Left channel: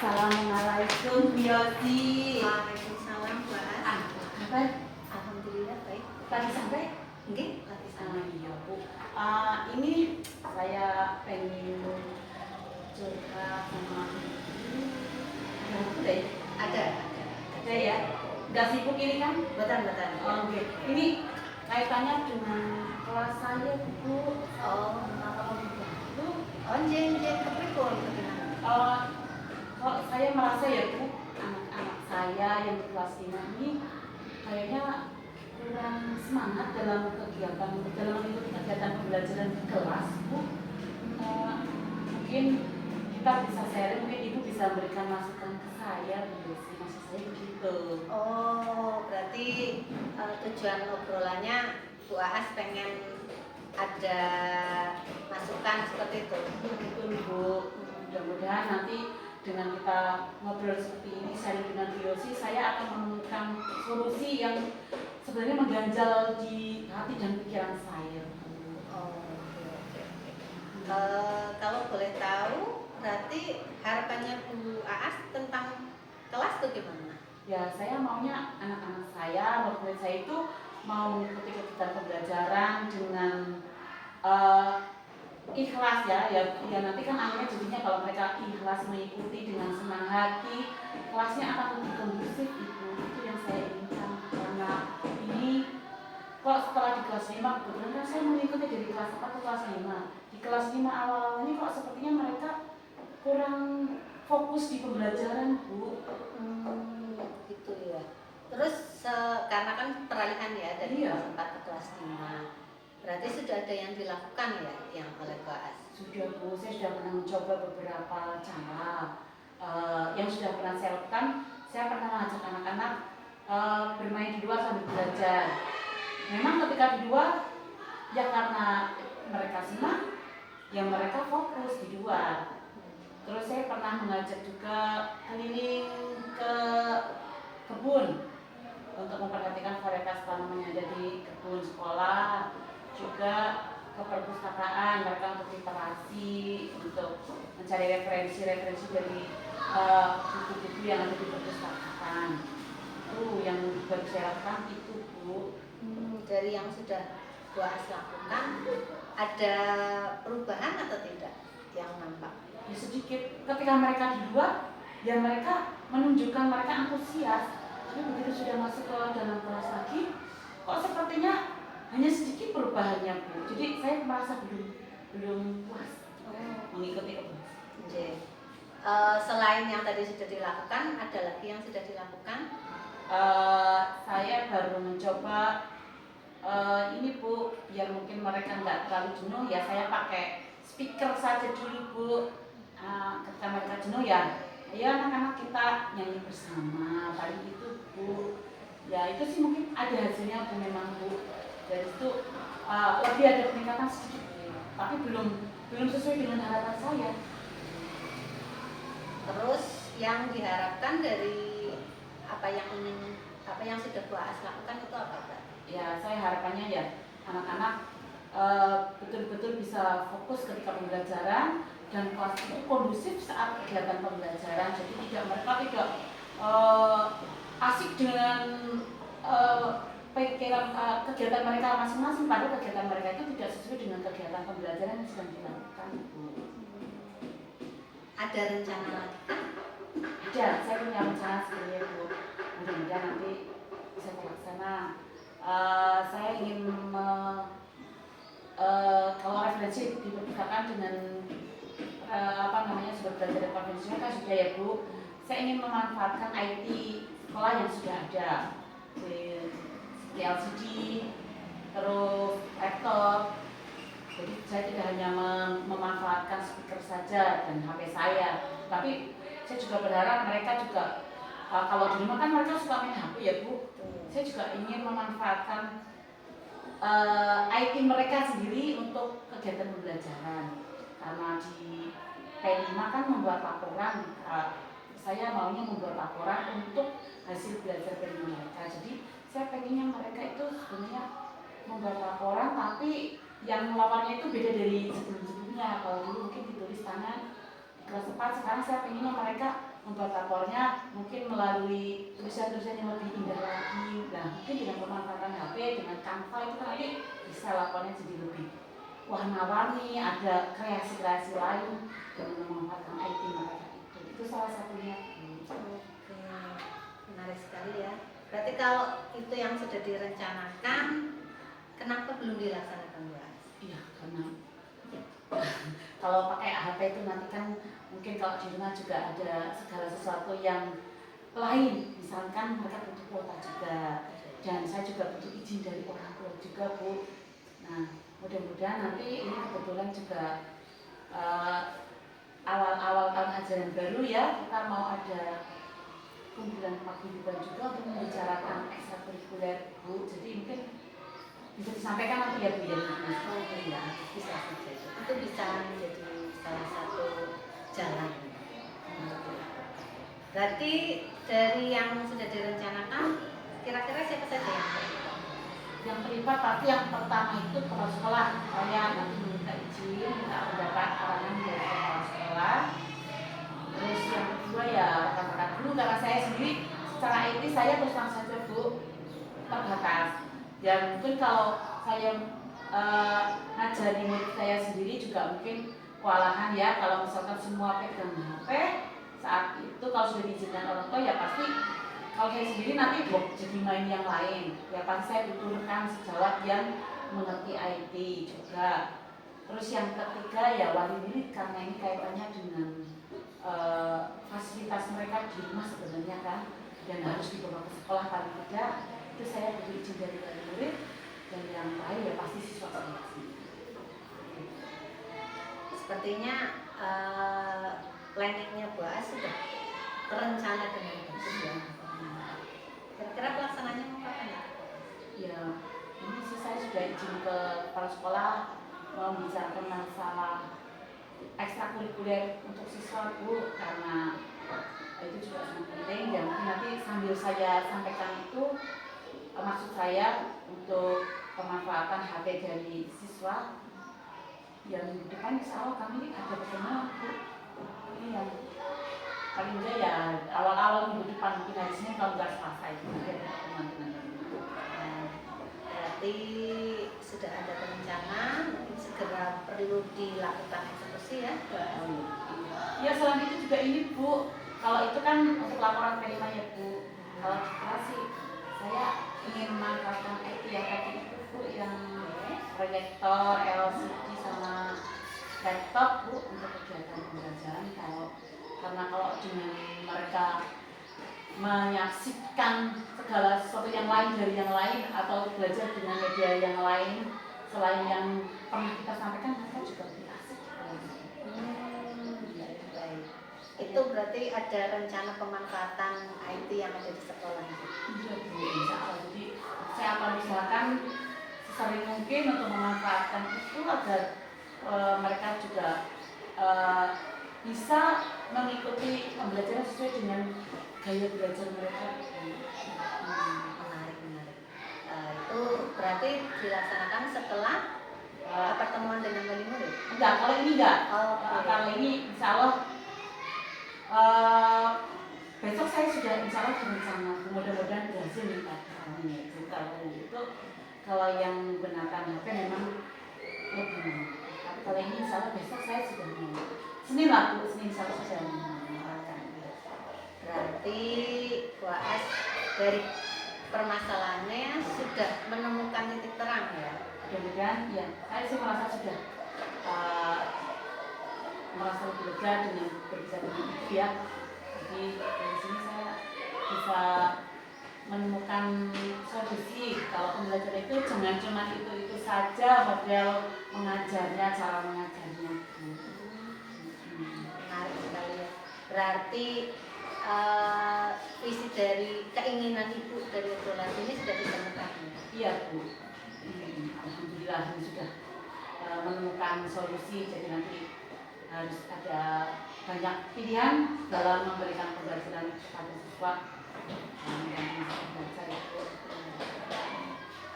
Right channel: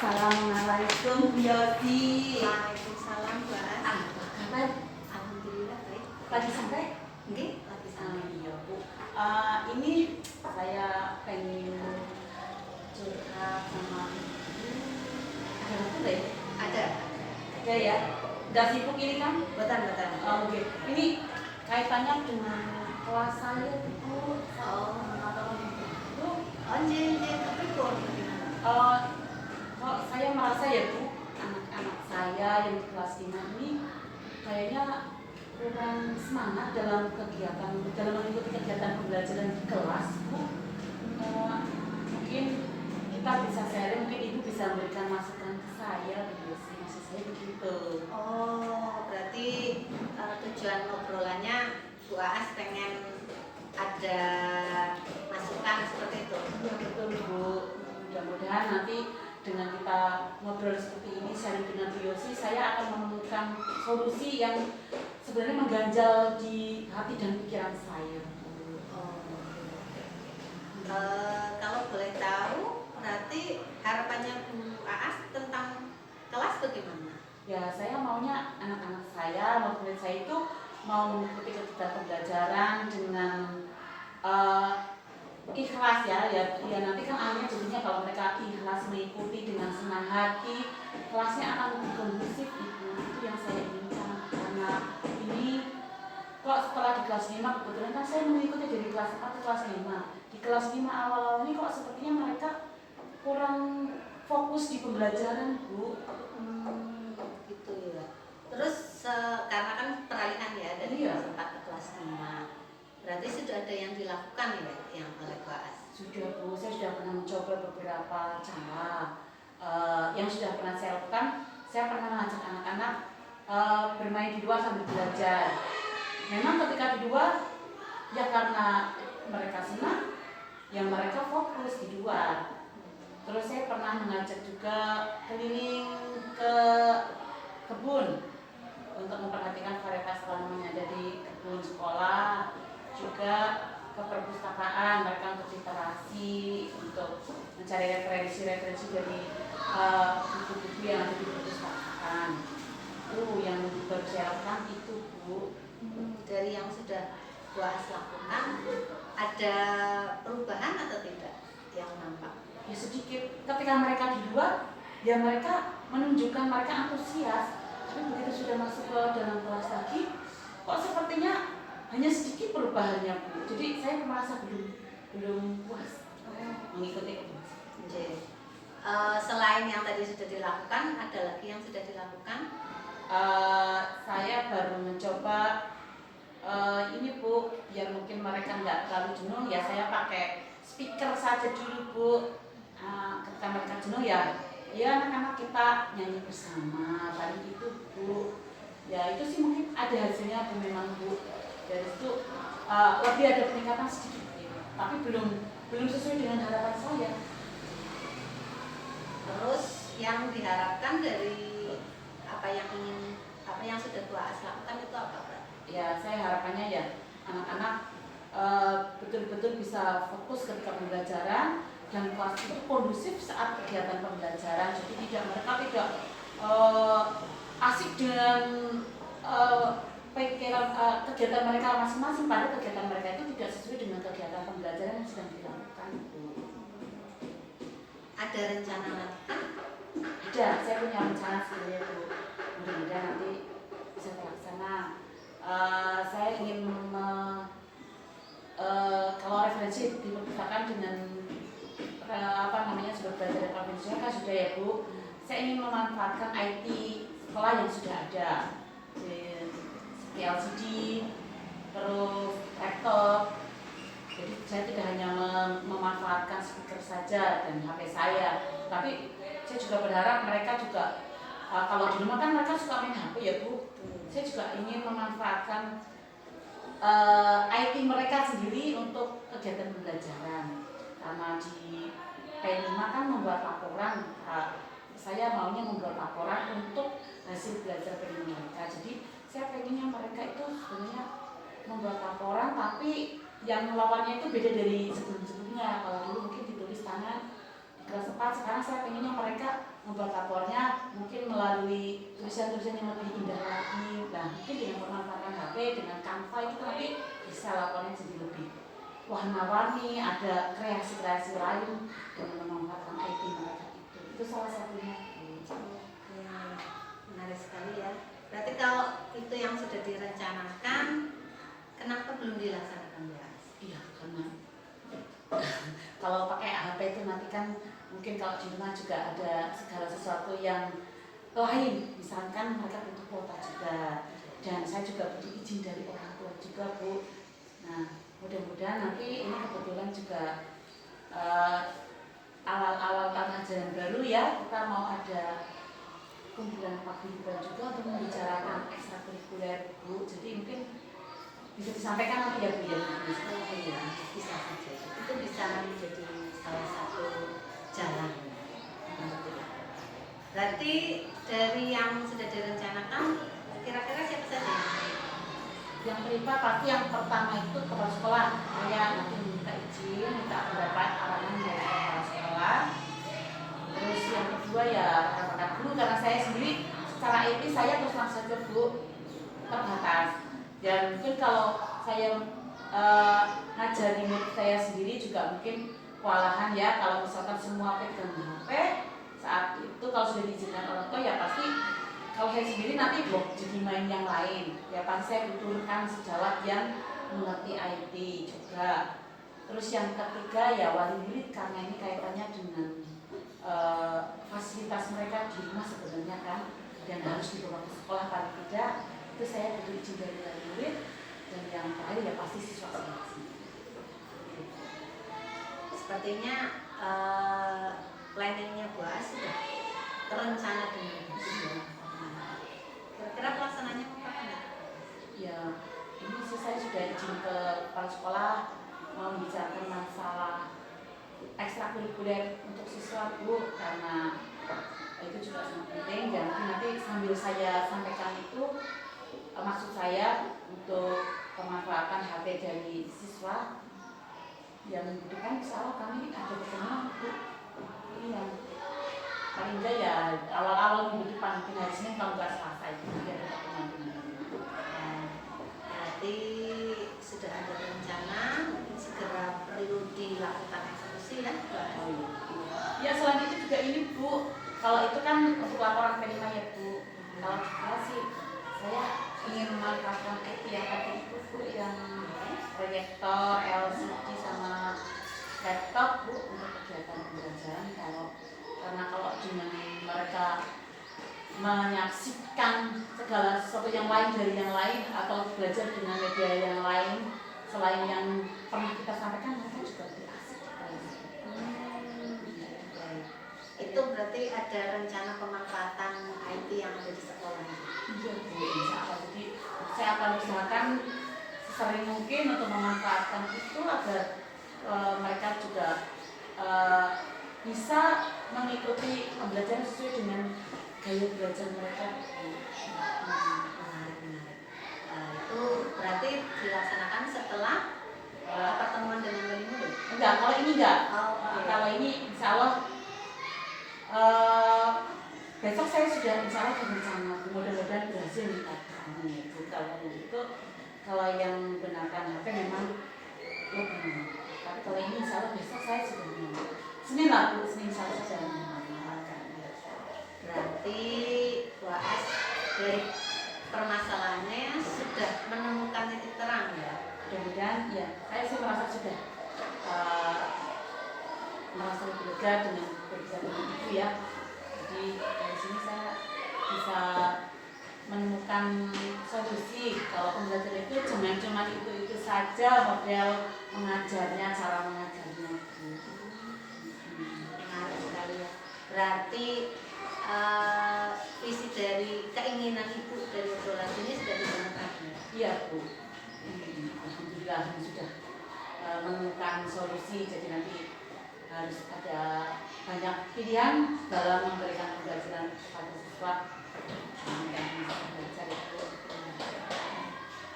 Assalamualaikum Bu Yosi. Waalaikumsalam Bu As. Apa kabar? Alhamdulillah baik. Lagi santai? Nggih, lagi santai. Iya Bu. Ini saya pengen curhat sama ada boleh? Ada. Ada ya? Gak sibuk ini kan? Betul. Oke. Ini kaitannya dengan kelas saya Bu. Oh, Bu, njen kepripun bagaimana? kok saya merasa ya Bu, anak-anak saya yang di kelas 5 ini kayaknya kurang semangat dalam mengikuti kegiatan pembelajaran di kelas Bu. Mungkin kita bisa sharing, mungkin Ibu bisa memberikan masukan ke saya Bu. Maksud saya begitu. Oh, berarti tujuan obrolannya Bu As pengen ada masukan seperti itu. Betul Bu. Mudah-mudahan nanti dengan kita ngobrol seperti ini, sharing dengan Bu Yosi, saya akan menemukan solusi yang sebenarnya mengganjal di hati dan pikiran saya. Oh, oke. Kalau boleh tahu, berarti harapannya Bu As tentang kelas bagaimana? Ya, saya maunya anak-anak saya, murid saya itu mau mengikuti kegiatan pembelajaran dengan ikhlas ya nanti kan akhirnya jadinya kalau mereka ikhlas mengikuti dengan senang hati, kelasnya akan lebih kondusif itu yang saya inginkan. Karena ini kok setelah di kelas 5 kebetulan kan saya mengikuti dari kelas 4 ke kelas 5. Di kelas 5 awal ini kok sepertinya mereka kurang fokus di pembelajaran Bu. Gitu ya. Terus karena kan peralihan ya dari kelas 4 ke kelas 5. Berarti sudah ada yang dilakukan ya yang oleh Bu As? Sudah Bu, saya sudah pernah mencoba beberapa cara. Yang sudah pernah saya lakukan, saya pernah mengajak anak-anak bermain di luar sambil belajar. Memang ketika di luar, ya karena mereka senang, ya mereka fokus di luar. Terus saya pernah mengajak juga keliling ke kebun untuk memperhatikan varietas tanaman yang ada di kebun sekolah, juga ke perpustakaan mereka untuk literasi, untuk mencari referensi dari buku-buku yang ada di perpustakaan. Itu yang baru saya lakukan itu Bu. Dari yang sudah Bu As lakukan, ada perubahan atau tidak yang nampak? Ya sedikit. Ketika mereka di luar, ya mereka menunjukkan mereka antusias. Tapi begitu sudah masuk ke dalam kelas lagi, kok sepertinya hanya sedikit perubahannya Bu. Jadi saya merasa belum puas mengikuti kebiasaan. Selain yang tadi sudah dilakukan, ada lagi yang sudah dilakukan? Saya baru mencoba ini Bu, biar mungkin mereka nggak terlalu jenuh, ya saya pakai speaker saja dulu Bu. Ketika mereka jenuh ya anak-anak kita nyanyi bersama, paling itu Bu. Ya itu sih mungkin ada hasilnya Bu, memang Bu. Dari itu lebih ada peningkatan sedikit, tapi belum sesuai dengan harapan saya. Terus yang diharapkan dari apa yang sudah Bu As lakukan itu apa Pak? Ya saya harapannya ya anak-anak betul-betul bisa fokus ketika pembelajaran dan kelas itu kondusif saat kegiatan pembelajaran. Jadi mereka tidak asik dengan pikiran kegiatan mereka masing-masing, pada kegiatan mereka itu tidak sesuai dengan kegiatan pembelajaran yang sedang dilakukan Bu. Ada rencana lagi kan? Ada, saya punya rencana sebenarnya Bu. Mudah-mudahan nanti bisa terlaksana. Saya ingin kalau referensi di perpustakaan dengan sudah belajar konvensional kan sudah ya Bu. Saya ingin memanfaatkan IT sekolah yang sudah ada, seperti LCD, terus laptop. Jadi saya tidak hanya memanfaatkan speaker saja dan HP saya, tapi saya juga berharap mereka juga kalau di rumah kan mereka suka main HP ya Bu. Saya juga ingin memanfaatkan IT mereka sendiri untuk kegiatan pembelajaran. Karena di P5 kan membuat laporan, saya maunya membuat laporan untuk hasil belajar P5 mereka. Jadi saya pengennya mereka itu sebenarnya membuat laporan, tapi yang melapornya itu beda dari sebelum-sebelumnya. Kalau dulu mungkin ditulis tangan di kelas 4, sekarang saya pengennya mereka membuat lapornya mungkin melalui tulisan-tulisan yang lebih indah lagi. Nah, mungkin dengan pemanfaatan HP, dengan Canva itu nanti bisa lapornya jadi lebih warna-warni, ada kreasi-kreasi lain yang memanfaatkan IT mereka itu. Itu salah satunya. Oke, menarik sekali ya. Berarti kalau itu yang sudah direncanakan, kenapa belum dilaksanakan, Bu As? Iya, karena kalau pakai HP itu nanti kan mungkin kalau di rumah juga ada segala sesuatu yang lain, misalkan mereka butuh kuota juga, dan saya juga butuh izin dari orang tua juga, Bu. Nah, mudah-mudahan nanti ini kebetulan juga awal-awal tahun ajaran baru ya, kita mau ada kumpulan paguyuban juga untuk membicarakan ekstrakurikuler, Bu. Jadi mungkin bisa disampaikan nanti ya, Bu ya. Iya, bisa saja. Itu bisa menjadi salah satu jalan untuk dilakukan. Berarti dari yang sudah direncanakan, kira-kira siapa saja yang terlibat? Pasti yang pertama itu kepala sekolah. Saya nanti minta izin, minta pendapat arahan dari kepala sekolah. Terus yang kedua ya rekan-rekan guru, karena saya sendiri secara etis saya terus terang saja, Bu, terbatas. Dan mungkin kalau saya ngajari murid saya sendiri juga mungkin kewalahan ya, kalau misalkan semua pegang HP saat itu, kalau sudah diizinkan orang tua ya pasti kalau saya sendiri nanti jadi main yang lain ya, pasti saya butuhkan sejawat yang mengerti IT juga. Terus yang ketiga ya wali murid, karena ini kaitannya dengan fasilitas mereka di rumah sebenarnya kan, dan harus dibawa ke sekolah paling tidak, itu saya butuh izin dari wali murid. Dan yang terakhir ya pasti siswa sendiri. Sepertinya planningnya Bu As sudah terencana dengan bagus ya. Kira-kira pelaksananya mau kapan ya? Ya, ini sih saya sudah izin ke kepala sekolah mau membicarakan masalah ekstrakurikuler untuk siswa, Bu, karena itu juga sangat penting. Ya mungkin nanti sambil saya sampaikan itu maksud saya untuk pemanfaatan HP dari siswa yang minggu depan insya Allah kami ada pertemuan, Bu. Ini yang paling enggak ya awal-awal minggu depan, mungkin hari Senin kalau nggak Selasa itu ada pertemuan dengan kami. Berarti sudah ada rencana, mungkin segera perlu dilakukan eksekusi ya, Bu As? Ya selain itu juga ini, Bu, kalau itu kan untuk laporan P5 ya, Bu. Kalau sih saya ingin memanfaatkan IT yang tadi itu, Bu, yang proyektor, LCD sama laptop, Bu, untuk kegiatan pembelajaran. Karena kalau dengan mereka menyaksikan segala sesuatu yang lain dari yang lain atau belajar dengan media yang lain selain yang pernah kita sampaikan, mereka juga lebih asik. Baik. Itu berarti ada rencana pemanfaatan IT yang ada di sekolah. Iya, Bu, insya Allah. Jadi saya akan usahakan sesering mungkin untuk memanfaatkan itu agar mereka juga bisa mengikuti pembelajaran sesuai dengan gaya belajar mereka. Menarik. Itu berarti dilaksanakan setelah pertemuan dengan wali murid? Enggak, kalau ini enggak. Kalau ini insya Allah besok saya sudah insya Allah berencana, mudah-mudahan berhasil kita kalau yang menggunakan HP memang lebih, tapi kalau ini insya Allah besok saya sudah Senin lah, Bu, Senin insya Allah sudah menyalakan. Berarti Bu As dari permasalahannya sudah menemukan titik terang ya? Mudah-mudahan ya, saya sih merasa sudah merasa lebih lega dengan berbicara dengan Ibu ya. Jadi dari sini saya bisa menemukan solusi. Kalau pembelajaran itu jangan cuma itu saja model mengajarnya, cara mengajarnya. Menarik sekali ya. Berarti isi dari keinginan Ibu dari obrolan ini sudah ditemukan ya? Iya, Bu. Alhamdulillah sudah menemukan solusi. Jadi nanti harus ada banyak pilihan dalam memberikan pembelajaran kepada siswa.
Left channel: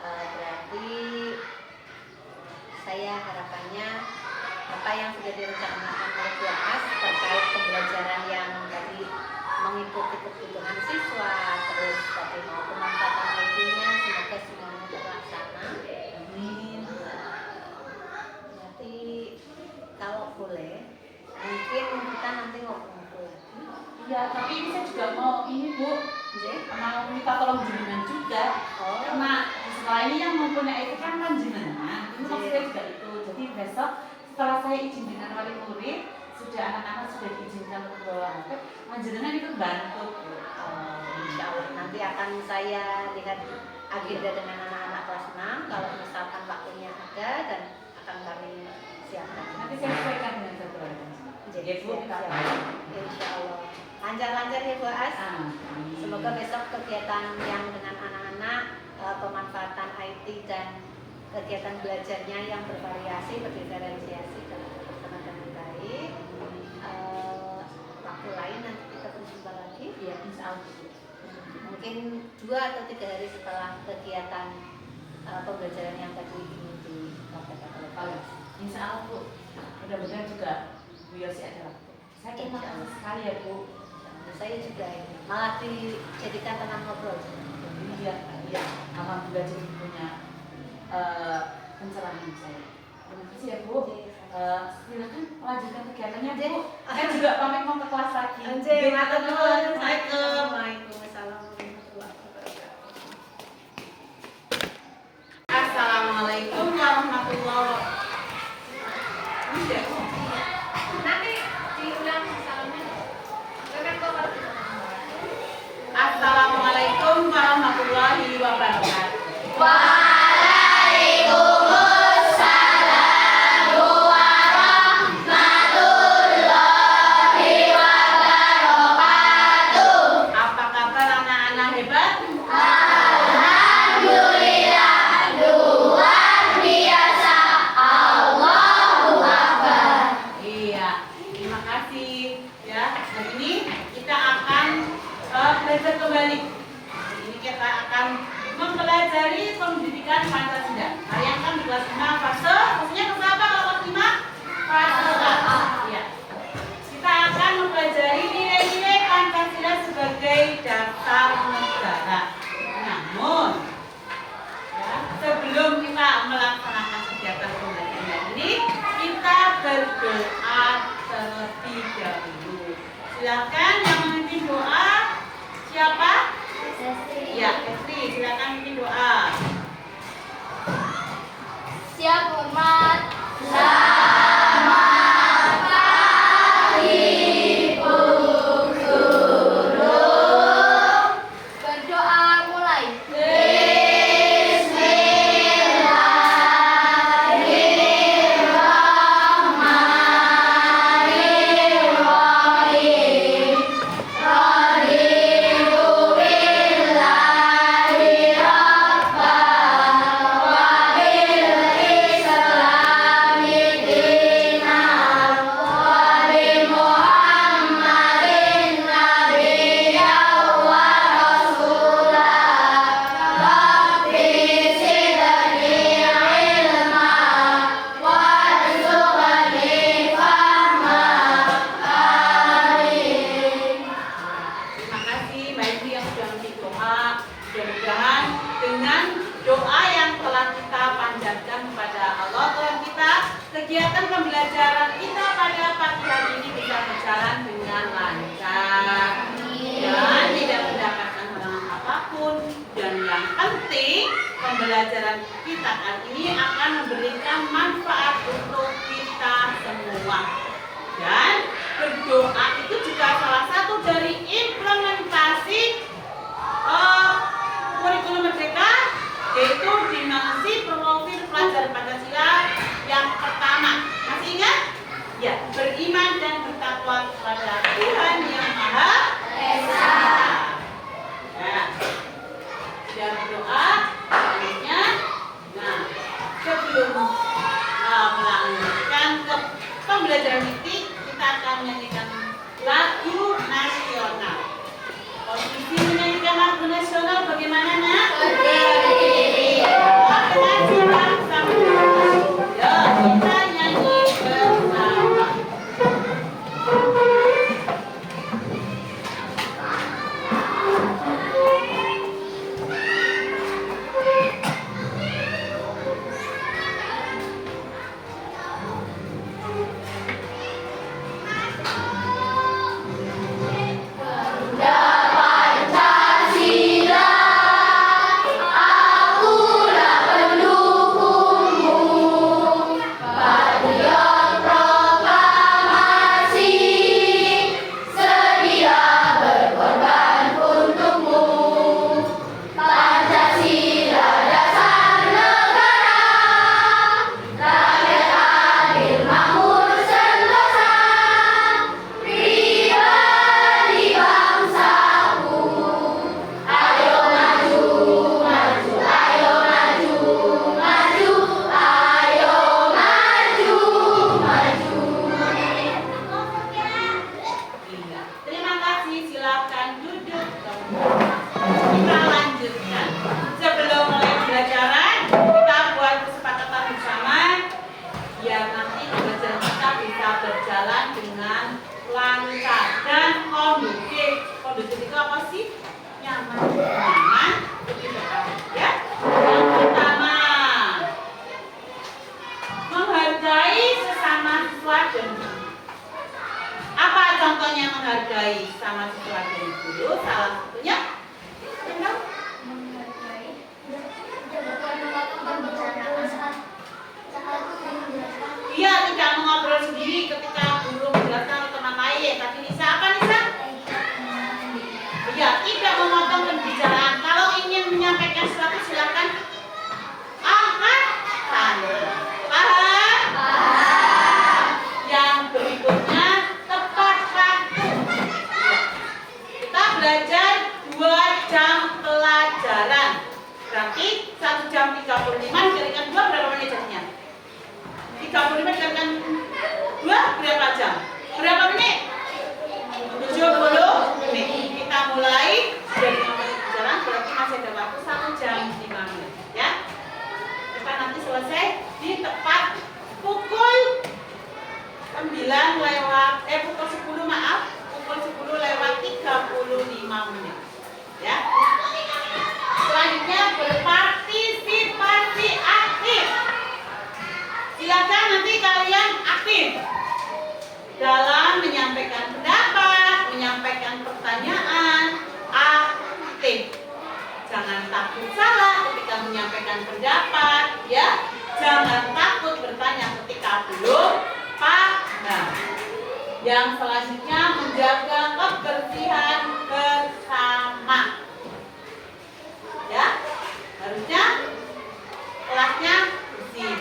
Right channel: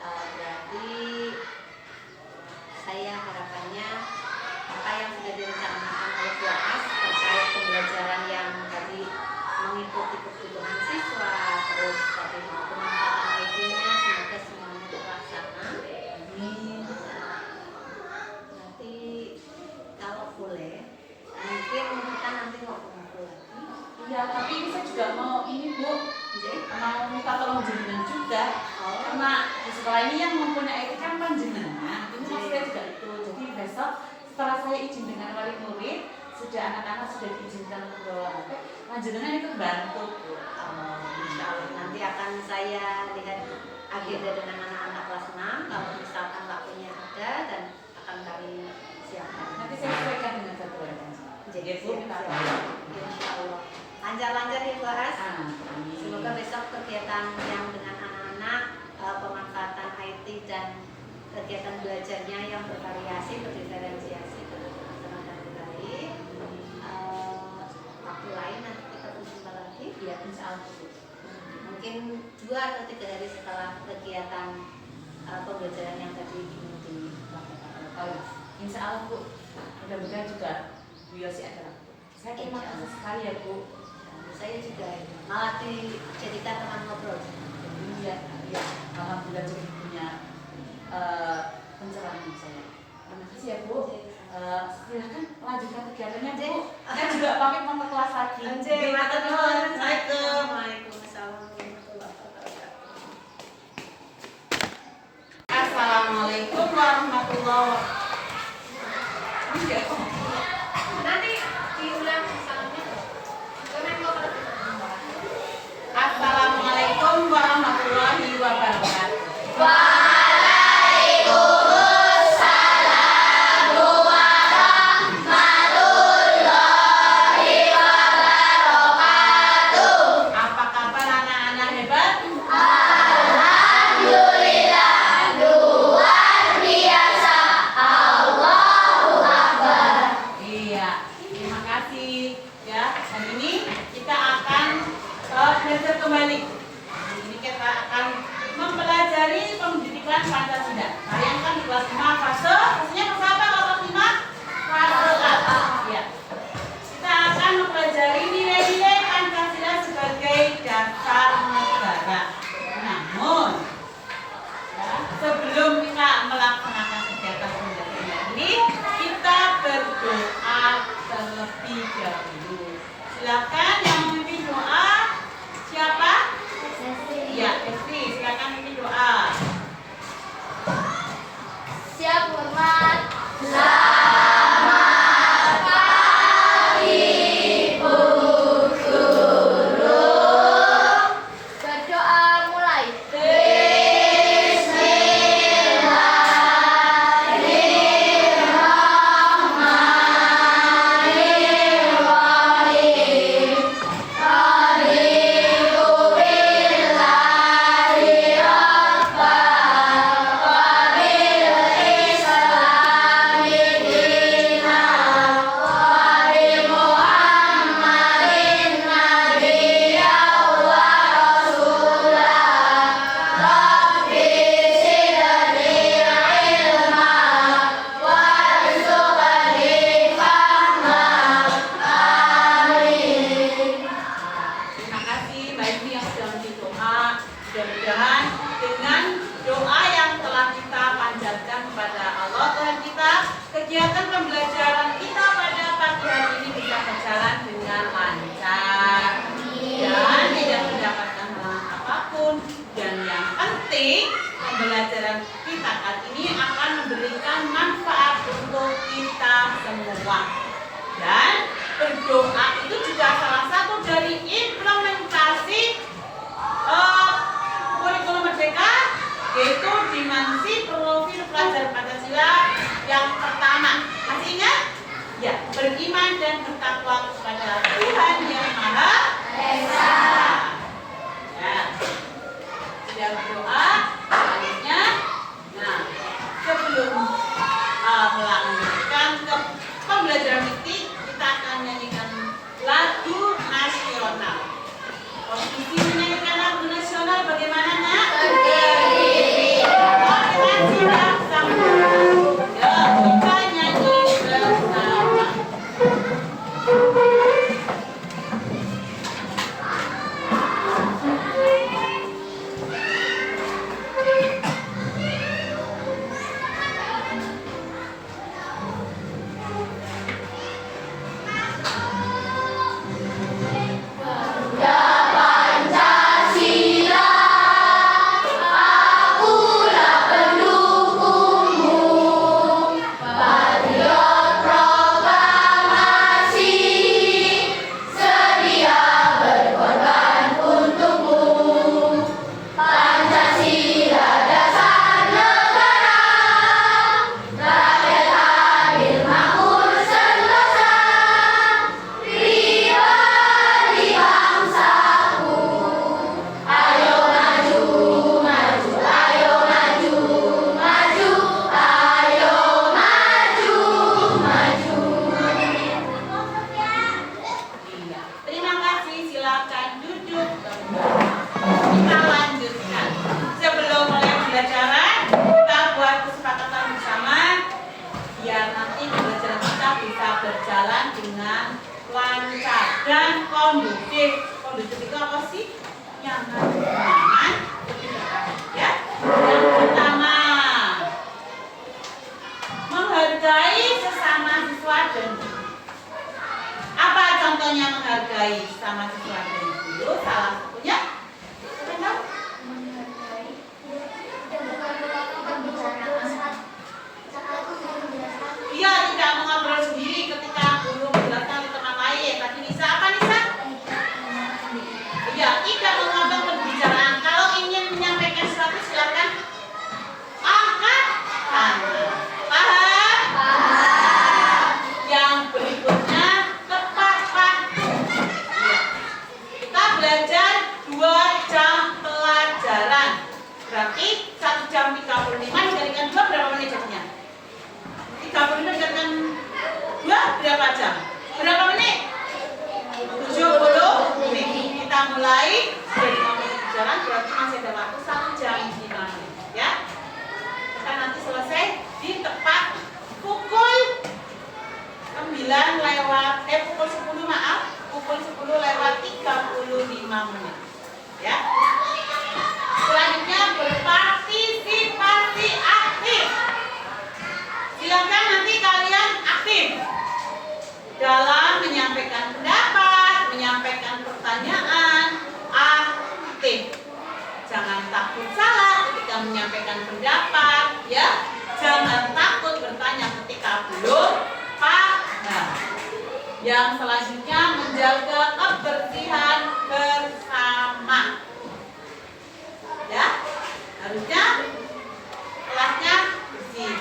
Berarti saya harapannya apa yang sudah direncanakan oleh Bu As terkait pembelajaran yang tadi mengikuti kebutuhan siswa, terus tadi mau pemanfaatan ID-nya, semoga semuanya terlaksana. Amin. Nanti kalau boleh, mungkin kita nanti ngobrol-ngobrol lagi. Iya, tapi ini saya juga mau ini Bu, mau minta tolong jenengan juga. Karena di sekolah ini yang mempunyai itu kan jenengan. Ini maksudnya juga itu. Jadi besok setelah saya izin dengan wali murid, sudah anak-anak sudah diizinkan untuk bawa HP, jenengan itu bantu. Insya Allah nanti akan saya lihat agenda dengan anak-anak kelas 6. Kalau misalkan waktunya ada dan akan kami siapkan. Nanti saya sesuaikan dengan jadwalnya. Jadi Bu, minta tolong. Insya Allah lancar-lancar ya Bu As. Semoga besok kegiatan yang dengan anak-anak pemanfaatan IT dan kegiatan belajarnya yang bervariasi, berdiferensiasi dengan baik. Waktu lain nanti kita berjumpa lagi. Ya, insya Allah. Mungkin 2 atau 3 hari setelah kegiatan pembelajaran yang tadi ini dilaksanakan. Insya Allah Bu. Mudah-mudahan juga Bu Yosi ada waktu. Saya terima kasih sekali ya Bu. Saya juga malah dijadikan teman ngobrol. Iya, alhamdulillah jadi punya pencerahan saya. Terima kasih ya Bu. Silakan lanjutkan kegiatannya Bu. Saya juga pamit mau ke kelas lagi. Matur nuwun. Assalamualaikum. Waalaikumsalam warahmatullahi wabarakatuh. Assalamualaikum warahmatullahi wabarakatuh. Nanti diulang salamnya. Assalamualaikum warahmatullahi wabarakatuh. Apa kabar anak-anak hebat? Iya, terima kasih ya. Hari ini kita akan belajar kembali. Hari ini kita akan mempelajari pendidikan Pancasila. Bayangkan di kelas 5 fasenya kelas apa kalau kelas 5? Fase A. Ya. Kita akan mempelajari nilai-nilai Pancasila sebagai dasar negara. Namun, ya, sebelum kita melaksanakan kegiatan pembelajaran ini, kita berdoa terlebih dahulu. Silakan yang memimpin doa. Siapa? Ya, Estri, silakan memimpin doa. Siap hormat. Berdoa mulai. Terima kasih bagi yang sudah memimpin doa. Mudah-mudahan dengan doa yang telah kita panjatkan kepada Allah Tuhan kita, kegiatan pembelajaran kita pada pagi hari ini bisa berjalan dengan lancar dan tidak mendapatkan halangan apapun. Dan yang penting, pembelajaran kita kali ini akan memberikan manfaat untuk kita semua. Dan berdoa itu juga salah satu dari implementasi kurikulum Merdeka, yaitu dimensi profil pelajar Pancasila yang pertama. Masih ingat? Ya, beriman dan bertakwa kepada Tuhan Yang Maha Esa. Ya, sudah berdoa. Selanjutnya, nah, sebelum melanjutkan ke pembelajaran ini, kita akan menyanyikan lagu nasional. Posisi menyanyikan lagu nasional bagaimana, Nak? Berdiri. Ya, kita nyanyi bersama. berjalan dengan lancar dan kondusif. Kondusif itu apa sih? Nyaman, ya. Yang pertama, menghargai sesama siswa dan guru. Apa contohnya menghargai sesama siswa dan guru? Salah satunya, iya, tidak mengobrol sendiri ketika guru menjelaskan ke teman lain. Tadi Nisa apa Nisa? Iya, tidak memotong pembicaraan. Kalau ingin menyampaikan sesuatu silakan angkat tangan. Paham? Yang berikutnya tepat waktu. Kita belajar 2 jam pelajaran. Berarti 1 jam 35 dikalikan 2 berapa menit jadinya? 35 dikalikan 2 berapa jam? Berapa menit? 70 menit. Kita mulai dari pembelajaran berarti masih ada waktu 1 jam 5 menit ya. Kita nanti selesai di tepat pukul 9 lewat pukul 10 maaf, pukul 10 lewat 35 menit ya. Selanjutnya berpartisipasi aktif. Silakan nanti kalian aktif dalam menyampaikan pendapat, menyampaikan pertanyaan, aktif. Jangan takut salah ketika menyampaikan pendapat, ya. Jangan takut bertanya ketika belum paham. Yang selanjutnya menjaga kebersihan bersama. Ya, harusnya kelasnya bersih.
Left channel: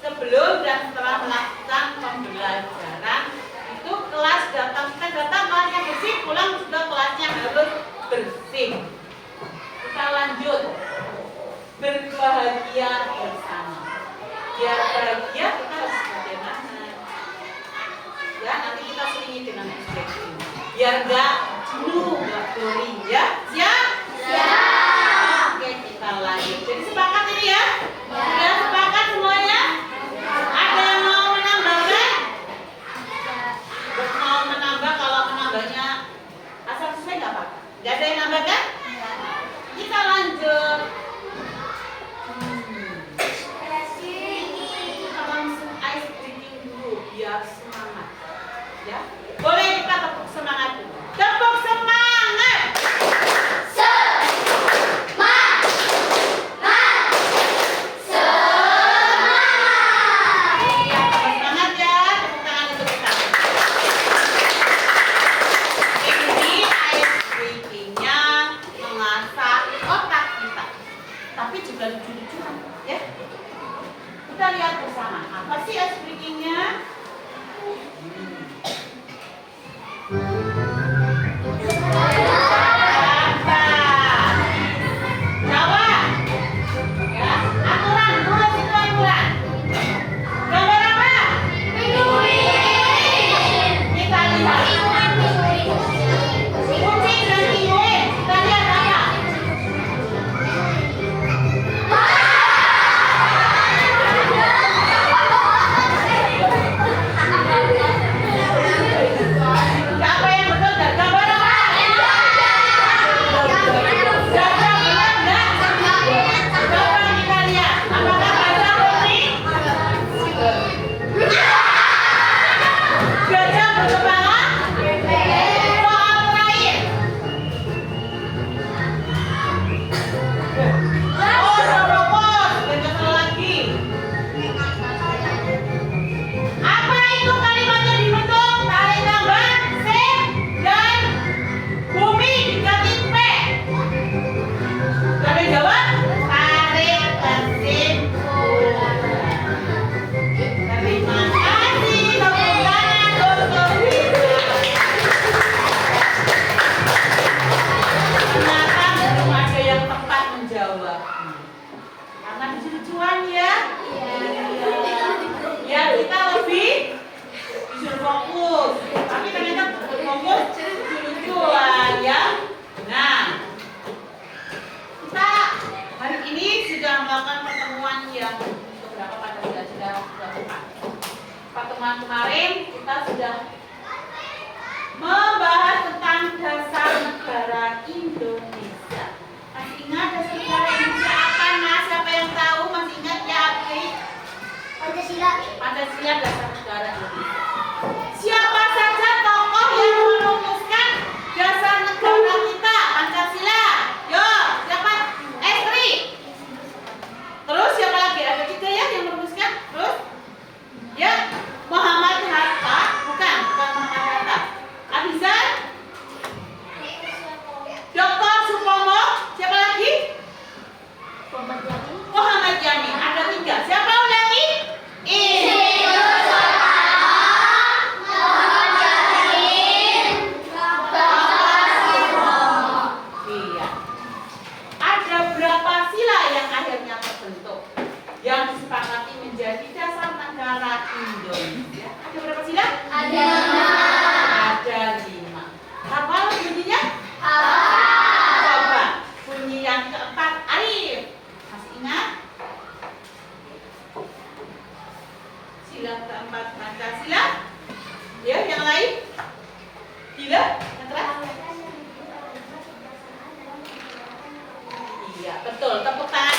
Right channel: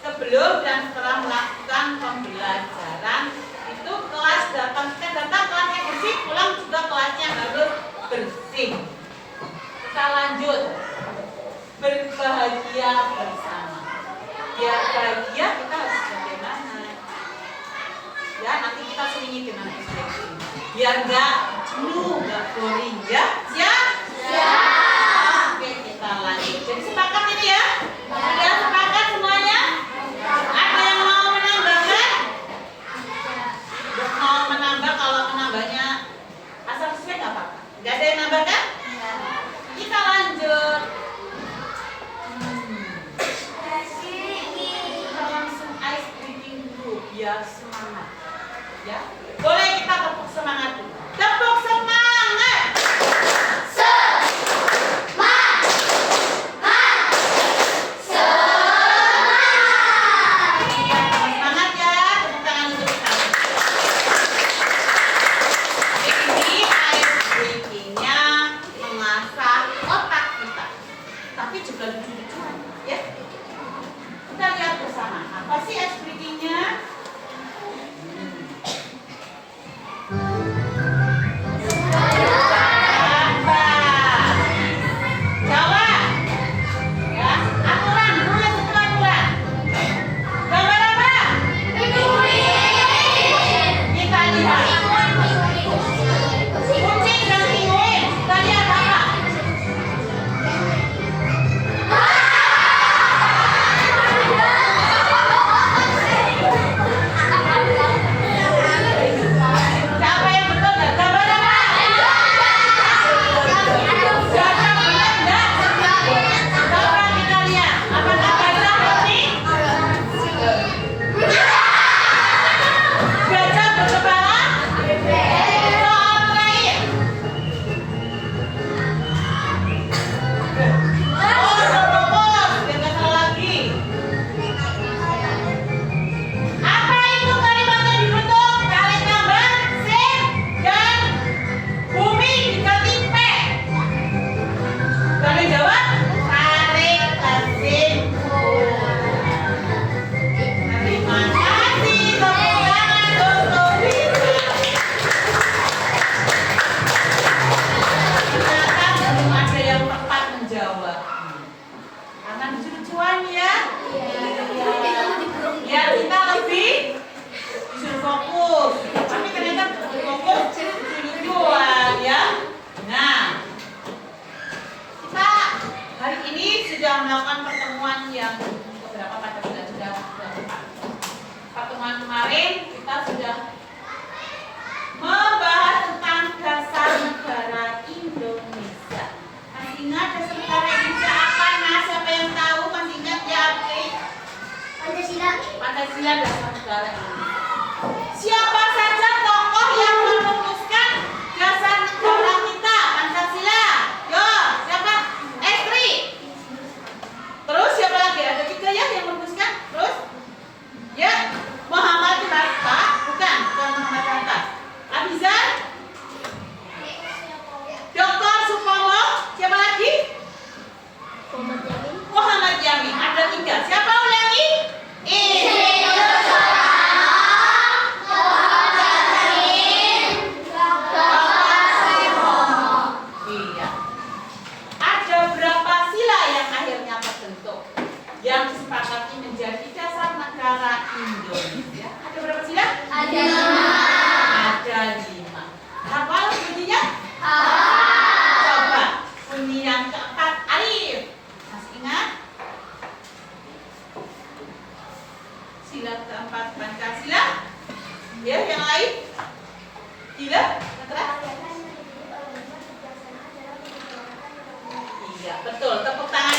Sebelum dan setelah melakukan pembelajaran itu kelas kita datang kelasnya bersih, pulang juga kelasnya harus bersih. Kita lanjut berbahagia bersama. Biar bahagia kita harus bagaimana? Ya, nanti kita selingi dengan ekspresi. Biar enggak jenuh, enggak boring ya. Siap? Siap. Oke, kita lanjut. Jadi sepakat ini ya? Sudah sepakat semuanya? Ada yang mau menambahkan? Mau menambah, kalau menambahnya asal sesuai nggak apa-apa. Nggak ada yang nambahkan? Kita lanjut. Kita langsung ice breaking dulu biar semangat. Ya, boleh kita tepuk semangat dulu. Tepuk semangat. Lucu-lucuan ya. Kita lihat bersama apa sih ice breaking-nya. Jawab ya, aturan tulis itu aturan. Gambar apa? Kita lihat kucing dan penguin. Kita lihat apa? Melakukan pertemuan yang beberapa pada bulan sudah pertemuan kemarin kita sudah membahas tentang dasar negara Indonesia. Masih ingat dasar negara Indonesia apa? Nah, siapa yang tahu? Masih ingat ya? Oke. Pancasila dasar negara Indonesia. Siapa saja tokoh yang merumuskan dasar negara kita Pancasila? Yo, siapa? Estri. Terus siapa lagi? Ada tiga ya yang merumuskan. Terus, ya Muhammad Hatta, bukan Muhammad Hatta. Abizar, Dr. Supomo, siapa lagi? Muhammad Yamin. Ada tiga. Siapa ulangi? Yang disepakati menjadi dasar negara Indonesia. Ada berapa sila? Ada 5. Hafal bunyinya? Coba bunyi yang keempat. Arif, masih ingat? Sila keempat Pancasila. Ya, yang lain? Gila? Iya, betul. Tepuk tangan.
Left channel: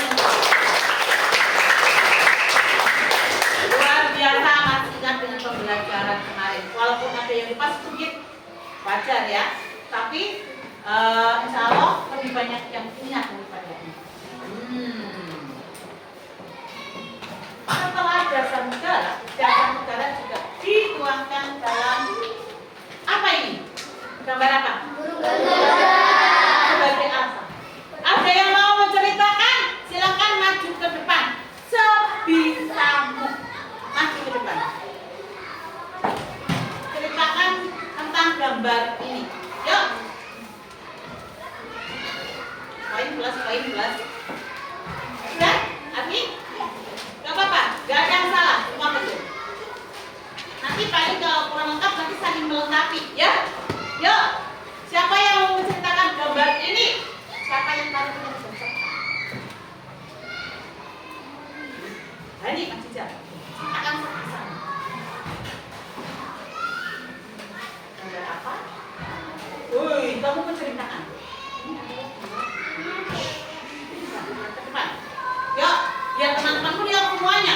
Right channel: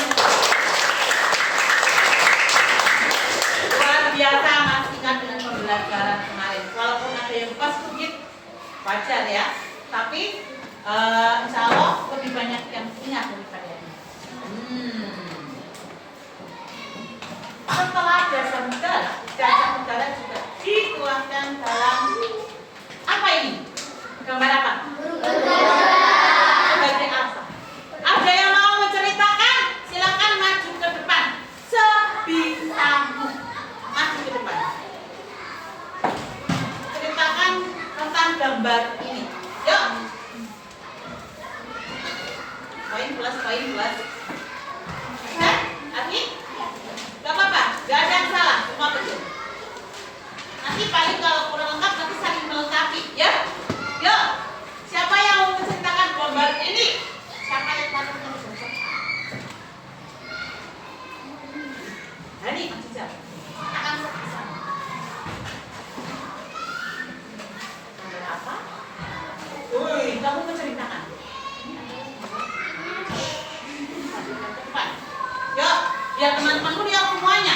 Biasa masih ingat dengan pembelajaran kemarin. Walaupun ada yang lupa sedikit, wajar ya. Tapi insya Allah lebih banyak yang ingat daripada ini. Setelah dasar negara juga dituangkan dalam apa ini? Gambar apa? Sebagai apa? Ada yang mau menceritakan? Silakan maju ke depan. Sebisamu. Maju ke depan. Ceritakan tentang gambar ini. Yuk. Poin plus. Oke? Abi? Gak apa-apa. Gak ada yang salah. Semua betul. Nanti paling kalau kurang lengkap nanti saling melengkapi. Ya? Yuk. Siapa yang mau menceritakan gambar ini? Siapa yang tahu dengan gambar? Hari Kang Cica. Akan sebisa. Gambar apa? Woi, kamu menceritakan. Yuk, biar teman-temanku lihat semuanya.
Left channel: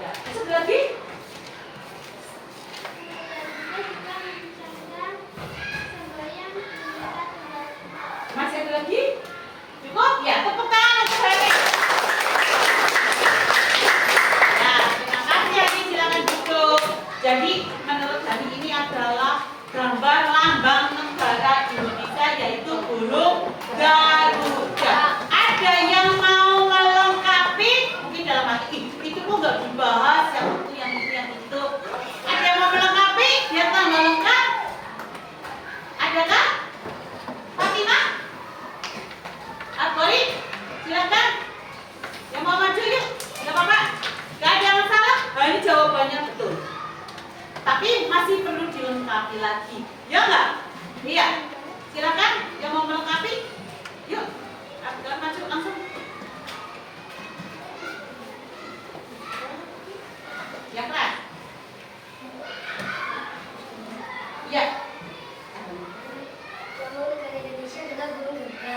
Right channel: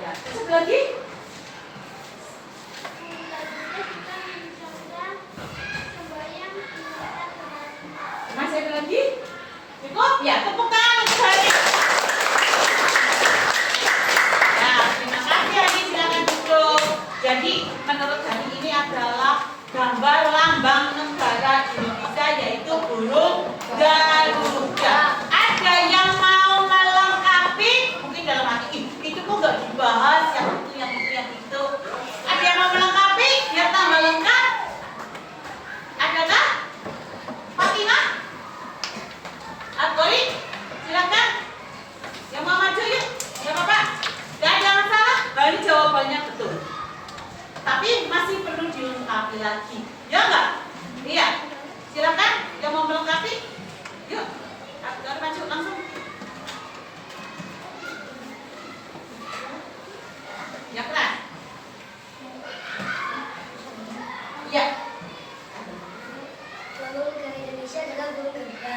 Ya, satu lagi. Masih ada lagi? Cukup? Ya, tepuk tangan untuk hari. Nah, terima kasih Hani, silakan duduk. Jadi, menurut Hani ini adalah gambar lambang negara Indonesia, yaitu burung Garuda. Ada yang mau melengkapi? Mungkin dalam hati, itu kok nggak dibahas, yang itu. Ada yang mau melengkapi? Biar tambah lengkap. Adakah? Fatimah? Akbari? Silakan. Yang mau maju yuk. Gak apa-apa. Gak ada masalah. Nah, ini jawabannya betul. Tapi masih perlu dilengkapi lagi. Ya enggak? Iya. Silakan. Yang mau melengkapi? Yuk. Akbar maju langsung. Ya keras. Iya. Burung negara Indonesia adalah burung Garuda.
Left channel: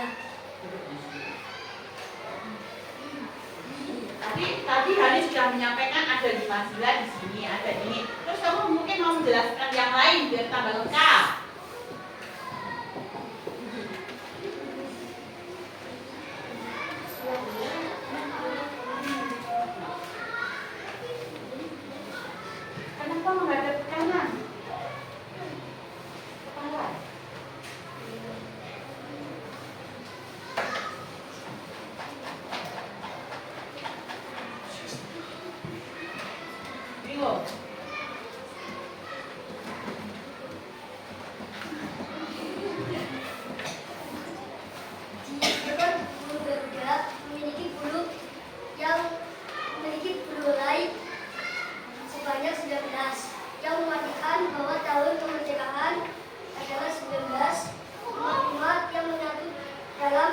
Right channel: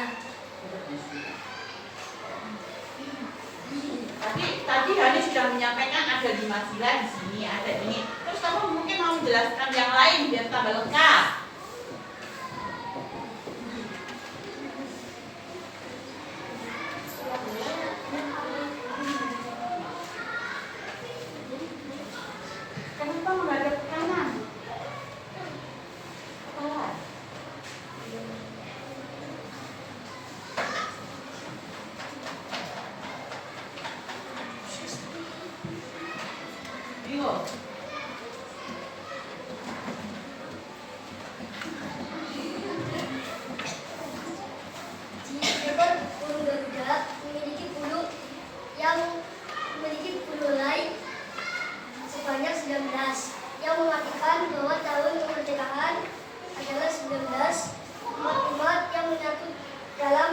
Tadi Hani sudah menyampaikan ada 5 sila di sini, ada ini. Terus kamu mungkin mau menjelaskan yang lain biar tambah lengkap. Kenapa menghadap ke kanan? Kepala. Bingung? bahwa tahun kemerdekaan adalah 1945 yang menyatu dalam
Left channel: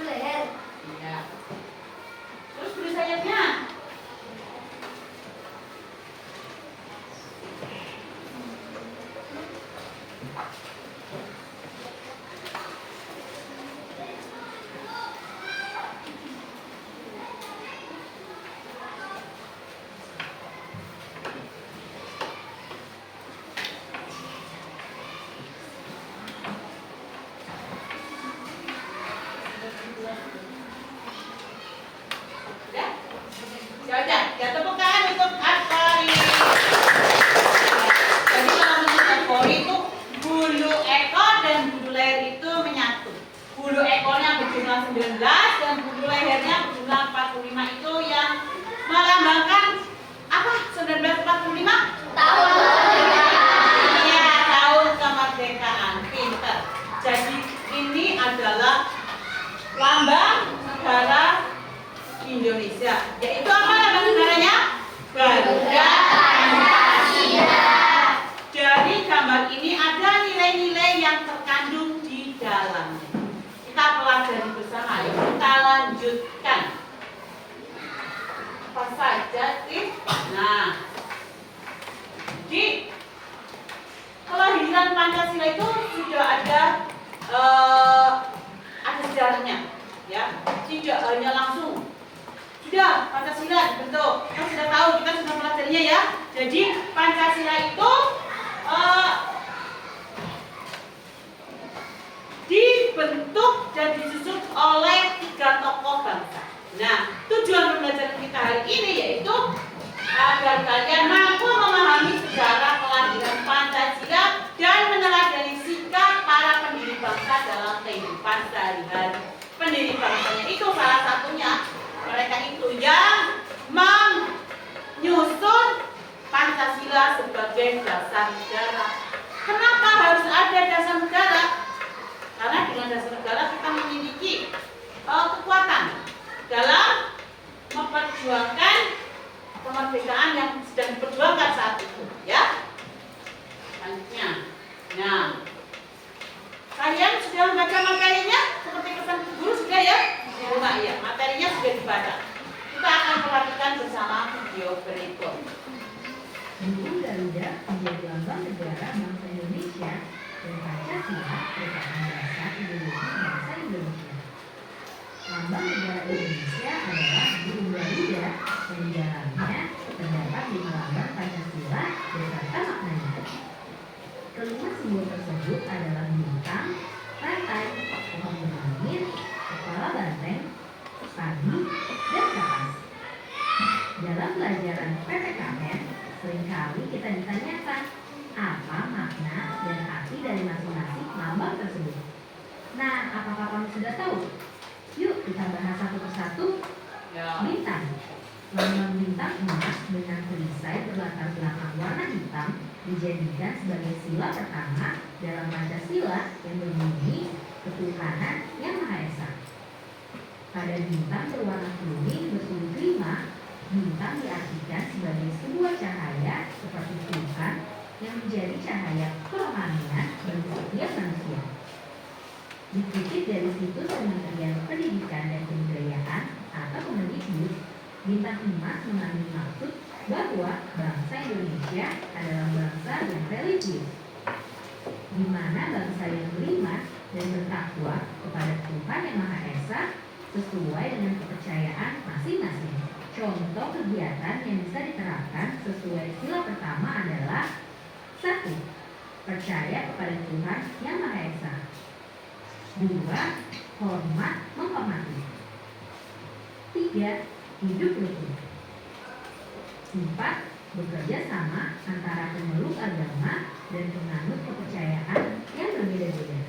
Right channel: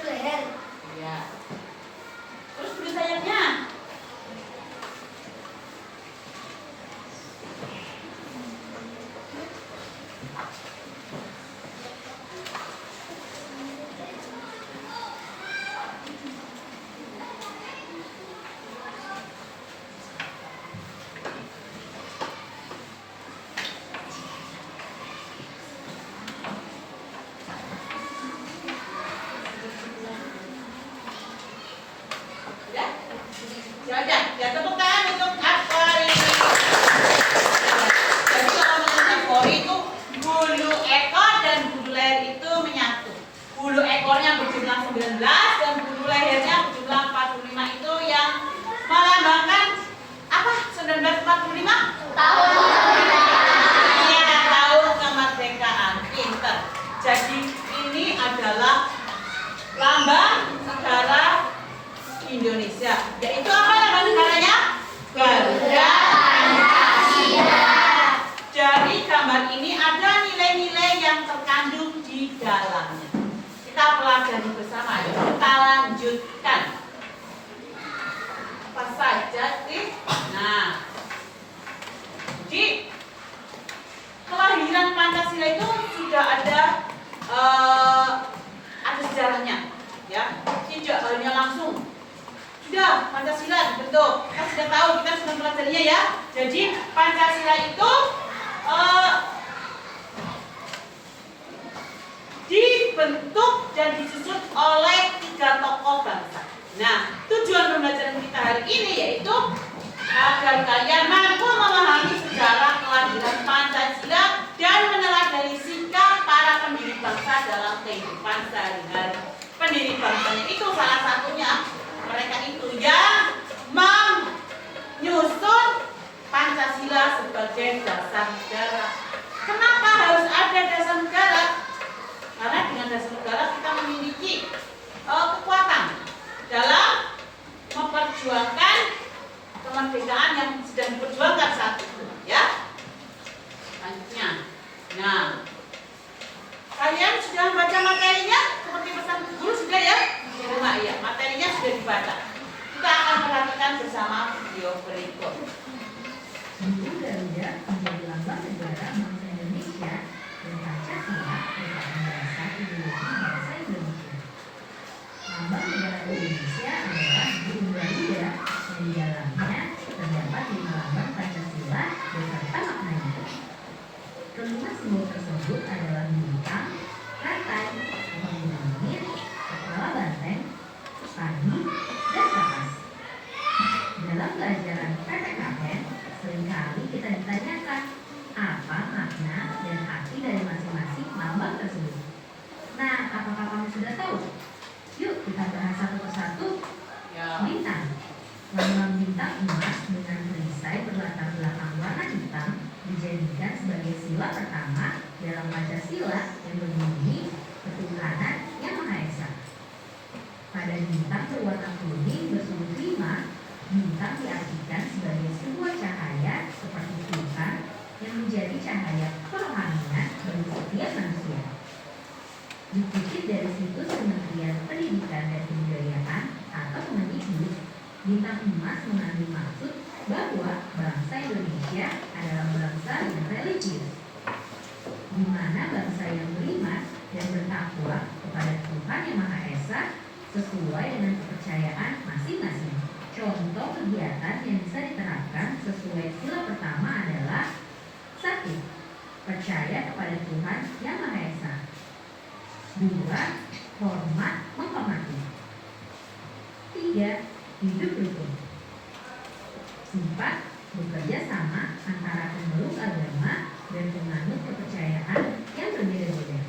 leher. Ya. Terus bulu sayapnya. Ya, tepuk tangan untuk Aswari. Jadi kalau menurut Aswari itu bulu ekor dan bulu leher itu menyatu. Bulu ekornya berjumlah 19 dan bulu lehernya berjumlah 45 itu yang melambangkan apa? 1945? Tahun Iya, tahun kemerdekaan. Pinter. Jadi ini adalah lambang negara Indonesia, yaitu apa lambang negaranya? Garuda Pancasila. Jadi gambar ini ada nilai-nilai yang terkandung di dalamnya. Kita pelajari bersama, yuk kita lanjutkan. Apa saja sih? Nah, jadi kelahiran Pancasila itu sudah ada sejarahnya, ya. Tidak hanya langsung. Sudah, Pancasila dibentuk. Kita sudah tahu, kita sudah pelajarinya ya. Jadi Pancasila itu dibentuk dan disusun oleh 3 tokoh bangsa. Nah, tujuan pembelajaran kita hari ini yaitu agar kalian mampu memahami sejarah kelahiran Pancasila dan meneladani sikap para pendiri bangsa dalam kehidupan sehari-hari. Pendiri bangsanya itu salah satunya mereka itu yang menyusun Pancasila sebagai dasar negara. Kenapa harus ada dasar negara? Karena dengan dasar negara kita memiliki kekuatan dalam memperjuangkan kemerdekaan yang sedang diperjuangkan saat itu, ya. Selanjutnya, nah, kalian sudah membaca materinya seperti pesan guru sudah ya? Di rumah ya, materinya sudah dibaca. Kita akan perhatikan bersama video berikut. Bulu Garuda menjadi lambang negara bangsa Indonesia dan Pancasila merupakan dasar ideologi bangsa Indonesia. Lambang negara Indonesia adalah bulu Garuda yang di dalamnya terdapat 5 lambang Pancasila beserta maknanya. Kelima simbol tersebut adalah bintang, rantai, lampu langit, kepala banteng, padi, dan kapas. Dalam pelajaran PPKN, seringkali kita ditanyakan apa makna dan arti dari masing-masing lambang tersebut. Nah, apakah kamu sudah tahu? Yuk kita bahas satu persatu. Ya. Bintang. Lambang bintang emas dengan perisai berlatar belakang warna hitam dijadikan sebagai sila pertama dalam Pancasila yang berbunyi ketuhanan yang Maha Esa. Pada bintang berwarna kuning bersumber 5, bintang diartikan sebagai sebuah cahaya seperti Tuhan yang menjadi cahaya kerohanian bagi setiap manusia. Dikutip dari situs Kementerian Pendidikan dan Kebudayaan atau Kemendikbud, bintang emas mengandung maksud bahwa bangsa Indonesia adalah bangsa yang religius, di mana bangsa yang beriman dan bertakwa kepada Tuhan yang Maha Esa sesuai dengan kepercayaan masing-masing. Contoh kegiatan yang bisa diterapkan sesuai sila pertama adalah 1. Percaya kepada Tuhan yang Maha Esa. 2. Hormat menghormati. 3. Hidup rukun. 4. Bekerja sama antara pemeluk agama dan penganut kepercayaan yang berbeda-beda.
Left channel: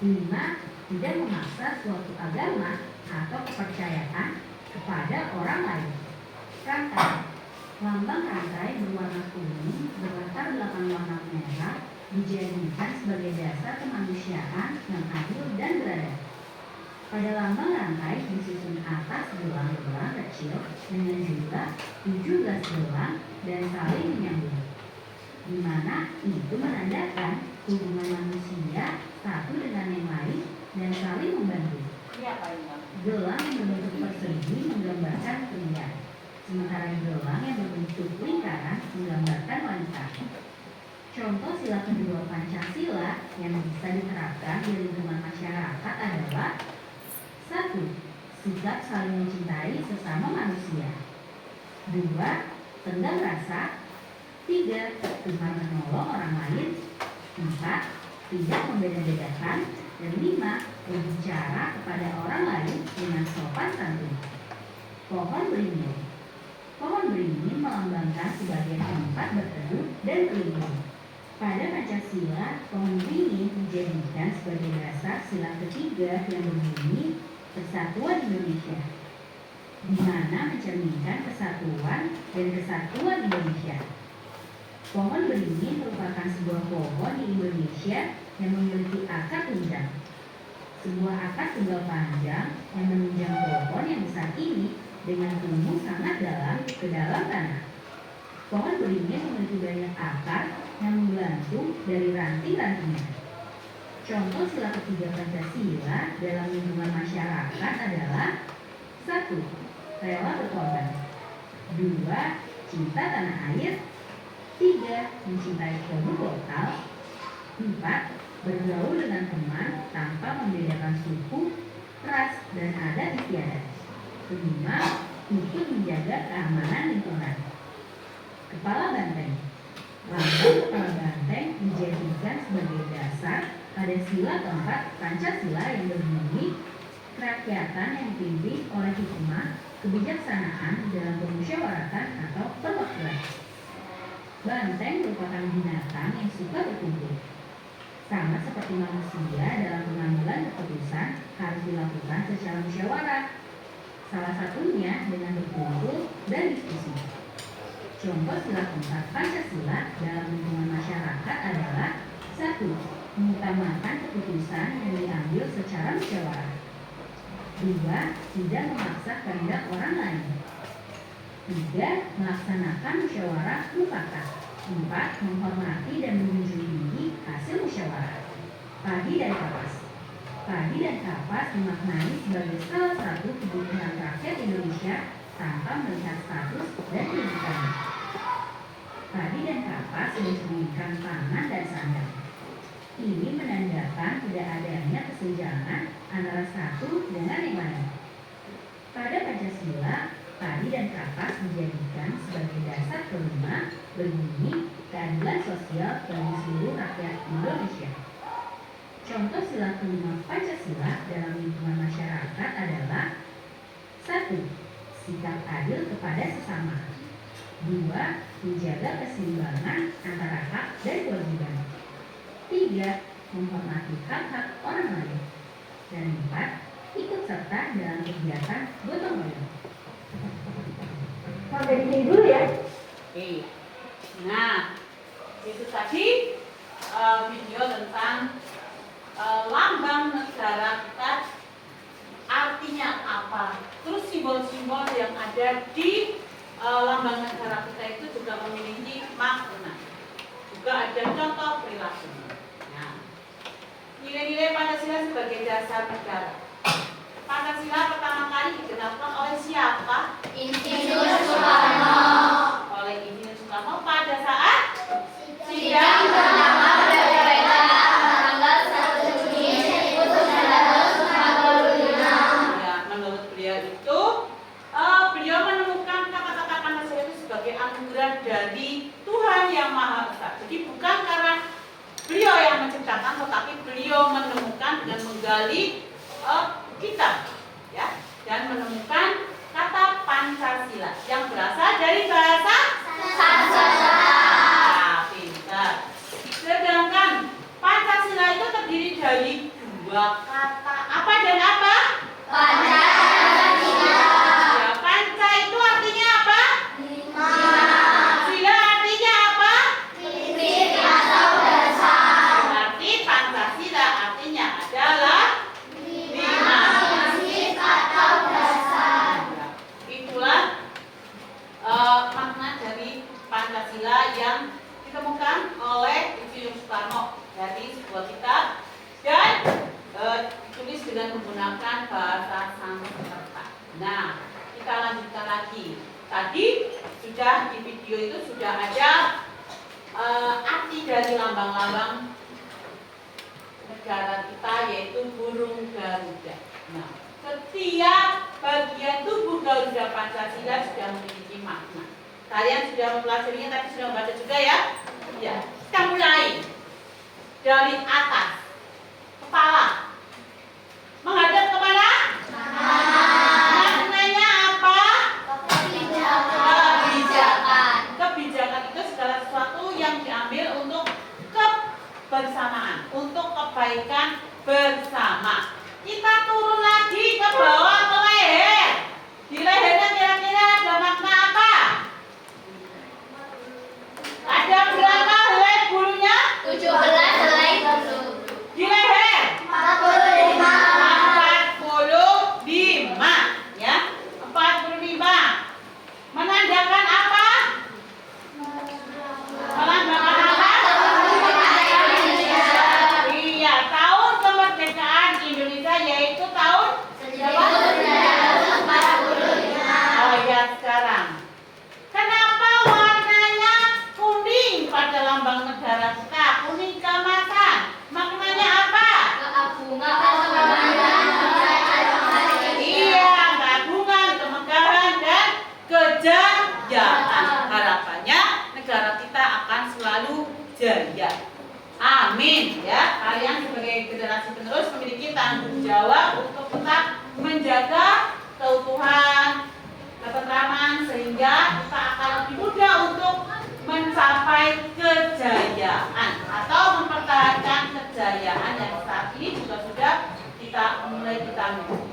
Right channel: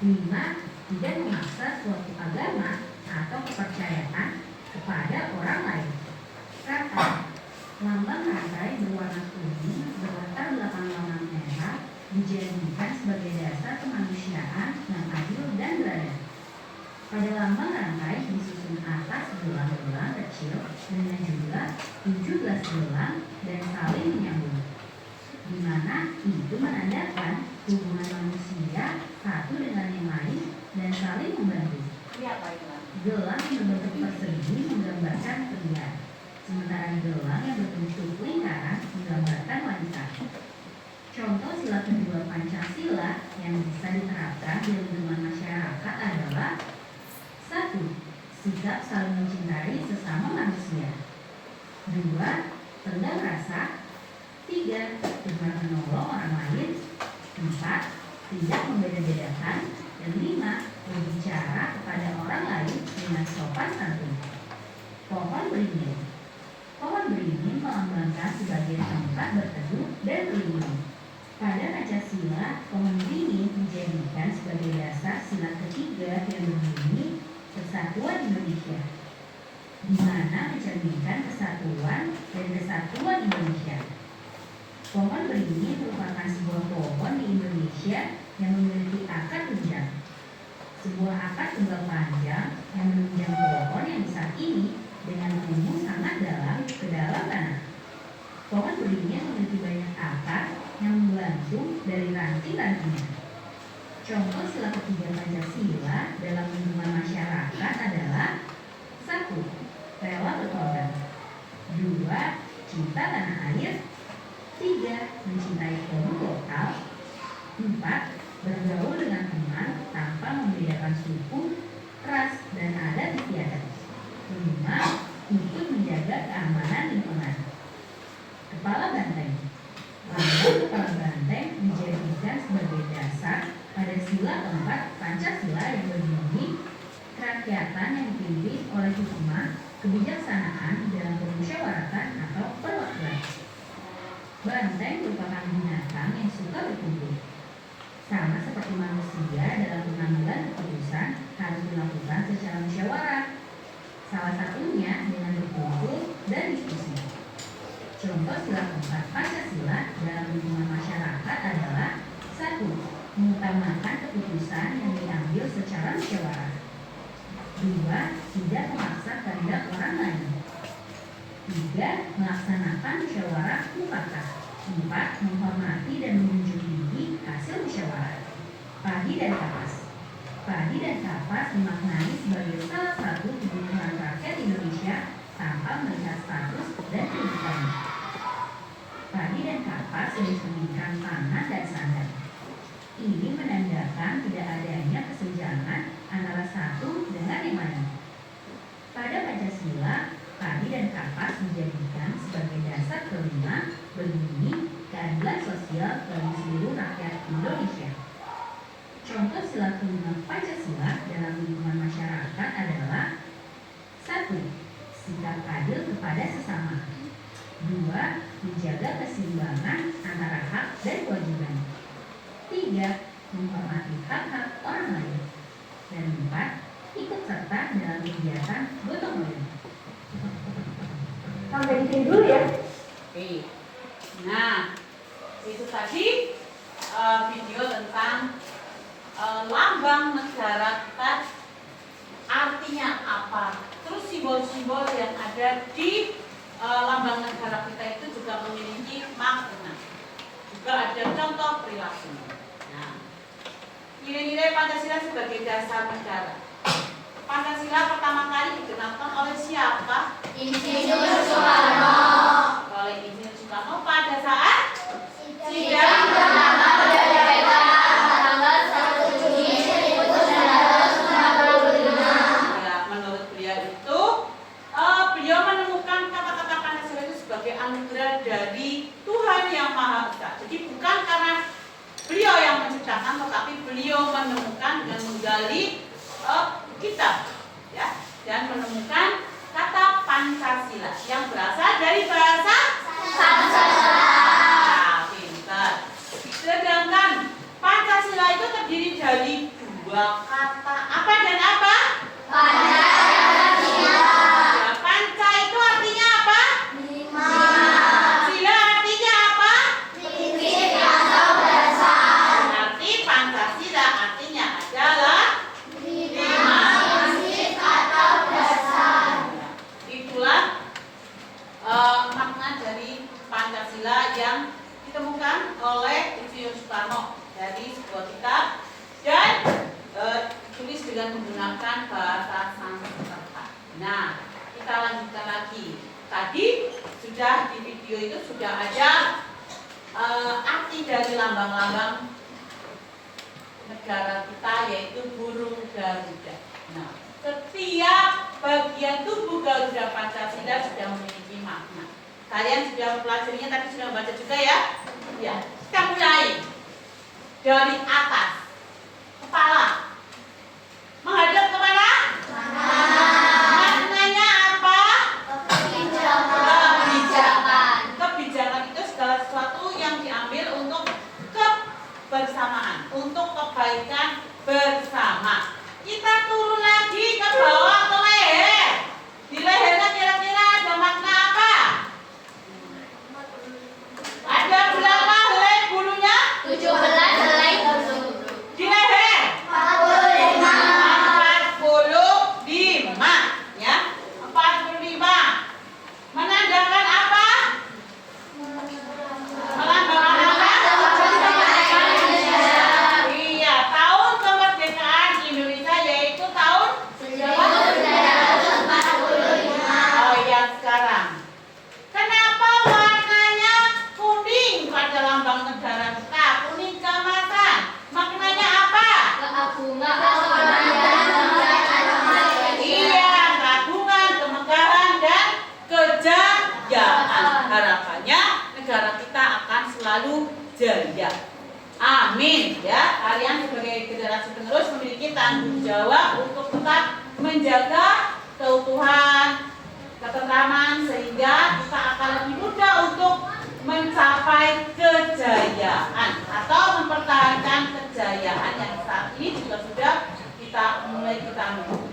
5. Tidak memaksa suatu agama atau kepercayaan kepada orang lain. Rantai. Lambang rantai berwarna kuning berlatar belakang warna merah dijadikan sebagai dasar kemanusiaan yang adil dan beradab. Pada lambang rantai disusun atas gelang-gelang kecil dengan jumlah 17 gelang dan saling menyambung, di mana itu menandakan hubungan manusia satu dengan yang lain dan saling membantu. Iya, Pak Iwan. Gelang yang berbentuk persegi menggambarkan pria, sementara gelang yang berbentuk lingkaran menggambarkan wanita. Contoh sila kedua Pancasila yang bisa diterapkan di lingkungan masyarakat adalah: 1. Sikap saling mencintai sesama manusia. 2. Tenggang rasa. 3. Tuhan menolong orang lain. 4. Tidak membeda-bedakan. Dan 5. Berbicara kepada orang lain dengan sopan santun. Pohon beringin. Pohon beringin melambangkan sebagai tempat berteduh dan berlindung. Pada Pancasila, pohon beringin dijadikan sebagai dasar sila ketiga yang berbunyi Persatuan Indonesia, di mana mencerminkan kesatuan dan kesatuan Indonesia. Pohon beringin merupakan sebuah pohon di Indonesia yang memiliki akar tunjang. Sebuah akar tunggal panjang yang menunjang pohon yang besar ini dengan tumbuh sangat dalam ke dalam tanah. Pohon beringin memiliki banyak akar yang membantu dari ranting-rantingnya. Contoh sila ketiga Pancasila dalam lingkungan masyarakat adalah: 1. Rela berkorban. 2. Cinta tanah air. 3. Mencintai produk lokal. 4. Bergaul dengan teman tanpa membedakan suku, ras, dan adat istiadat. 5. Ikut menjaga keamanan lingkungan. Kepala banteng. Lambang kepala banteng dijadikan sebagai dasar pada sila keempat Pancasila yang berbunyi kerakyatan yang dipimpin oleh hikmah, kebijaksanaan dalam permusyawaratan atau perwakilan. Banteng merupakan binatang yang suka berkumpul. Sama seperti manusia, dalam pengambilan keputusan harus dilakukan secara musyawarah. Salah satunya dengan berkumpul dan diskusi. Contoh sila keempat Pancasila dalam lingkungan masyarakat adalah: 1. Mengutamakan keputusan yang diambil secara musyawarah. 2. Tidak memaksa kehendak orang lain. 3. Melaksanakan musyawarah mufakat. 4. Menghormati dan menjunjung tinggi hasil musyawarah. Padi dan kapas. Padi dan kapas dimaknai sebagai salah satu kebutuhan rakyat Indonesia tanpa melihat status dan kedudukannya. Padi dan kapas mencerminkan pangan dan sandang. Ini menandakan tidak adanya kesenjangan antara satu dengan yang lain. Pada Pancasila, padi dan kapas dijadikan sebagai dasar kelima berbunyi keadilan sosial bagi seluruh rakyat Indonesia. Contoh sila kelima Pancasila dalam lingkungan masyarakat adalah: 1. Sikap adil kepada sesama. 2. Menjaga keseimbangan antara hak dan kewajiban. 3. Menghormati hak-hak orang lain. Dan 4. Ikut serta dalam kegiatan gotong royong. Sampai di sini dulu ya. Oke. Nah, itu tadi video tentang lambang negara kita artinya apa. Terus simbol-simbol yang ada di lambang negara kita itu juga memiliki makna. Juga ada contoh perilaku. Nah, nilai-nilai Pancasila sebagai dasar negara. Pancasila pertama kali digenapkan oleh siapa? Insinyur Soekarno. Oleh Insinyur Soekarno pada saat sidang bernama kemerdekaan tanggal 1 Juni 1945. Ya, menurut beliau itu beliau menemukan kata-kata Pancasila itu sebagai anugerah dari Tuhan Yang Maha Esa. Jadi bukan karena beliau yang menciptakan, tetapi beliau menemukan dengan menggali kita, ya, dan menemukan kata Pancasila yang berasal dari bahasa Sanskerta. Pintar. Sedangkan Pancasila itu terdiri dari dua kata, apa dan apa? Panca dan Sila. Ya, panca itu artinya apa? 5. Sila artinya apa? Prinsip atau dasar. Berarti Pancasila artinya adalah 5. tadi sudah di video itu sudah ada arti dari lambang-lambang negara kita, yaitu burung Garuda. Nah, setiap bagian tubuh Garuda Pancasila sudah memiliki makna. Kalian sudah mempelajarinya, tapi sudah membaca juga ya? Ya. Kita mulai dari atas, kepala, menghadap kemana? Maknanya apa? Kebijakan itu segala sesuatu yang diambil untuk kebersamaan, untuk kebaikan bersama. Kita turun lagi ke bawah ke leher. Di lehernya kira-kira ada makna apa? Ada berapa helai bulunya? 17 helai bulu. Di leher 45, ya. 45. Menandakan apa? Melambangkan apa? Iya, tahun kemerdekaan Indonesia yaitu tahun berapa? 1945. Oh ya, sekarang. Kenapa warnanya kuning pada lambang negara kita? Kuning keemasan. Maknanya apa? Iya, keagungan, kemegahan, dan kejayaan. Harapannya negara kita akan selalu jaya. Amin ya. Kalian sebagai generasi penerus memiliki tanggung jawab untuk tetap menjaga keutuhan, ketentraman, sehingga kita akan lebih mudah untuk mencapai kejayaan atau mempertahankan kejayaan yang saat ini juga sudah kita mulai miliki.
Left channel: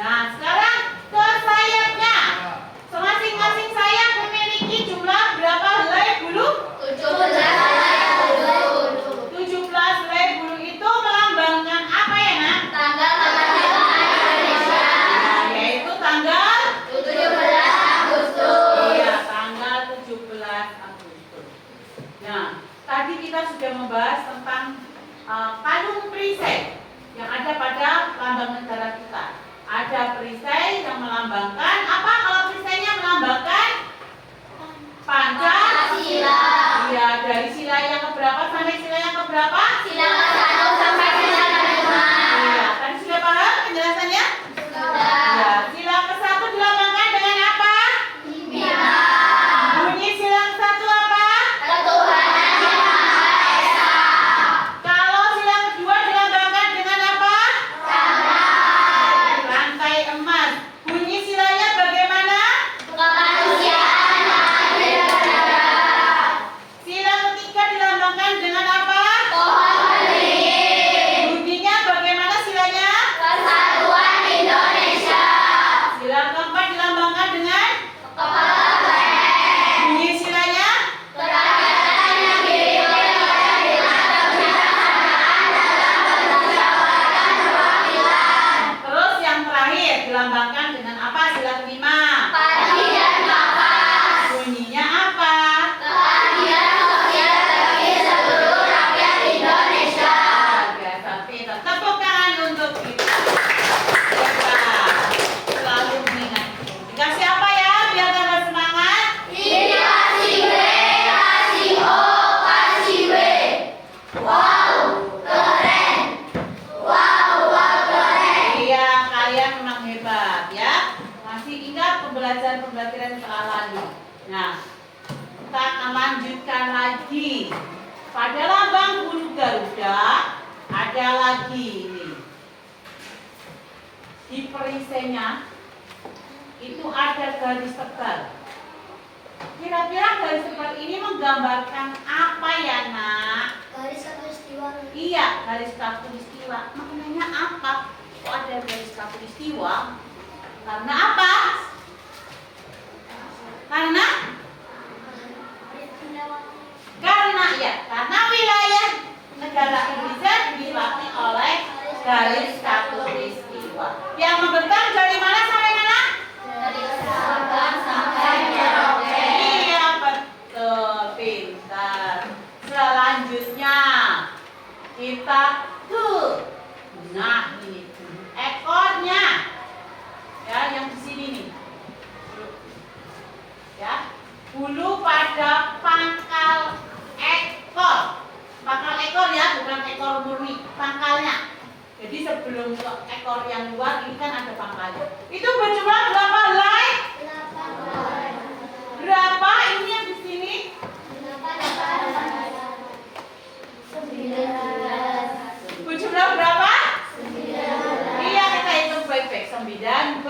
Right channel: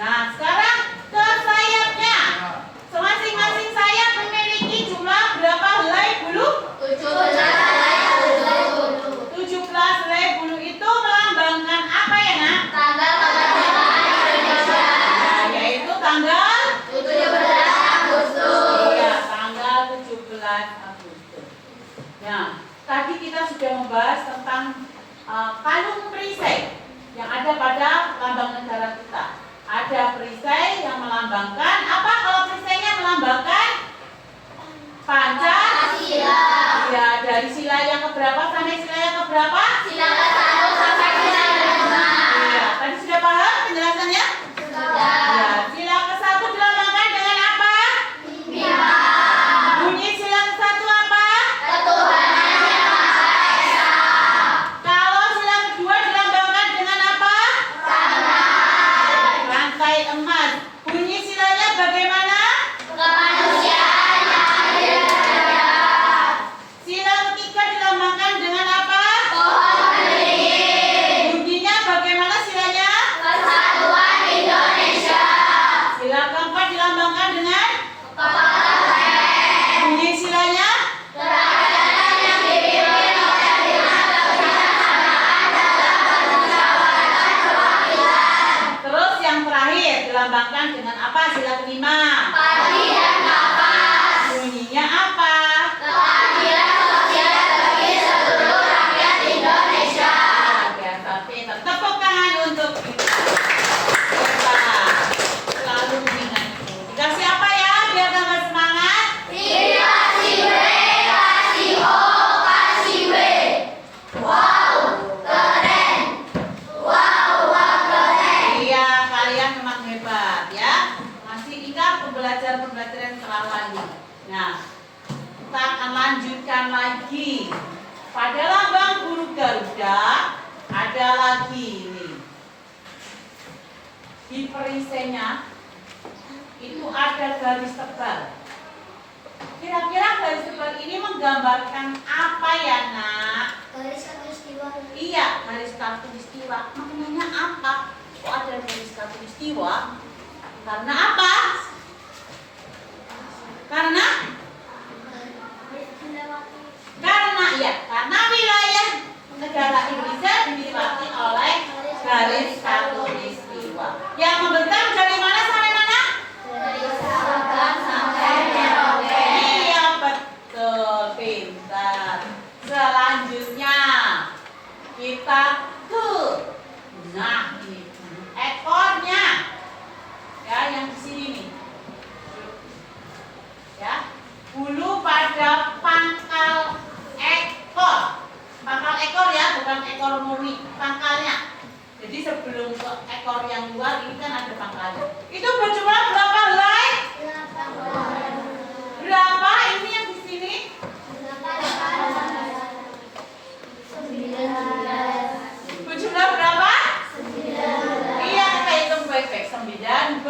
Nah, sekarang ke sayapnya. Masing-masing sayap memiliki jumlah berapa helai bulu? 17 helai bulu. 17 helai bulu itu melambangkan apa ya, Nak? Tanggal kemerdekaan Indonesia. Nah, yaitu tanggal 17 Agustus. Iya, tanggal 17 Agustus. Nah, tadi kita sudah membahas tentang kalung perisai yang ada pada lambang negara kita. Ada perisai yang melambangkan apa? Kalau perisainya melambangkan Pancasila. Ya, dari sila yang keberapa sampai sila yang keberapa? Sila ke-1 sampai sila ke-5. Iya, tadi sudah paham penjelasannya? Ya, sila ke-1 dilambangkan dengan apa? Bima. Bunyi sila ke-1 apa? Ketuhanan Yang Maha Esa. Kalau sila kedua dilambangkan dengan apa? Rantai emas. Bunyi silanya bagaimana? Kemanusiaan yang adil dan beradab. Sila ketiga dilambangkan dengan apa? Pohon beringin. Bunyinya bagaimana silanya? Persatuan Indonesia. Sila keempat dilambangkan dengan Kepala keren. bunyi silanya? Kerakyatan yang dipimpin oleh Dewan Kebijaksanaan dalam Permusyawaratan Perwakilan. Terus yang terakhir dilambangkan dengan apa? Sila kelima. Padi dan kapas. Bunyinya apa? Keadilan sosial bagi seluruh rakyat Indonesia. Biasa pintar. Tepuk tangan untuk kita. Kita selalu mengingat. Dikasih apa ya biar tambah semangat? Kasih B, kasih O, kasih B. Wow, keren. Wow, keren. Iya, kalian memang hebat ya. Masih ingat pembelajaran setelah lagi. Nah, kita akan lanjutkan lagi. Pada lambang burung Garuda ada lagi ini. Di perisainya itu ada garis tebal. Kira-kira garis tebal ini menggambarkan apa ya, Nak? Garis khatulistiwa. Iya, garis khatulistiwa. Maknanya apa? Kok ada garis khatulistiwa? Karena apa? Karena wilayah negara Indonesia dilewati oleh garis khatulistiwa. Yang membentang dari mana sampai mana? Dari Sabang sampai Merauke. Iya, betul, pintar. Selanjutnya kita ke, nah ini ekornya, ya yang di sini nih. ada pangkal ekor. Pangkal ekor ya, bukan ekor murni, pangkalnya. Jadi sebelum ke ekor yang luar ini kan ada pangkalnya. Itu berjumlah berapa helai? Berapa ini yang di sini? 9. Berjumlah berapa? Iya, kita hitung baik-baik. 9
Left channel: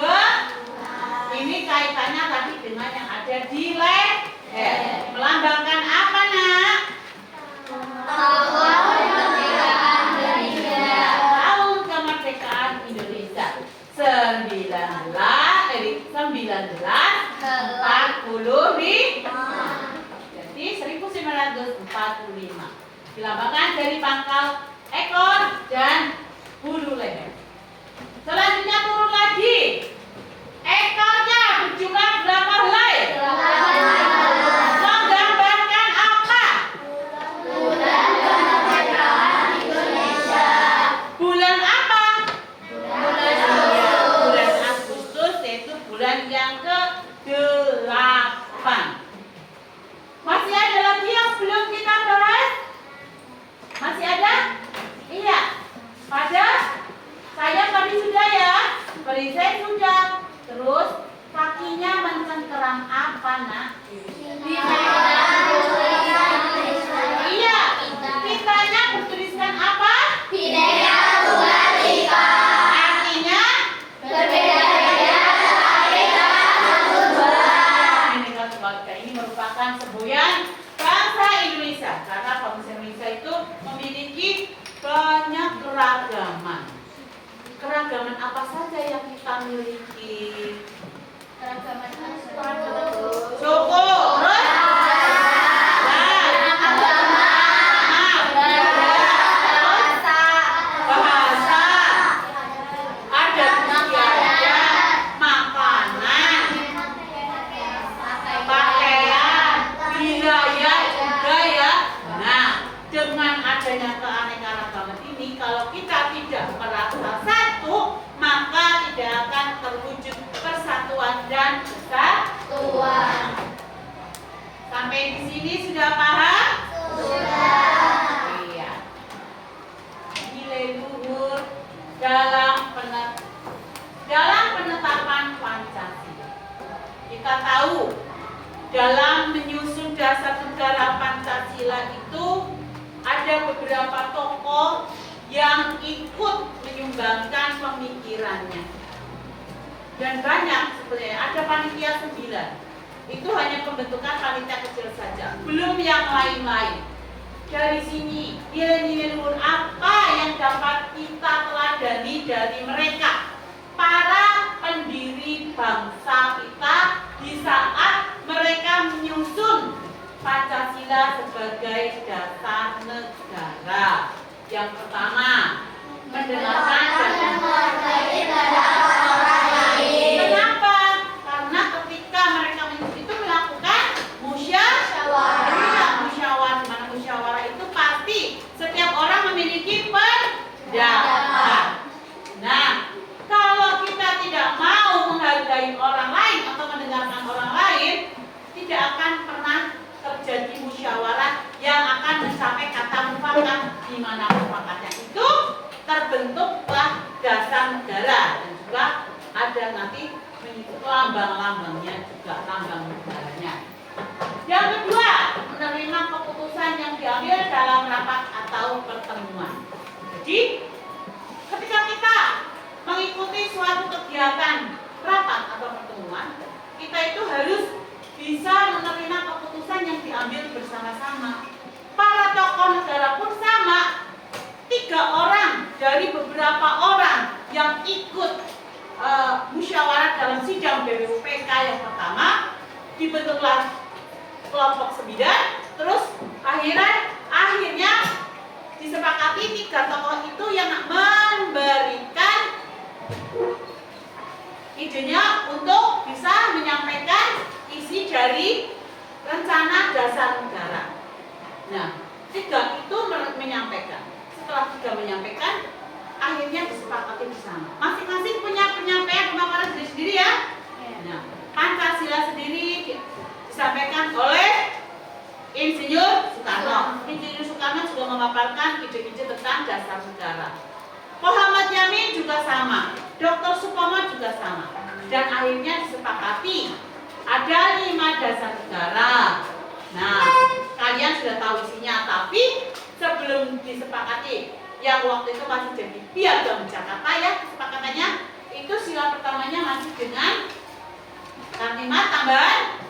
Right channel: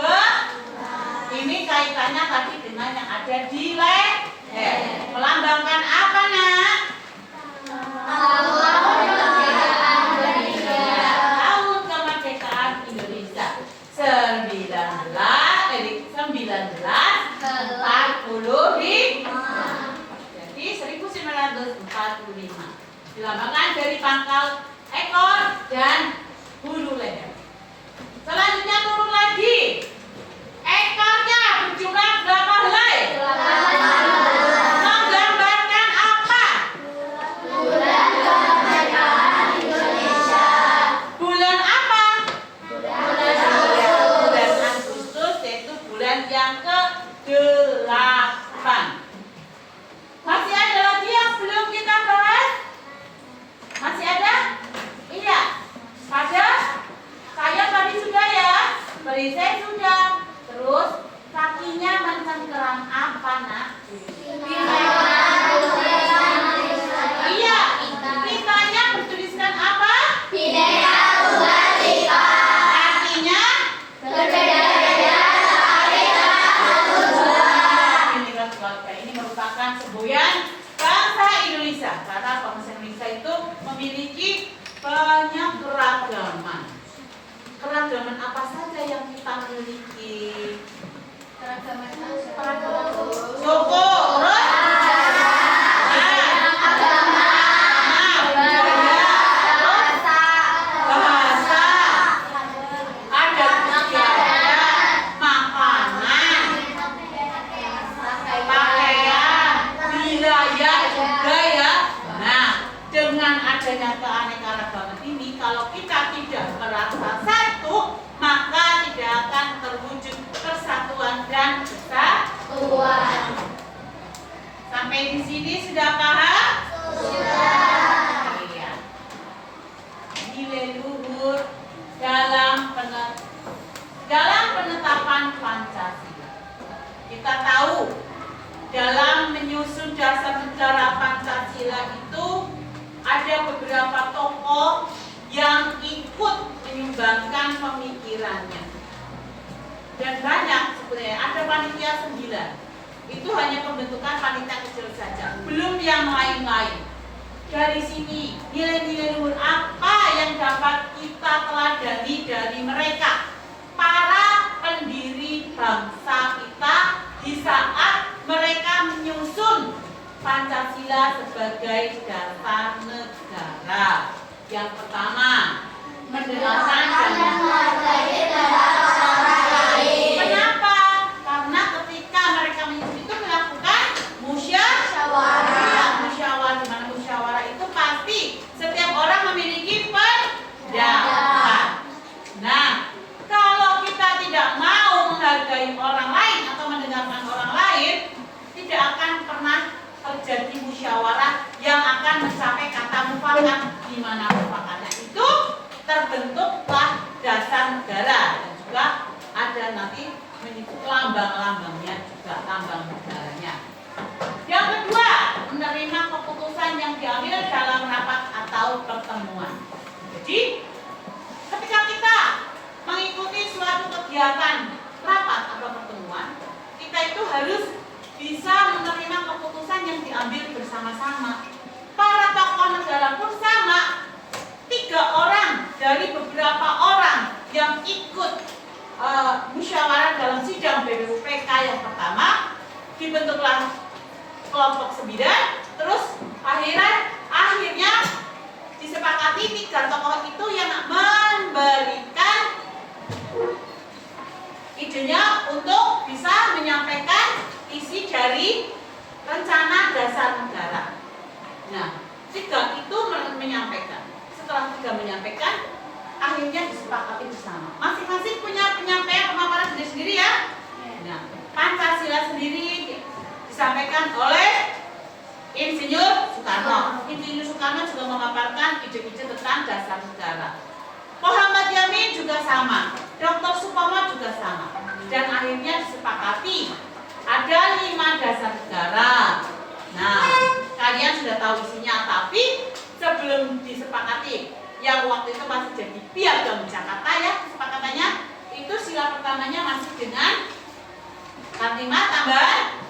ini kaitannya tadi dengan yang ada di leher. Melambangkan apa, Nak? Tahun kemerdekaan Indonesia 1945. Jadi 1945. Dilambangkan dari pangkal ekor dan bulu leher. Selanjutnya turun lagi. Ekornya berjumlah berapa helai? Menggambarkan apa? Bulan apa? Bulan Agustus, yaitu bulan yang ke-8. Masih ada lagi yang belum kita bahas? Masih ada? Iya. Pada saya tadi sudah ya. Perisai sudah. Terus kakinya mencengkeram apa, Nak? Iya. Kitanya bertuliskan apa? Bhinneka Tunggal Ika. Artinya Berbeda-beda tetapi satu Tuhan. Bhinneka Tunggal Ika ini merupakan semboyan bangsa Indonesia. Karena bangsa Indonesia itu memiliki banyak keragaman. Keragaman apa saja yang kita miliki? Suku, terus? Bahasa, adat istiadat, makanan, pakaian, wilayah juga ya. Nah, dengan adanya keanekaragaman ini, kalau kita tidak merasa satu, maka tidak akan terwujud persatuan dan kesatuan. Sampai di sini sudah paham? Iya. Nilai luhur dalam penetapan Pancasila. Kita tahu dalam menyusun dasar negara Pancasila itu ada beberapa tokoh yang ikut menyumbangkan pemikirannya. Dan banyak sebenarnya, ada panitia 9. Itu hanya pembentukan panitia kecil saja, belum yang lain-lain. Dari sini, nilai-nilai luhur apa yang dapat kita teladani dari mereka, para pendiri bangsa kita di saat mereka menyusun Pancasila sebagai dasar negara. Yang pertama, mendengarkan dan Menghargai pendapat orang lain. Kenapa? Karena ketika mereka itu melakukan musyawarah. Musyawarah, dimana musyawarah itu pasti setiap orang memiliki pendapat. Nah, kalau kita tidak mau menghargai orang lain atau mendengarkan orang lain, tidak akan pernah terjadi musyawarah yang akan mencapai kata mufakat, di mana mufakatnya itu terbentuklah dasar negara dan juga ada nanti lambang-lambangnya juga, lambang negaranya. Yang kedua, menerima keputusan yang diambil dalam rapat atau pertemuan. Jadi, ketika kita mengikuti suatu kegiatan rapat atau pertemuan, kita itu harus bisa menerima keputusan yang diambil bersama-sama. Para tokoh negara pun sama. 3 orang dari beberapa orang yang ikut musyawarah dalam sidang BPUPK yang pertama, dibentuklah kelompok 9, terus akhirnya disepakati 3 tokoh itu yang memberikan idenya untuk bisa menyampaikan isi dari rencana dasar negara. Nah, 3 itu menyampaikan. Setelah 3 menyampaikan, akhirnya disepakati bersama. Masing-masing punya penyampaian pemaparan sendiri-sendiri ya. Nah, Pancasila sendiri disampaikan oleh Insinyur Soekarno. Insinyur Soekarno juga memaparkan ide-ide tentang dasar negara. Muhammad Yamin juga sama, Dr. Supomo juga sama. Dan akhirnya disepakati ada 5 dasar negara. Nah, kalian sudah tahu isinya, tapi sebelum disepakati, yang waktu itu masih jadi Piagam Jakarta ya, kesepakatannya itu sila pertamanya masih dengan kalimat tambahan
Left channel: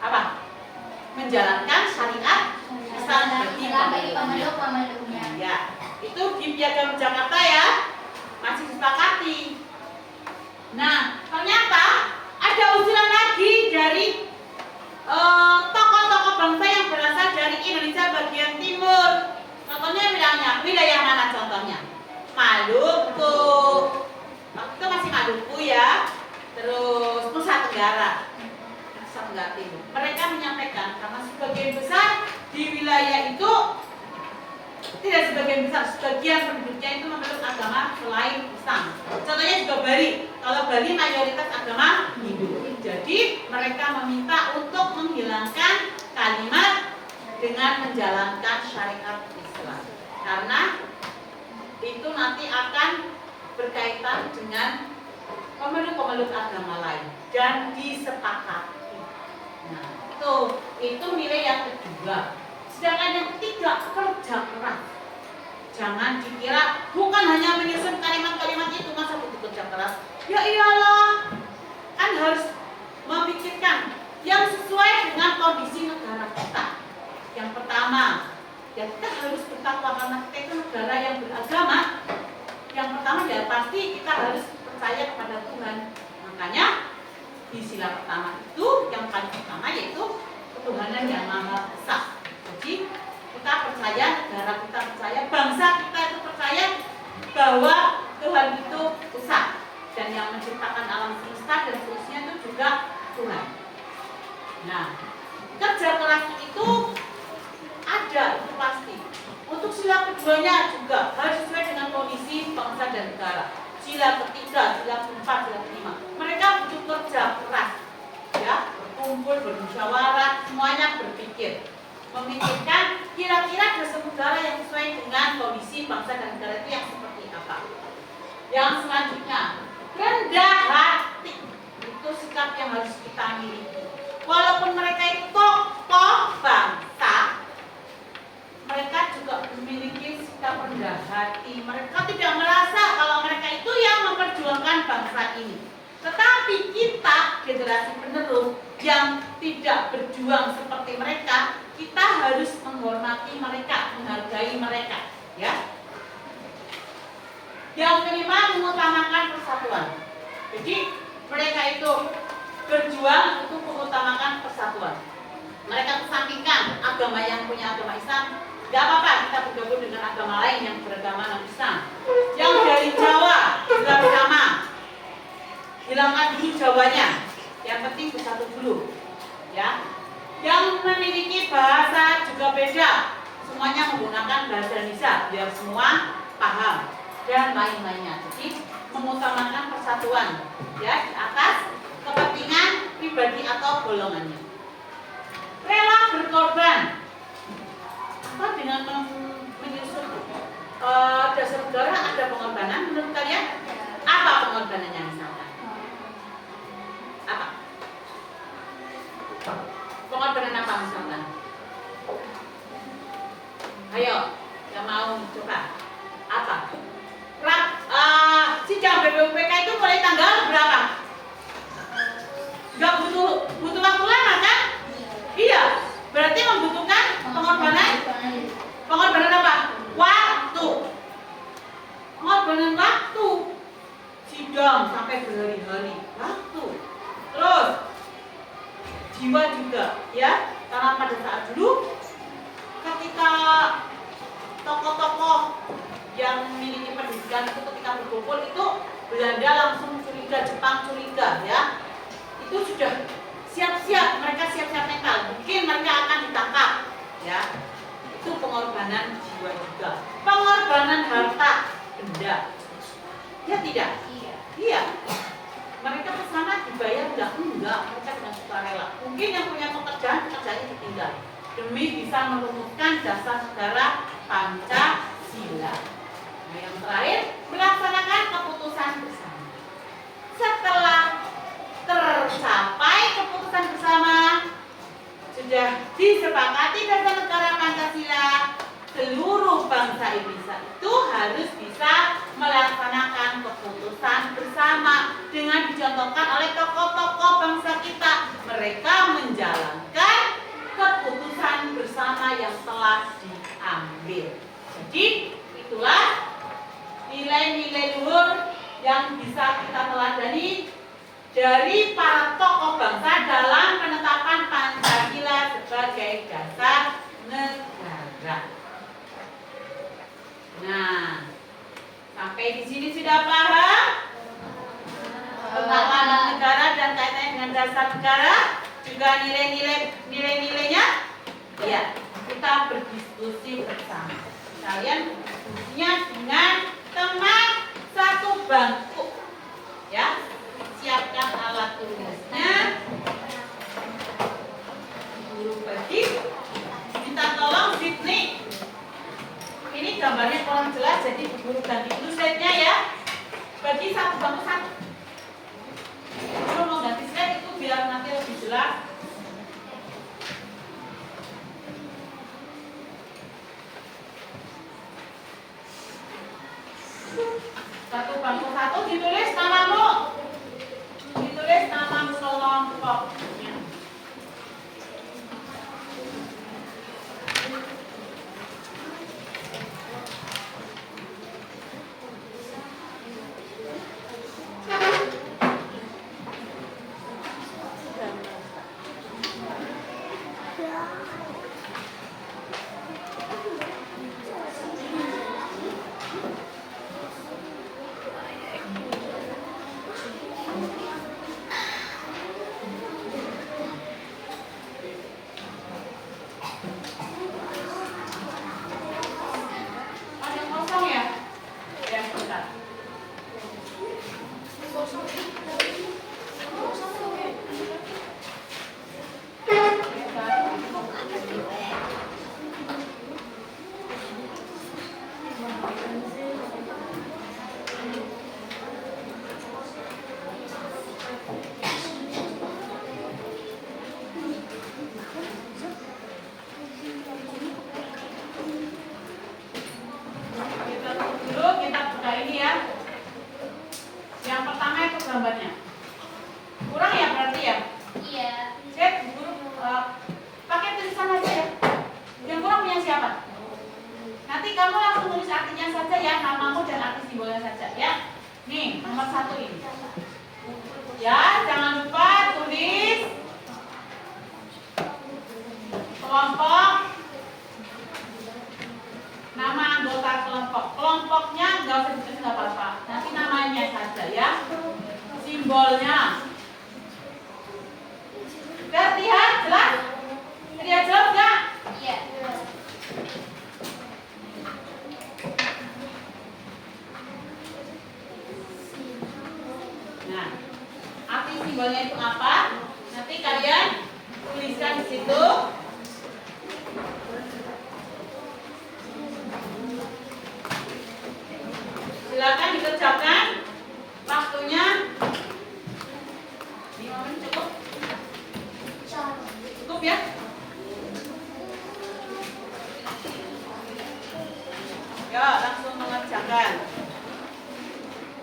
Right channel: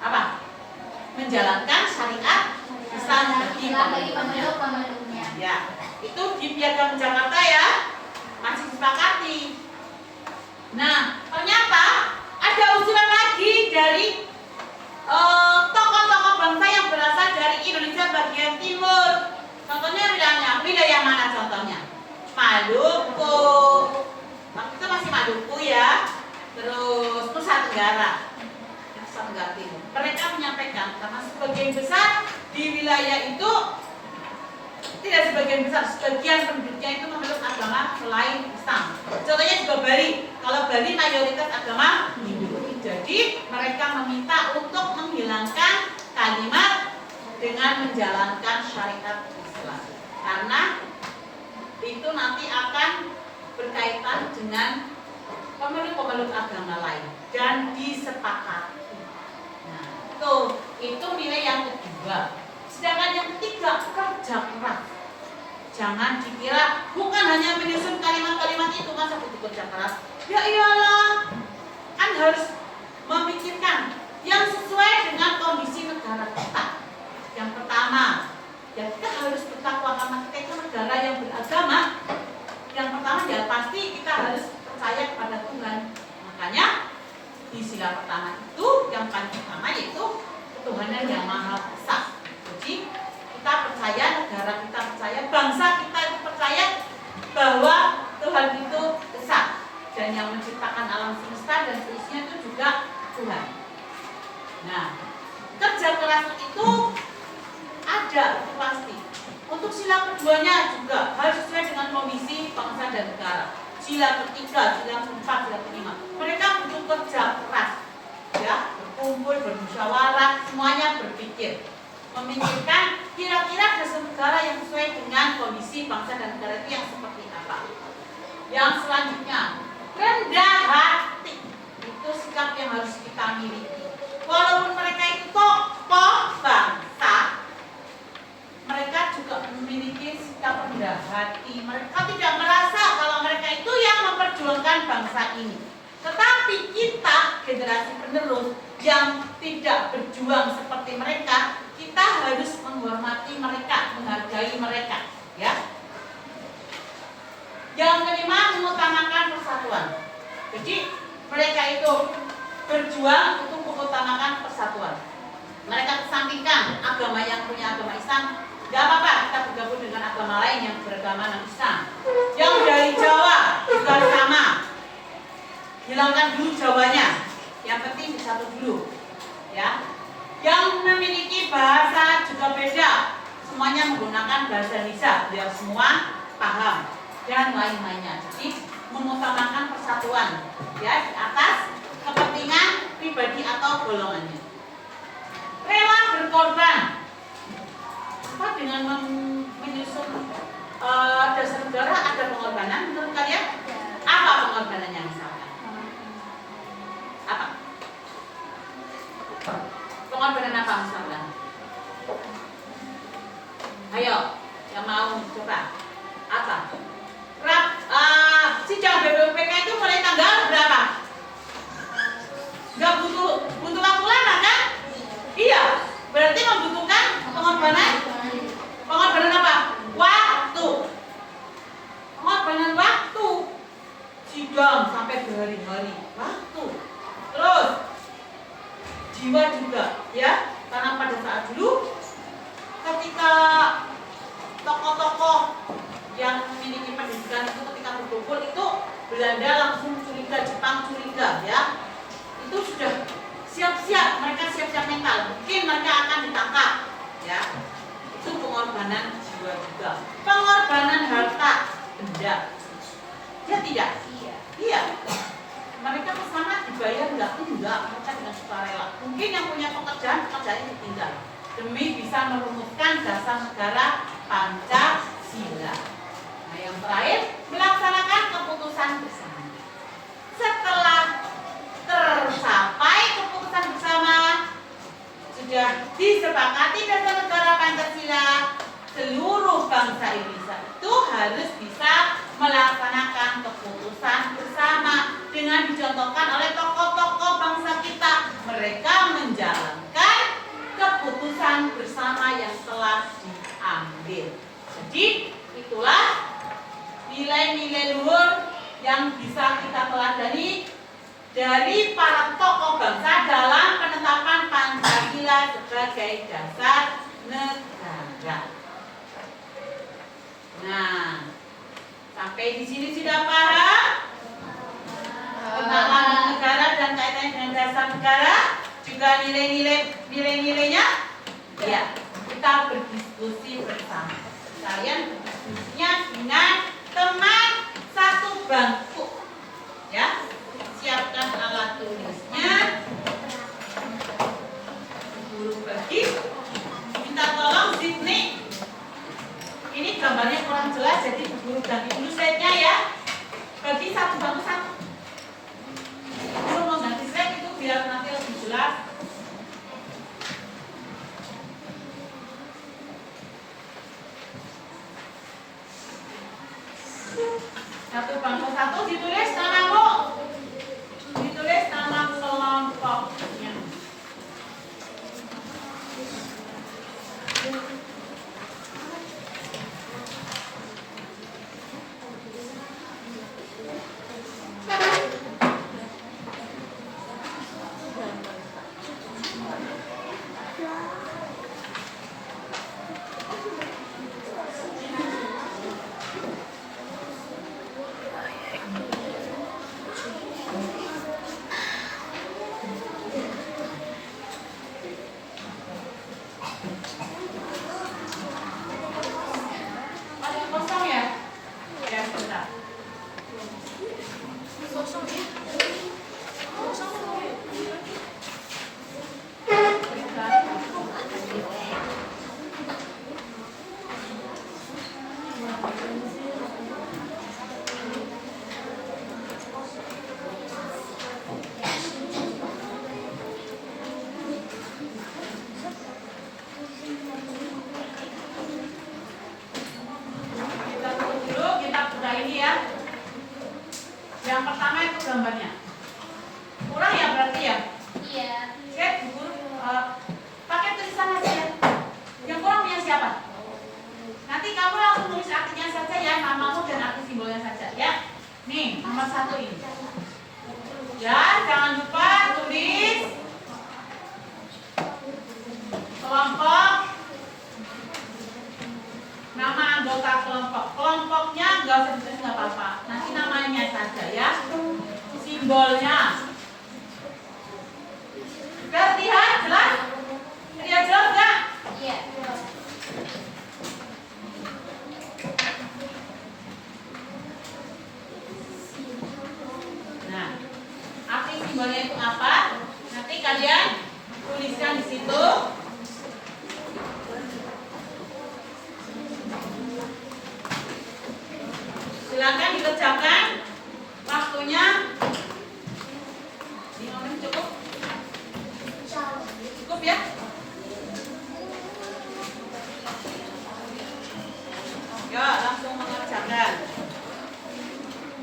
apa? Menjalankan syariat Islam bagi pemeluknya. Ya, itu di Piagam Jakarta ya, masih disepakati. Nah, ternyata ada usulan lagi dari tokoh-tokoh bangsa yang berasal dari Indonesia bagian timur. Contohnya wilayah mana contohnya? Maluku. Waktu itu masih Maluku ya. Terus Nusa Tenggara. Nusa Tenggara Timur. Mereka menyampaikan karena sebagian besar di wilayah itu, tidak sebagian besar, sebagian penduduknya itu memeluk agama selain Islam. Contohnya juga Bali. Kalau Bali mayoritas agama Hindu. Jadi mereka meminta untuk menghilangkan kalimat dengan menjalankan syariat Islam. Karena itu nanti akan berkaitan dengan pemeluk-pemeluk agama lain dan disepakati. Nah, itu nilai yang kedua. Sedangkan yang ketiga, kerja keras. Jangan dikira bukan hanya menyusun kalimat-kalimat itu masa butuh kerja keras. Ya iyalah, kan harus memikirkan yang sesuai dengan kondisi negara kita. Yang pertama, ya kita harus bertakwa karena kita itu negara yang beragama. Yang pertama ya pasti kita harus percaya kepada Tuhan. Makanya di sila pertama itu yang paling pertama yaitu ketuhanan yang Maha Esa. Jadi kita percaya, negara kita percaya, bangsa kita itu percaya bahwa Tuhan itu esa dan yang menciptakan alam semesta dan seterusnya itu juga Tuhan. Nah, kerja keras itu ada, itu pasti. Untuk sila keduanya juga harus sesuai dengan komisi bangsa dan negara. Sila ketiga, sila keempat, sila kelima. Mereka butuh kerja keras, ya, berkumpul, bermusyawarah, semuanya berpikir, memikirkan kira-kira dasar negara yang sesuai dengan kondisi bangsa dan negara itu yang seperti apa. Yang selanjutnya, rendah hati. Itu sikap yang harus kita miliki. Walaupun mereka itu tokoh bangsa, mereka juga memiliki sikap rendah hati. Mereka tidak merasa kalau mereka itu yang memperjuangkan bangsa ini. Tetapi kita, generasi penerus yang tidak berjuang seperti mereka, kita harus menghormati mereka, menghargai mereka, ya. Yang kelima, mengutamakan persatuan. Jadi mereka itu berjuang untuk mengutamakan persatuan. Mereka kesampingkan agama yang punya agama Islam, gak apa-apa kita bergabung dengan agama lain yang beragama non-Islam. Yang dari Jawa juga sama, hilangkan dulu Jawanya, yang penting bersatu dulu, ya. Yang memiliki bahasa juga beda, semuanya menggunakan bahasa Indonesia biar semua paham dan lain-lainnya. Jadi mengutamakan persatuan, ya, di atas kepentingan pribadi atau golongannya. Rela berkorban. Apa dengan menyusun dasar negara ada pengorbanan menurut kalian? Apa pengorbanannya misalkan? Apa? Pengorbanan apa misalkan? Ayo, yang mau coba. Apa? Sidang BPUPK itu mulai tanggal berapa? Gak butuh waktu lama kan? Iya, berarti membutuhkan pengorbanan. Pengorbanan apa? Waktu. Pengorbanan waktu. Sidang sampai berhari-hari. Waktu. Terus jiwa juga, ya. Karena pada saat dulu ketika tokoh-tokoh yang memiliki pendidikan itu ketika berkumpul itu Belanda langsung curiga, Jepang curiga, ya. Itu sudah siap-siap, mereka siap-siap mental, mungkin mereka akan ditangkap, ya. Itu pengorbanan jiwa juga. Pengorbanan harta benda, ya tidak? Iya. Mereka kesana dibayar enggak? Enggak, mereka dengan sukarela. Mungkin yang punya pekerjaannya ditinggal. demi bisa merumuskan dasar negara Pancasila. Nah, yang terakhir, melaksanakan keputusan bersama. Setelah tercapai keputusan bersama, sudah disepakati dasar negara Pancasila, seluruh bangsa Indonesia itu harus bisa melaksanakan keputusan bersama dengan dicontohkan oleh tokoh-tokoh bangsa kita. Mereka menjalankan keputusan bersama yang telah diambil. Jadi itulah nilai-nilai luhur yang bisa kita teladani dari para tokoh bangsa dalam penetapan Pancasila sebagai dasar negara. Nah, sampai di sini sudah paham tentang lambang negara dan kaitannya dengan dasar negara, juga nilainya. Ya, kita berdiskusi bersama. Kalian berdiskusinya dengan teman satu bangku, ya. Siapkan alat tulisnya. Guru bagi, minta tolong Sydney. Ini gambarnya kurang jelas, jadi guru ganti dulu slide-nya ya. Bagi satu bangku satu. Guru mau ganti slide itu biar nanti lebih jelas. Satu bangku satu ditulis namamu. Ditulis nama kelompoknya. Yang pertama itu gambarnya. Kurang ya berarti ya? Iya. Set, guru pakai tulisan aja ya. Yang kurang punya siapa? Nanti kamu langsung tulis artinya saja ya, namamu dan arti simbolnya saja ya. Nih, nomor 1 ini. Ya, jangan lupa tulis kelompok, nama anggota kelompok. Kelompoknya nggak usah ditulis, nggak apa-apa. Nanti namanya saja ya. Simbolnya. Terlihat jelas? Terlihat jelas nggak? Iya. Nah, arti simbolnya itu apa? Nanti kalian tuliskan di situ. Silakan dikerjakan. Waktunya 5 menit cukup? Cukup ya? Ya, langsung mengerjakan.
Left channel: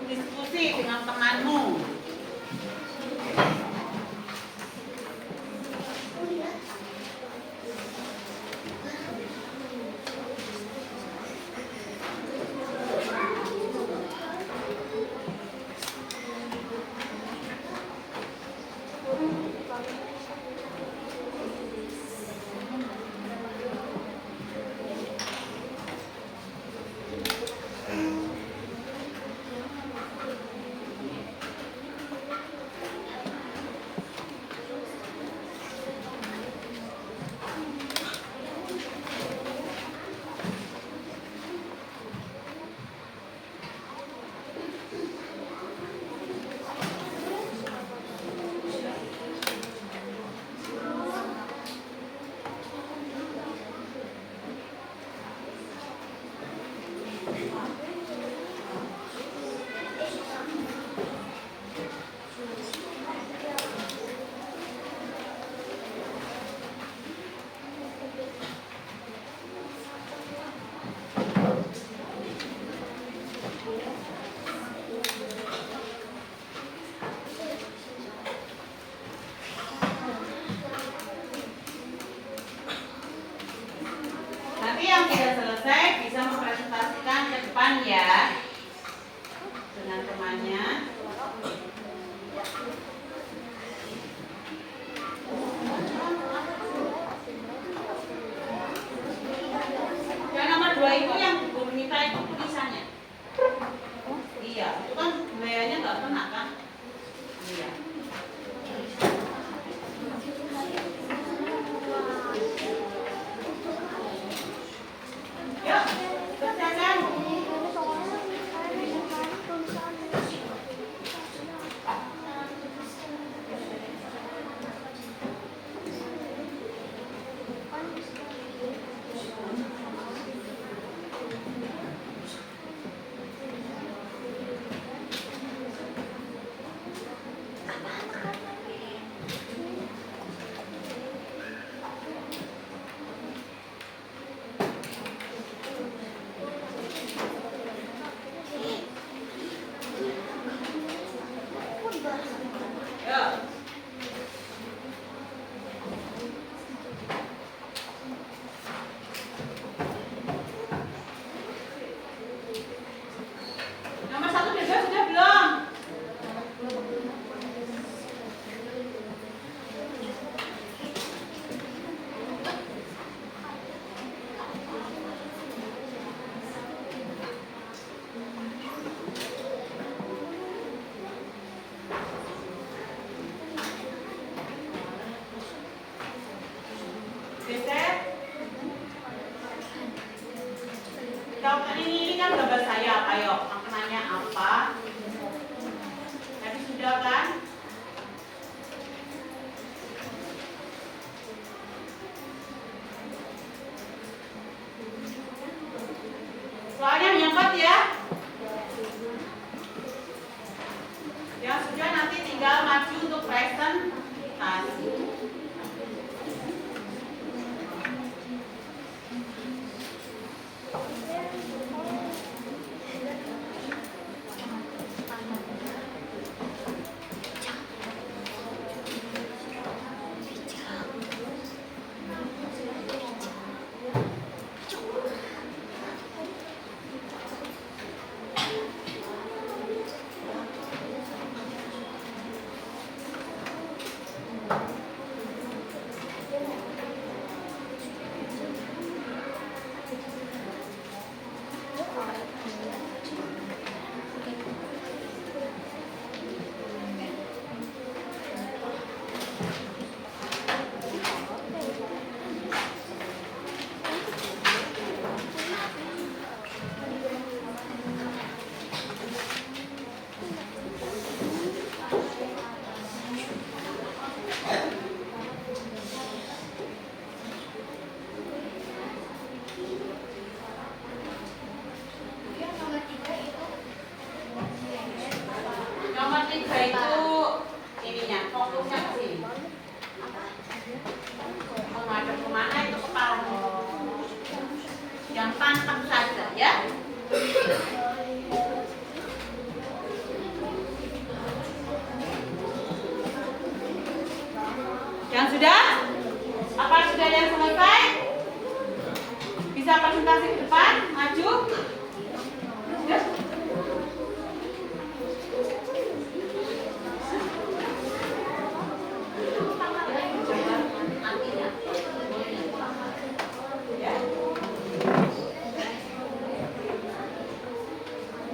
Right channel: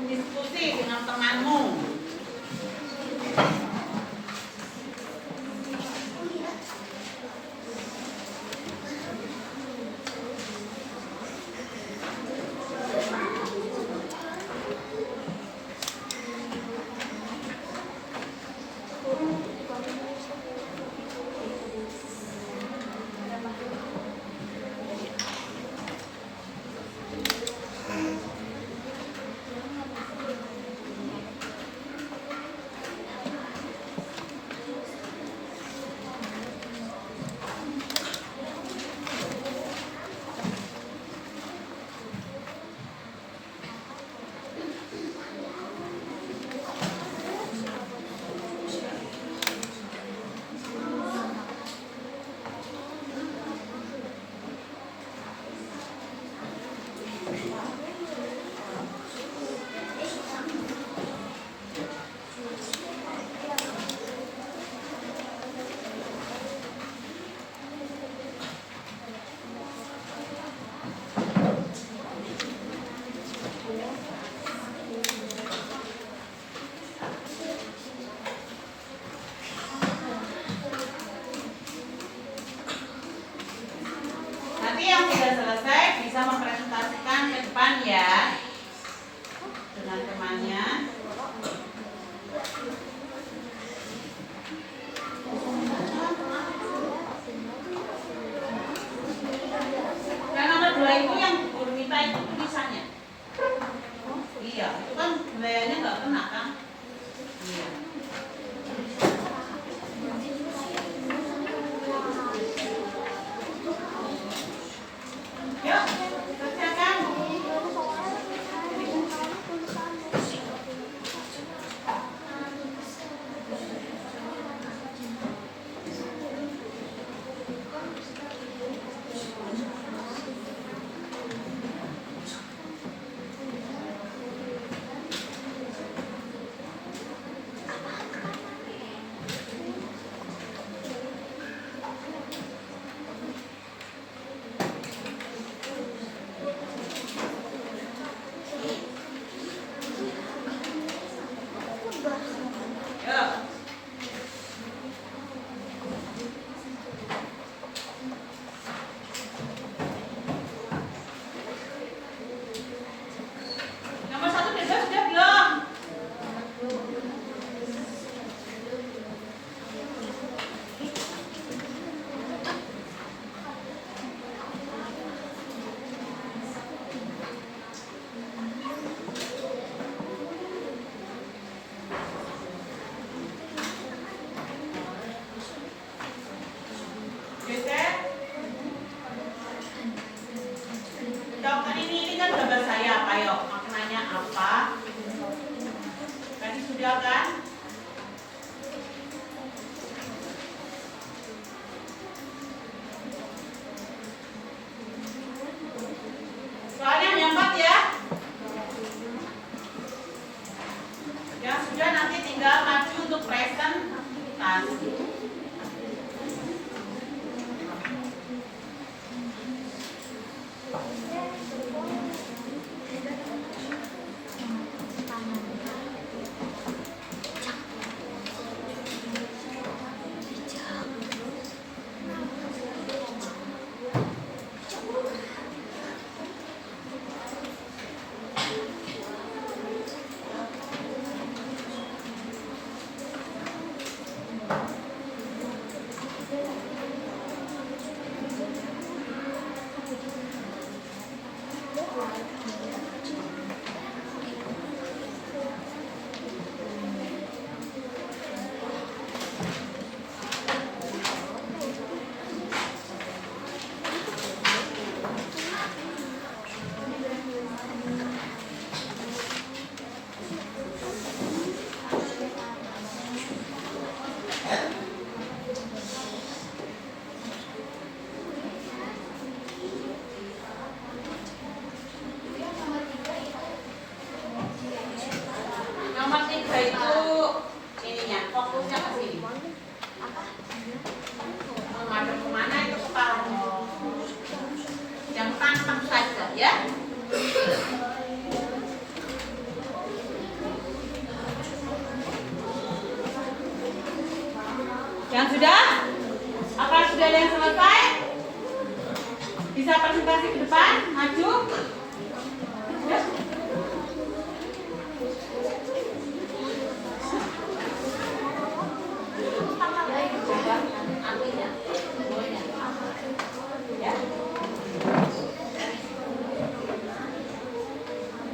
Diskusi dengan temanmu. tangannya. Yang nomor 2 itu yang Bu Nita itu tulisannya. Iya, itu kan gayanya nggak kena kan? Iya. Yuk, selesaikan. Yuk. Nomor 1 dan 2 sudah belum? Geser. Jawabkan ini kan gambar sayap. Ayo, maknanya apa? Tadi sudah kan? Soalnya hanya 4 ya. Yang sudah nanti tinggal maju untuk presentasi. Nomor 3 itu ininya, fokusnya ke sini. Menghadap kemana itu kepala. Yang tantang saja ya. Yang sudah? Apa sudah yang selesai? Bisa presentasi ke depan, maju. Ya.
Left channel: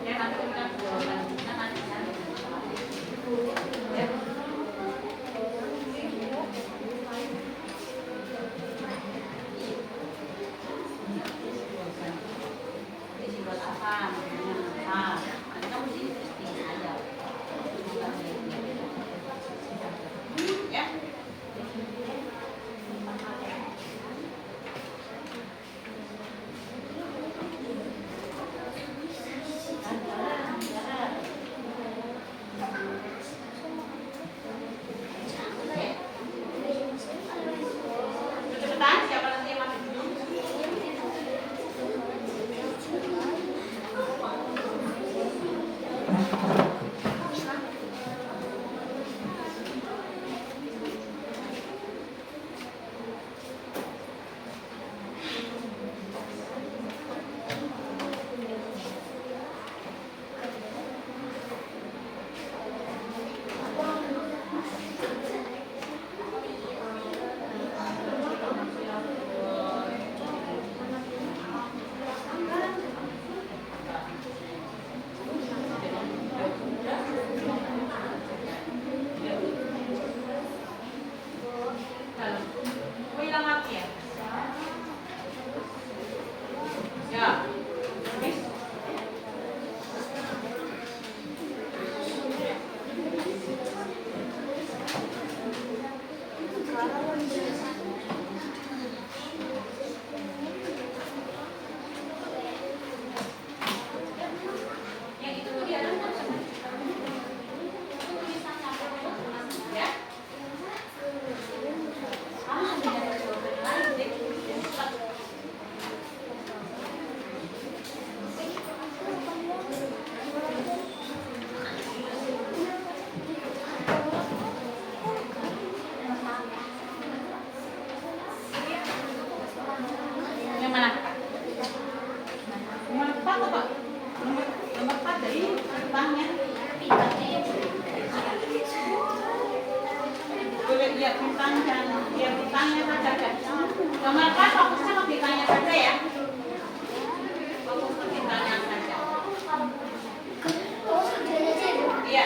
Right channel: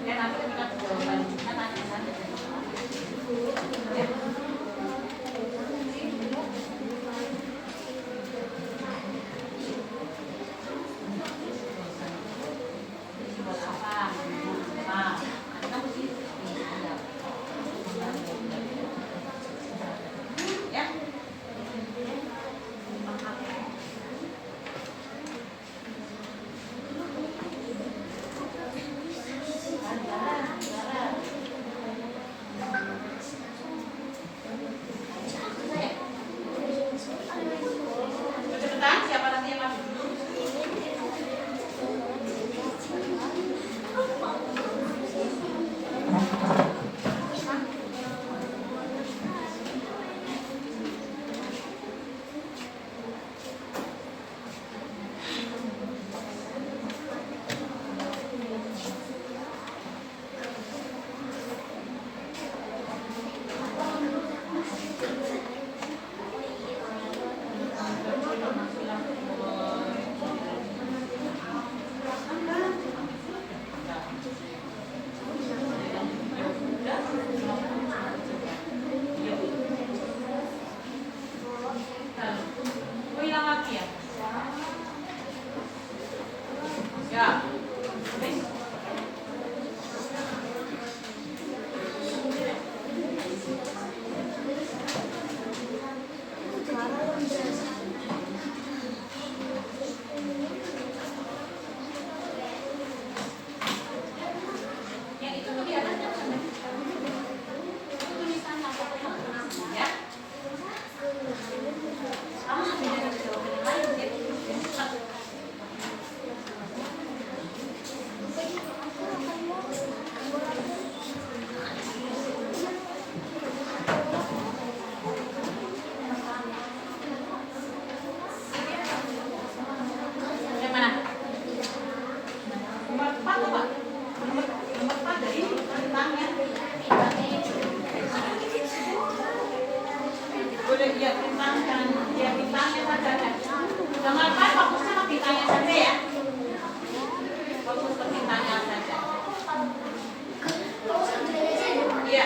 Ya, nanti kita jawaban. Nanti. Ya. Teman-teman fokusnya ke bintangnya saja ya. Fokus ke bintangnya saja. Iya.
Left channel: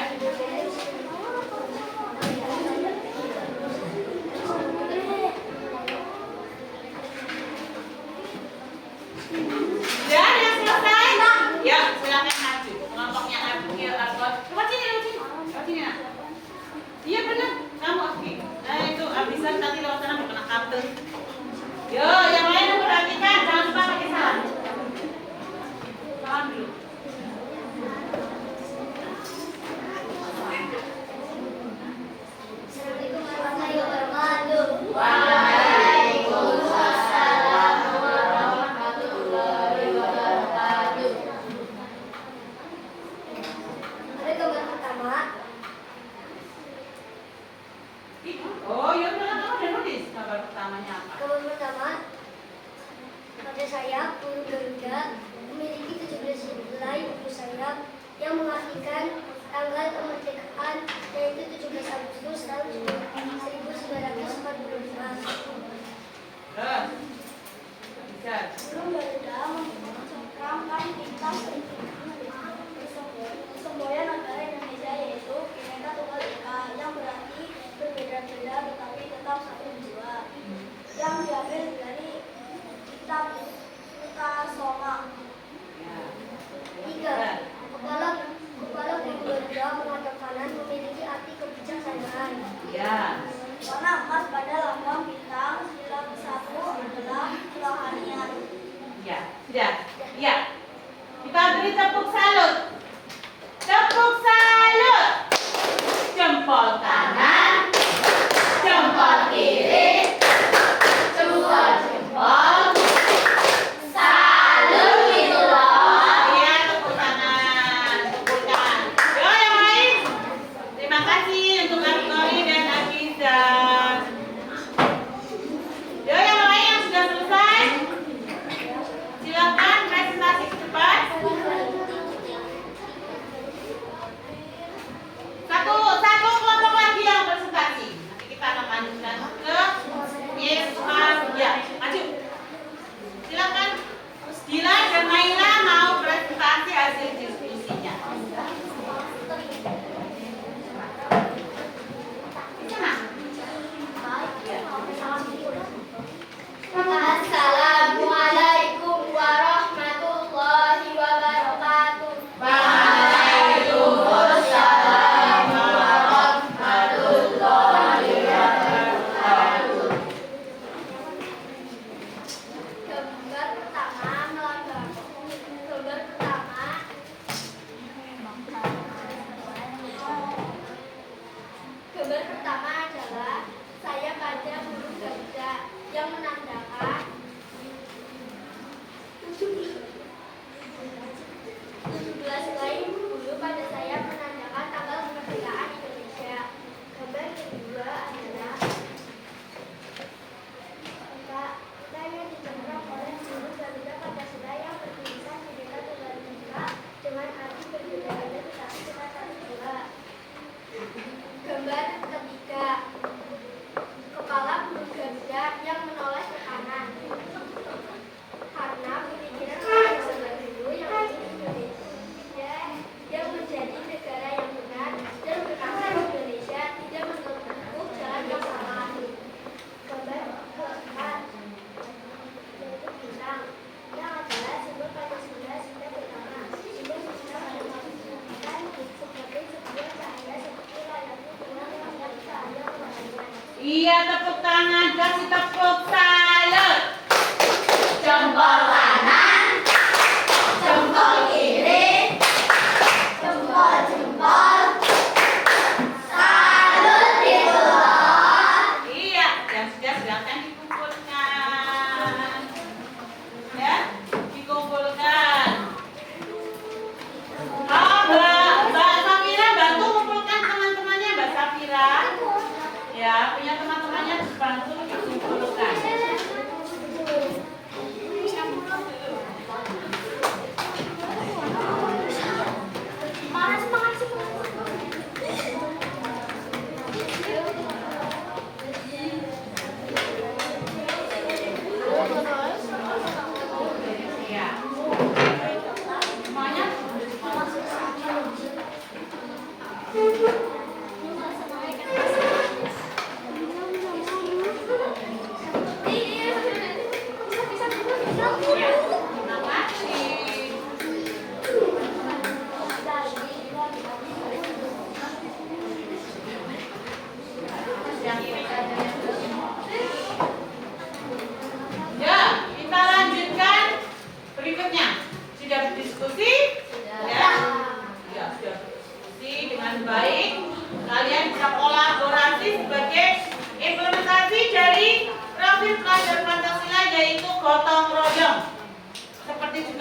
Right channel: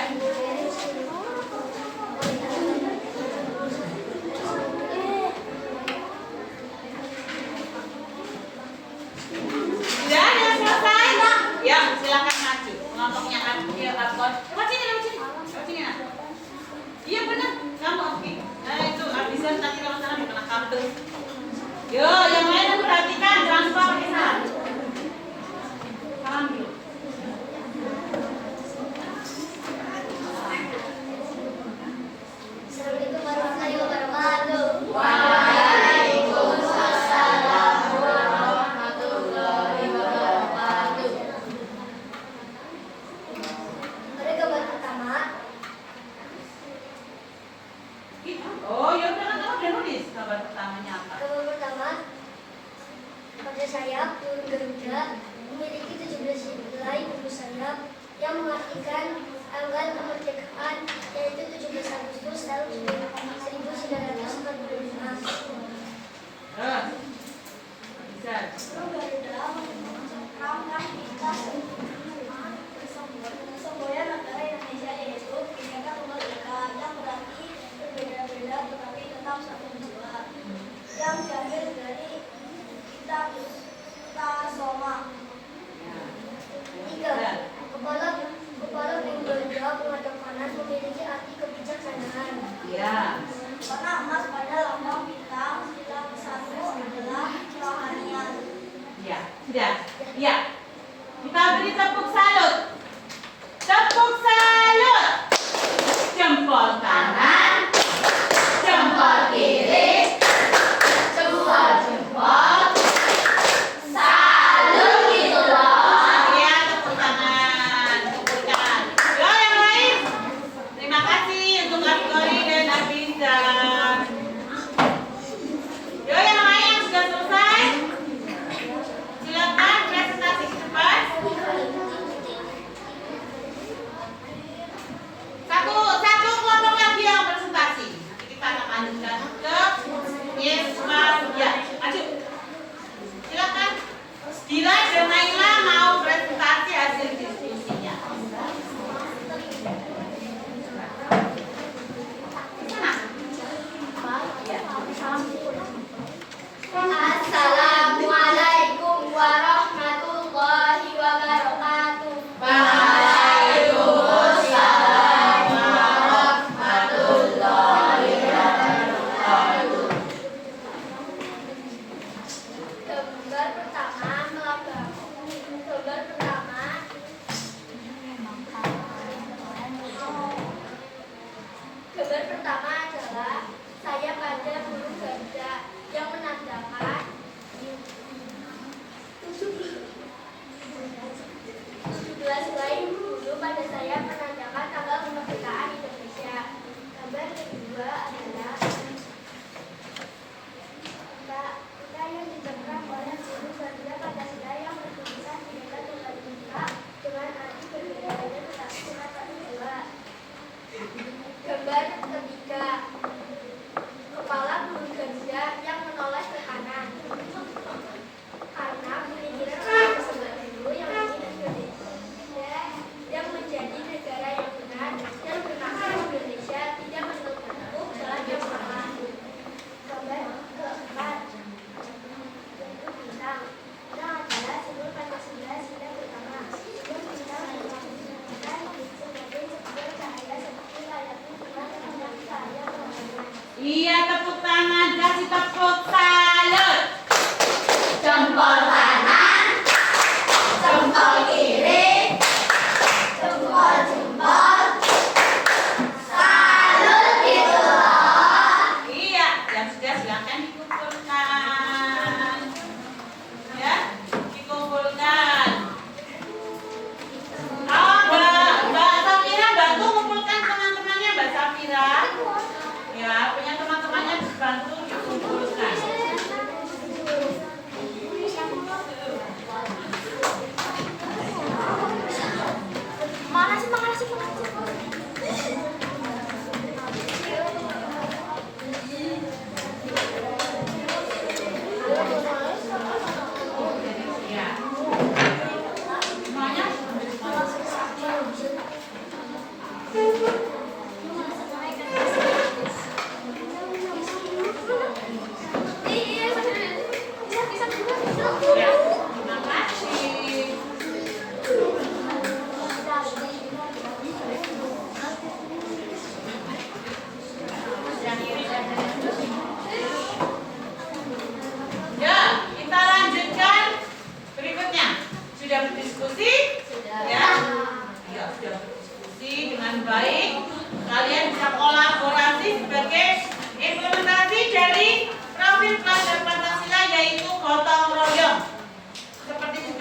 Sudah ada yang selesai? Ya, silakan maju. Kelompoknya maju ya, Asgod. Lewat sini, lewat sini. Lewat sini, Nak. Iya benar, kamu oke. Nah itu abisan tadi kalau sana kena kabel. Yo, yang lain perhatikan, jangan lupa pakai salam. Salam dulu. Assalamualaikum warahmatullahi wabarakatuh. Waalaikumsalam warahmatullahi wabarakatuh. Pada gambar pertama, Oh, ya udah kan kamu udah nulis gambar pertamanya apa? pada sayap burung Garuda memiliki 17 helai bulu sayap yang mengartikan tanggal kemerdekaan, yaitu 17 Agustus tahun 1945. Terus, bisa. Burung Garuda mencengkramkan kita semboyan negara Indonesia, yaitu Bhinneka Tunggal Ika, yang berarti berbeda-beda tetapi tetap satu jiwa, yang diambil dari kitab Soma. Tiga, kepala burung Garuda menghadap kanan memiliki arti kebijaksanaan. Iya. Warna emas pada lambang bintang, sila satu adalah kerohanian. Iya, sudah. Iya. Kita beri tepuk salut. Tepuk salut. Jempol kanan, jempol kiri, dua jempol. Salut gitu loh. Iya, tepuk tangan, tepuk tangan. Yo, yang lain. Terima kasih untuk Asgori dan Abizar. Yo, yang lain yang sudah selesai. Silakan presentasi ke depan.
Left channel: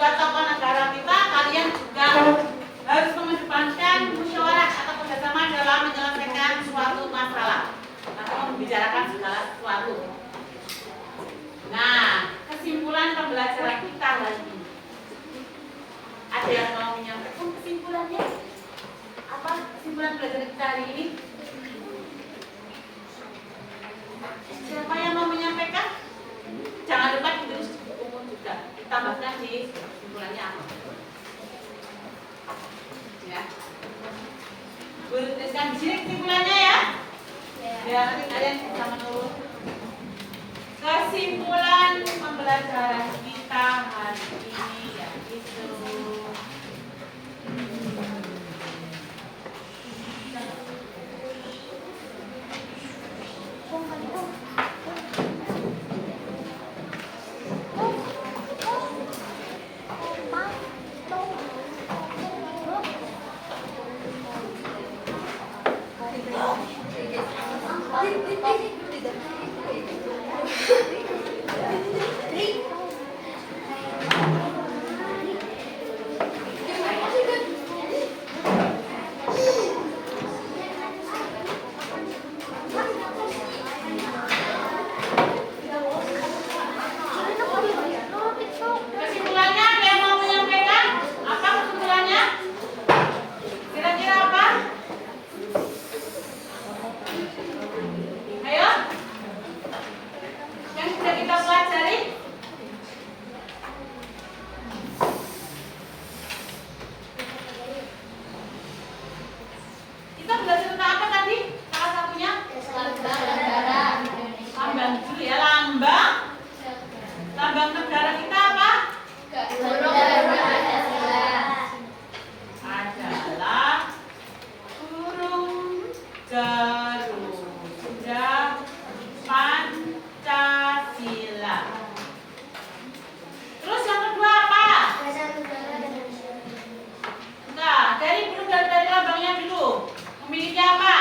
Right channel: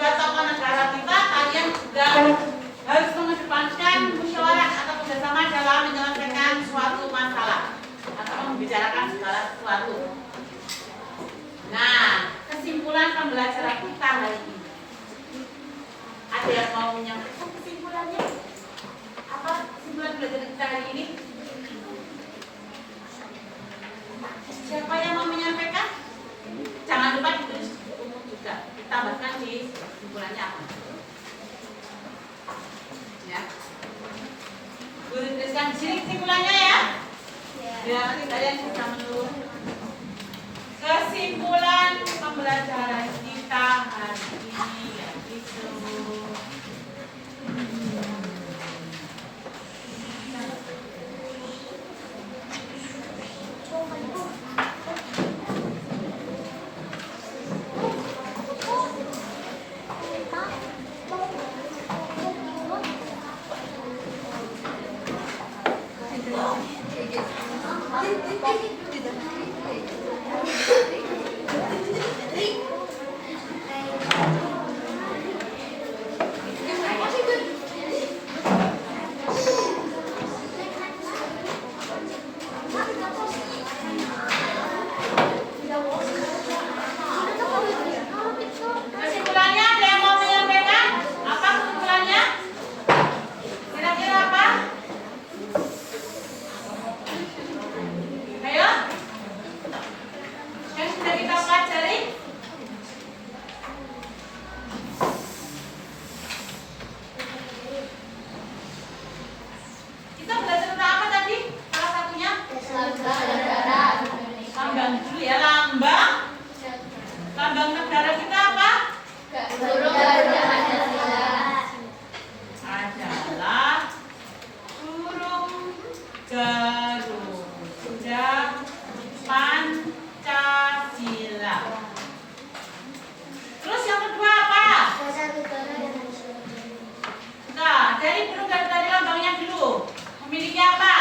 juga tokoh negara kita, kalian juga harus mengedepankan musyawarah atau kerjasama dalam menyelesaikan suatu masalah atau membicarakan segala sesuatu. Nah, kesimpulan pembelajaran kita hari ini. Ada yang mau menyampaikan kesimpulannya? Apa kesimpulan belajar kita hari ini? Siapa yang mau menyampaikan? Jangan lupa ditulis di buku juga. Tambahkan di kesimpulannya apa? Ya. Boleh tuliskan di sini kesimpulannya ya. Ya, nanti kalian bisa menulis. Kesimpulan pembelajaran kita hari ini yaitu kesimpulannya. Ada yang mau menyampaikan? Apa kesimpulannya? Kira-kira apa? Ayo, yang sudah kita pelajari. Kita belajar tentang apa tadi? Salah satunya lambang dulu ya, lambang negara kita apa? Adalah burung Garuda Pancasila. Terus yang kedua apa? Nah, dari burung Garuda dari lambangnya dulu. Memiliki apa?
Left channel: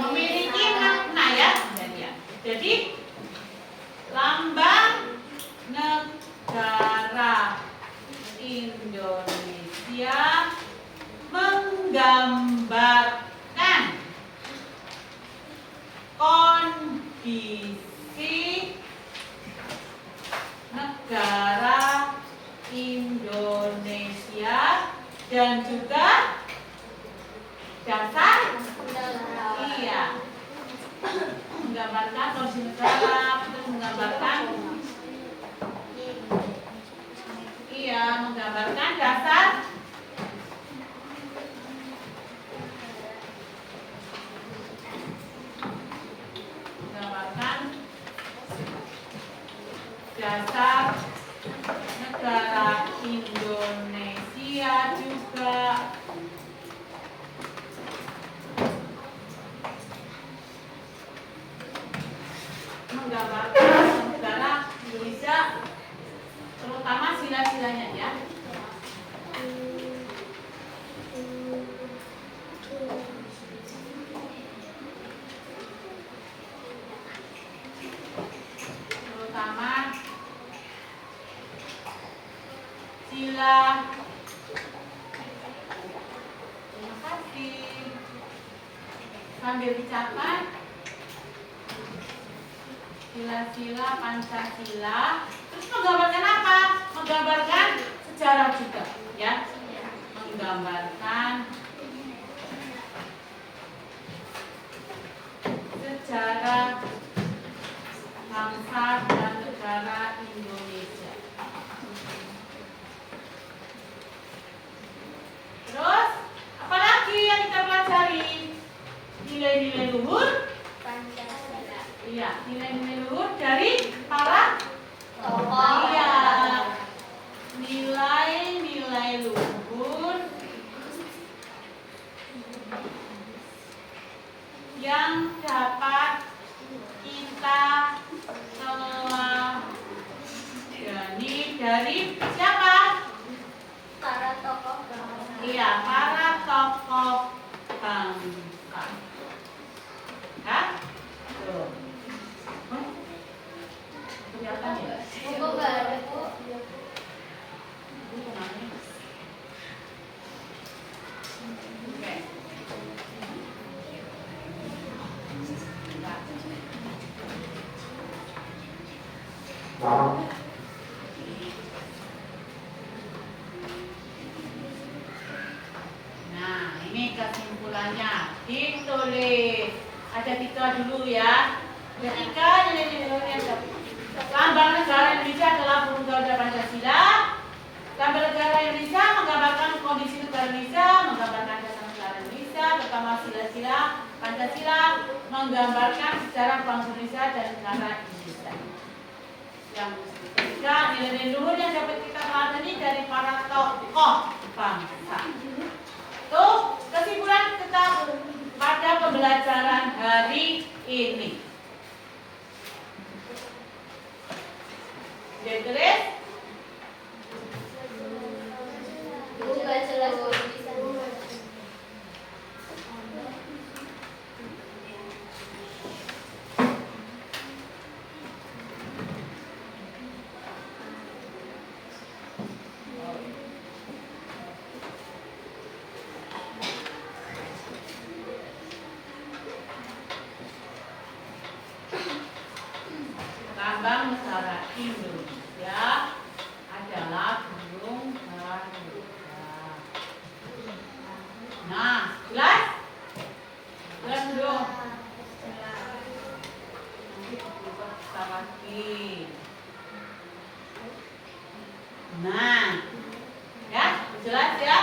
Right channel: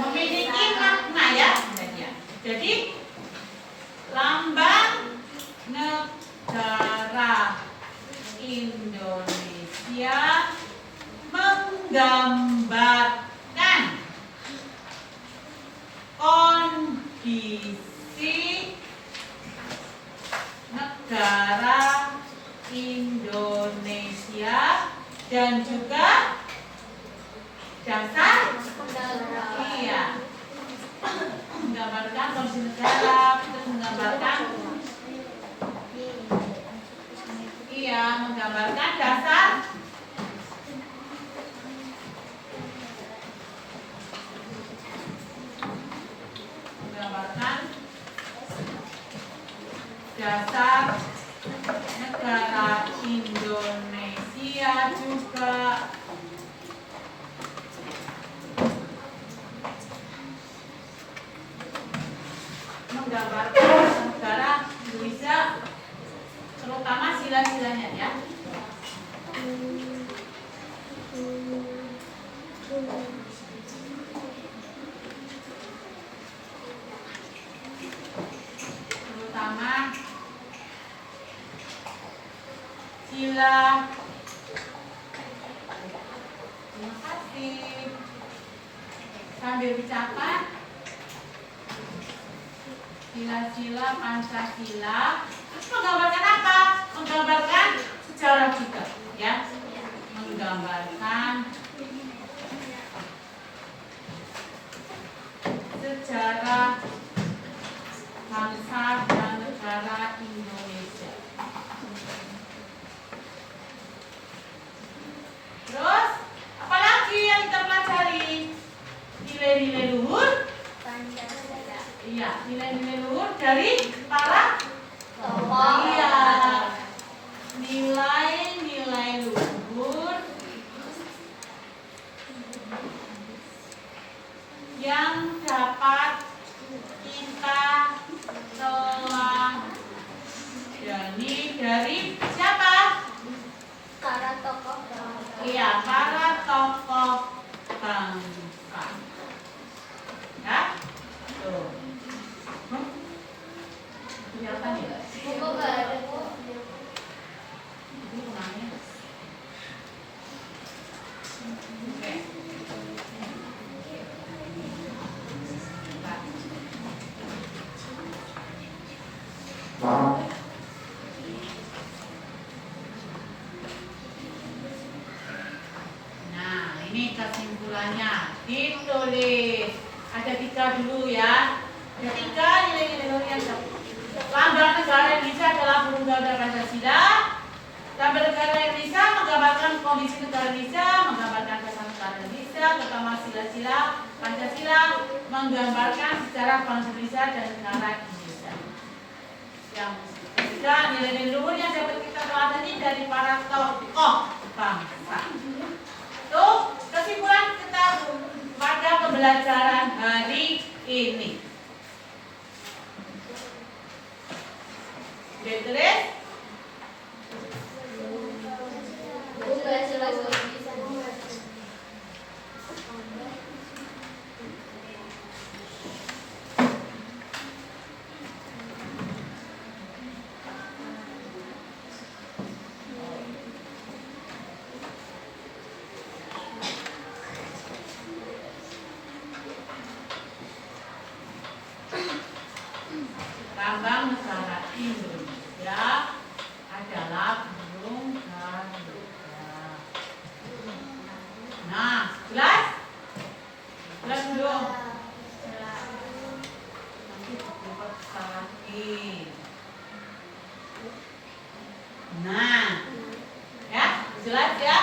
Memiliki makna ya. Jadi lambang negara Indonesia menggambarkan kondisi negara Indonesia dan juga dasar menggambarkan kondisi negara, terus menggambarkan dasar negara Indonesia juga menggambarkan negara Indonesia, terutama sila-silanya ya. Terutama sila. Terima kasih. Sambil dicatat sila-sila Pancasila. Terus menggambarkan apa? Menggambarkan sejarah juga, ya. Menggambarkan sejarah bangsa dan negara Indonesia. Terus, apalagi yang kita pelajari? Nilai-nilai luhur Pancasila. Iya, nilai-nilai luhur dari para tokoh. Iya, nilai-nilai luhur yang dapat kita teladani dari siapa? Para tokoh bangsa. Iya, para tokoh bangsa. Ya? Tuh. Kelihatan ya? Buku baru. Nah, ini kesimpulannya. Ditulis. Ada 3 dulu ya. Ada 3 nilai-nilai yang lambang negara Indonesia adalah burung Garuda Pancasila. Lambang negara Indonesia menggambarkan kondisi negara Indonesia, menggambarkan dasar negara Indonesia, terutama sila-sila Pancasila, menggambarkan sejarah bangsa Indonesia dan negara Indonesia. Yang ketiga, nilai-nilai luhur yang dapat kita teladani dari para tokoh bangsa. Tuh, kesimpulan kita pada pembelajaran hari ini. Sudah ditulis? Bukan jelas. Lambang negara Indonesia adalah burung Garuda. Nah, jelas? Jelas belum? Nanti kita lagi. Nah, ya, jelas ya?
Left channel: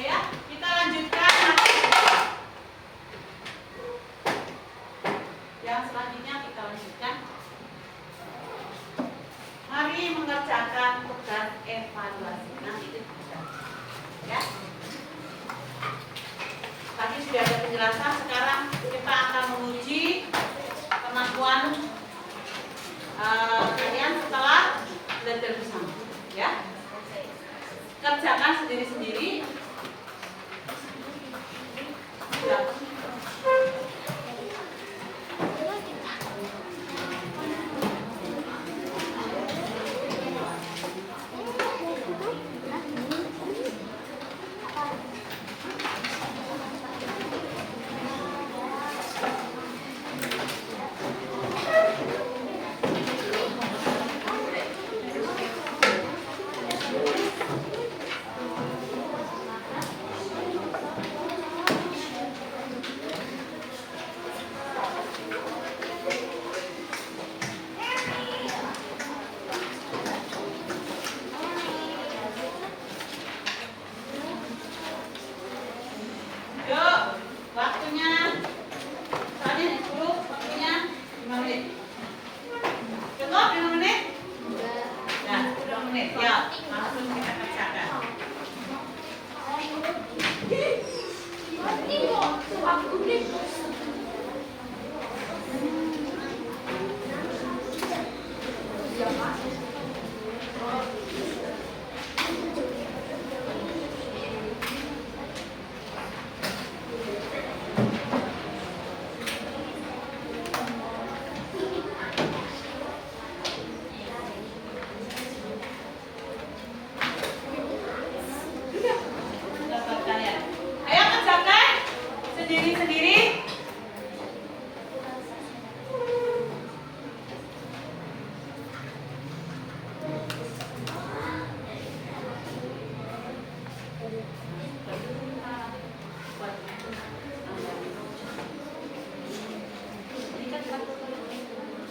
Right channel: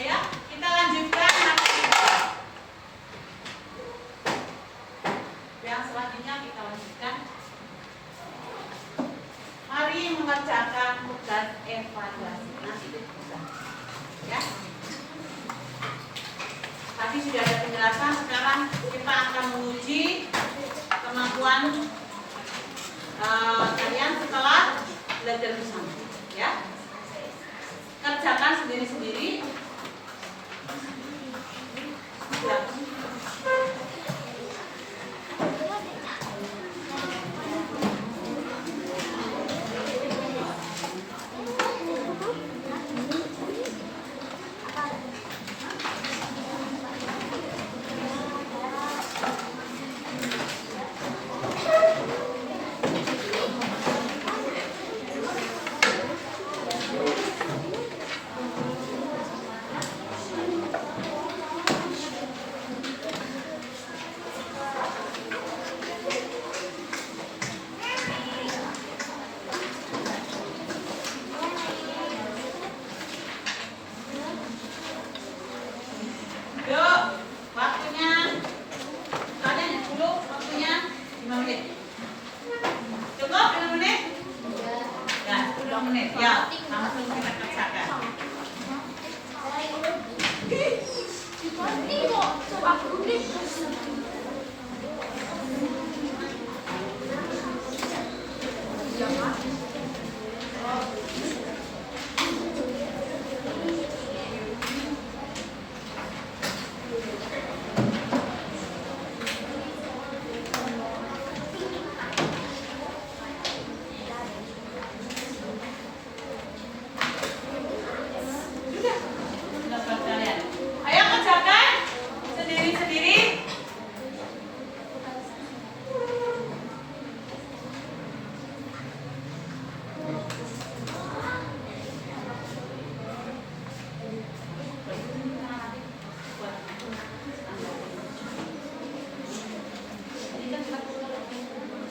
Ya, kita lanjutkan yang selanjutnya kita lanjutkan. Mari mengerjakan tugas evaluasi. Nanti itu bisa. Ya. Tadi sudah ada penjelasan, sekarang kita akan menguji kemampuan kalian setelah belajar bersama. Ya. Kerjakan sendiri-sendiri. Ya.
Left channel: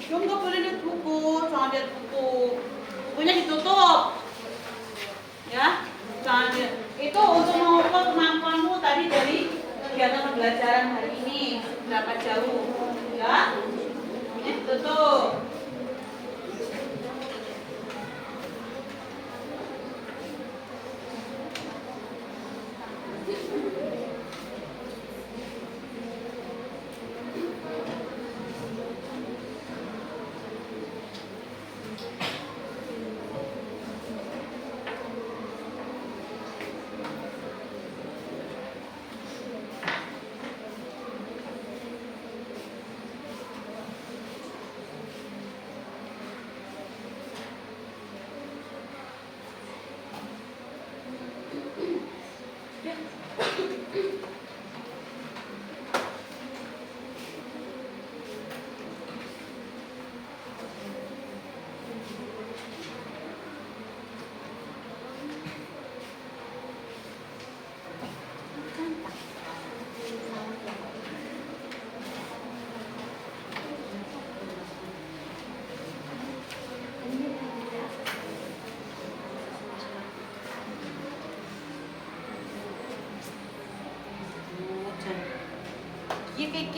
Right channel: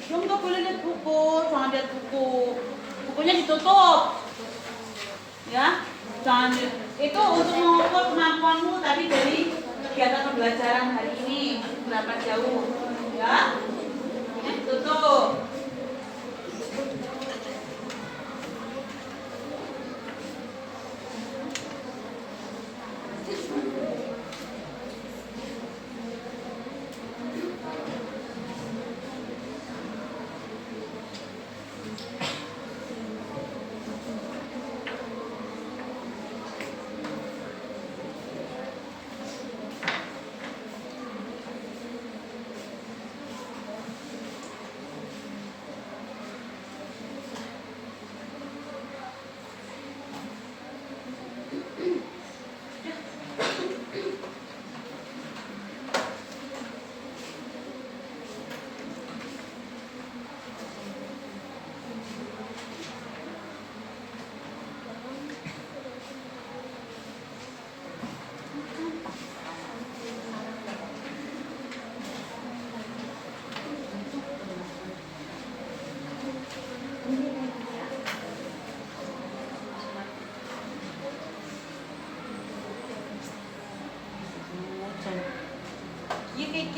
Belum, nggak boleh lihat buku, jangan lihat buku. Bukunya ditutup. Ya. Jangan itu untuk mengukur kemampuanmu tadi dari kegiatan pembelajaran hari ini berapa jauh. Ya. Ini ditutup.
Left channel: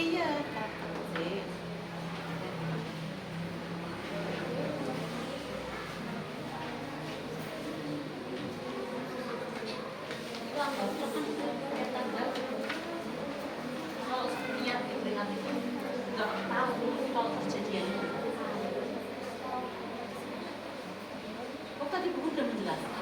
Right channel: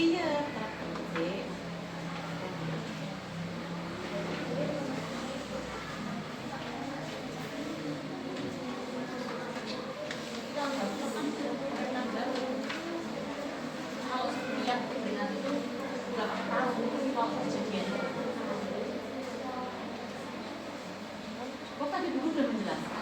Iya. Kok tadi buku udah menjelaskan?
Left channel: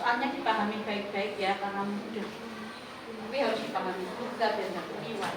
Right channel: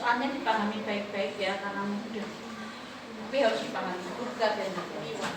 Soalnya dipahami baik-baik ya karena mudah. Tapi harus dipahami juga dan nggak keliwat.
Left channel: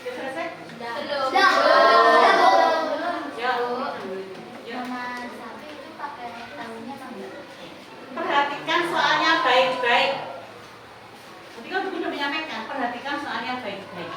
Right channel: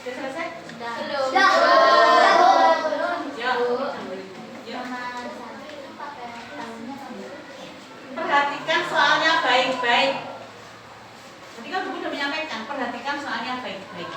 Sudah selesai? Sudah. Ya. Ya. Perhatikan soalnya baik-baik. Tadi kan buku sudah menyampaikan, perhatikan soalnya baik-baik.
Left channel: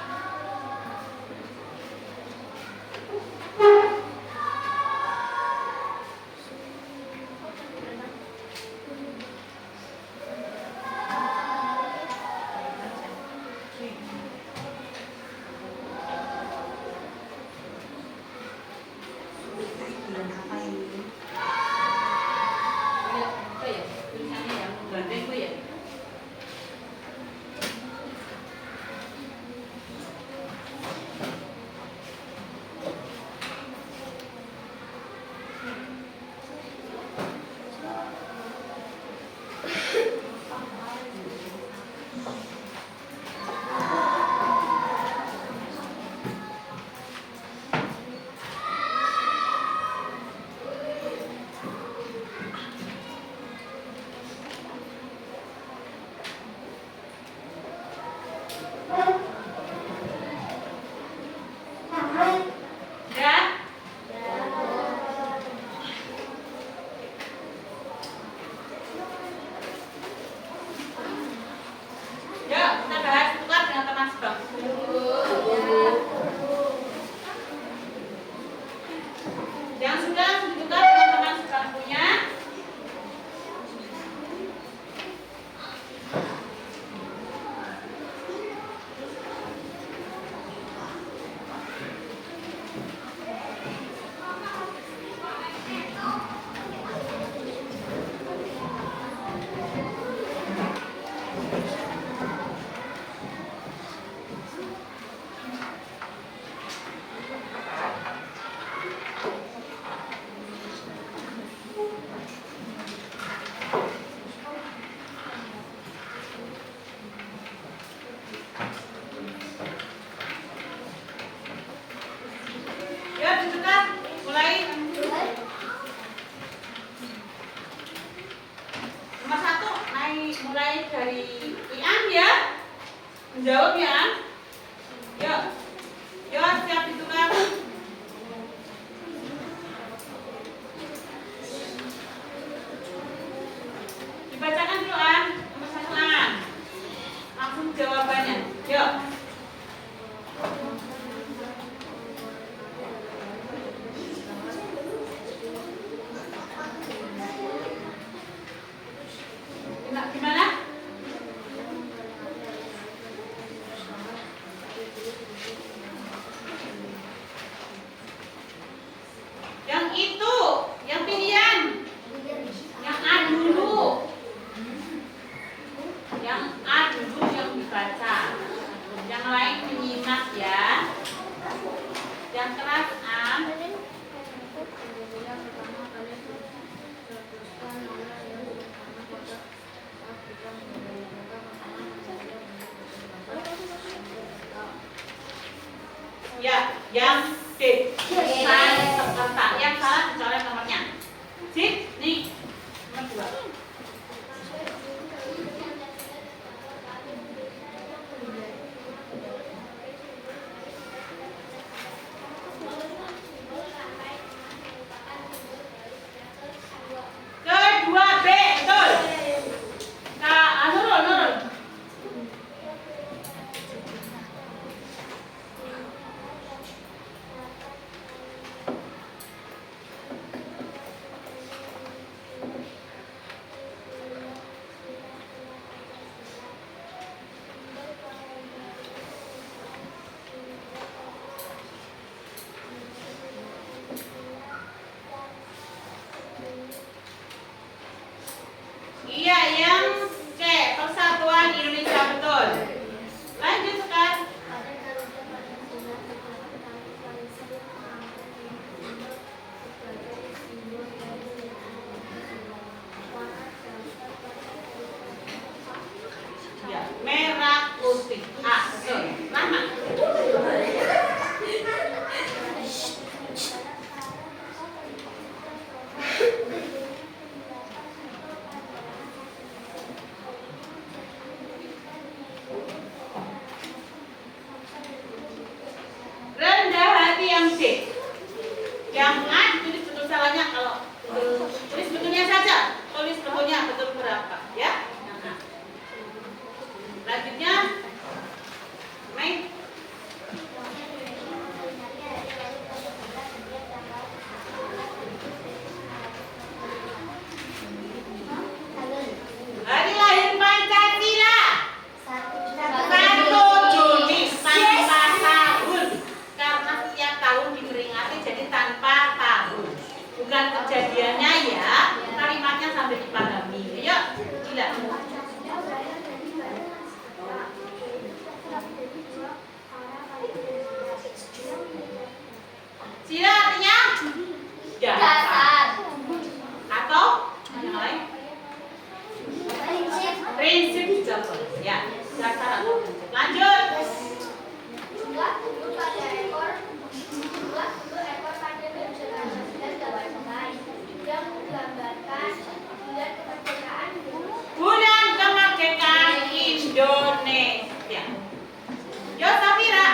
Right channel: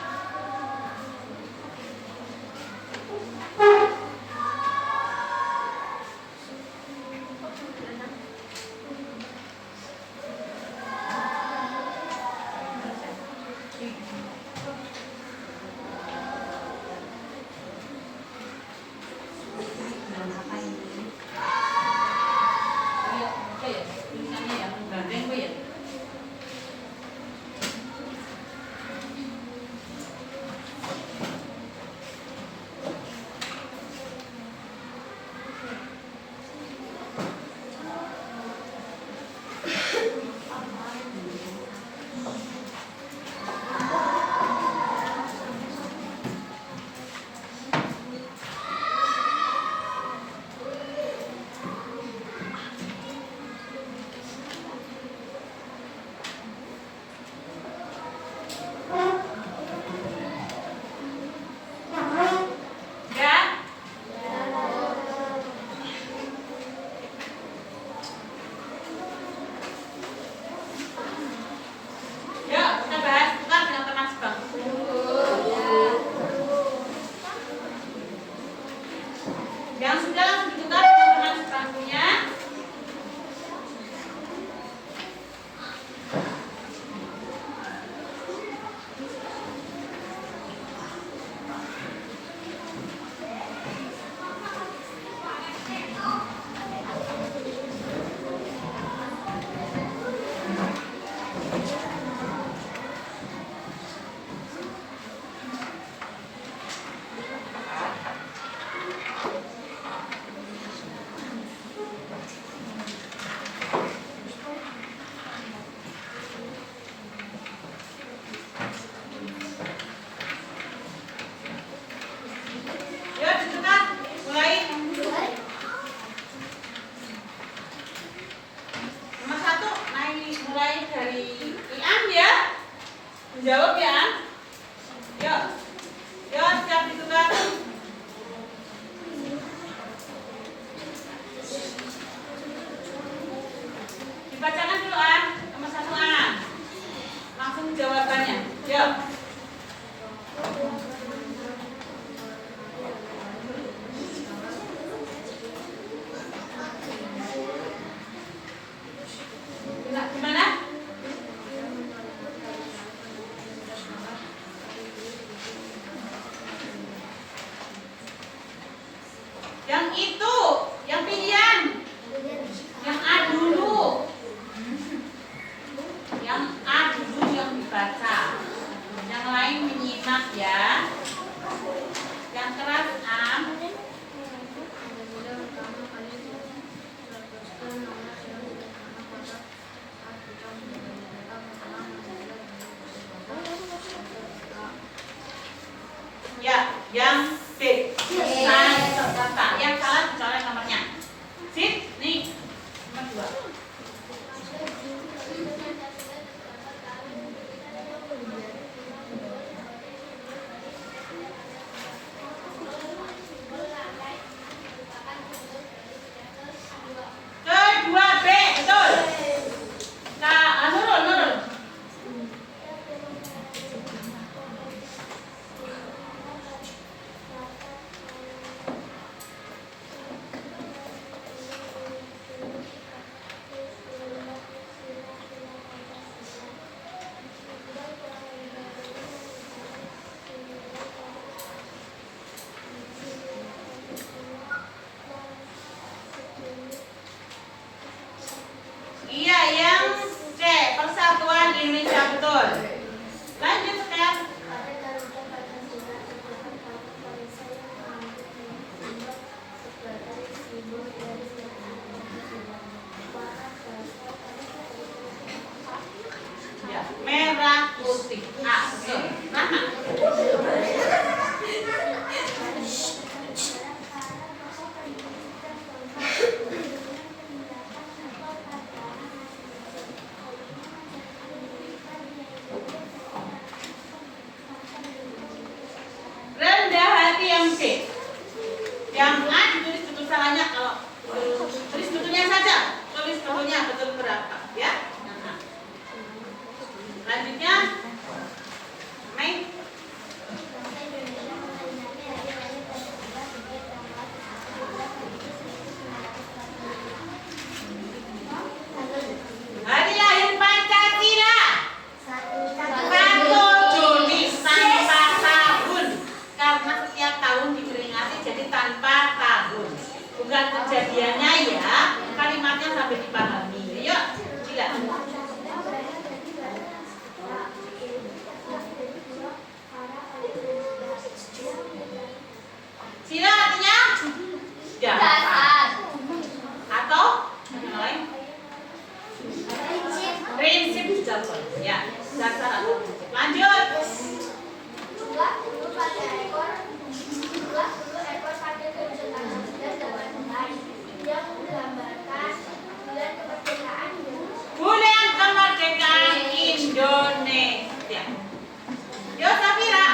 Menjawab ya. Yuk. Yuk, siap ditukar. Dibacakan dulu An, nomor 1 An. Langsung jawabannya. Yuk. Gimana? Yang itu, yang pilihan. Yang A dulu. Yang A dulu yang dibaca. Yang lain menyimak ya. Yang keras A. Ya, yang D. Saya serta yang salah dicoret nomornya. Sip, nih nomor 2. Kedua B, betul. Nurul. Iya, yang C, Persatuan Indonesia, betul. Lanjut sekarang. Ya, merah putih. A, betul. Lama. Rendah hati yang C. Yang A ditulis betul salahnya, kalau tulis betulnya saja. Tulis betulnya betul berapa, ya? Nah. Lanjutnya Mei. Hari lahir Pancasila 1 Juni tanpa tahun. Karena setiap tahun diperingati jadi tanpa tahun. Bukan kejadiannya ya, kalimatnya sampai dipahami. Yuk, gila. Sila artinya dasar. Atau yang lain? Prinsip dasar. Ya, dasar atau prinsip. Lanjut. Jumlah bulu pada ekor pada yang menggambarkan bulan kemerdekaan Indonesia. Bulan kemerdekaan Indonesia. Yo Safira.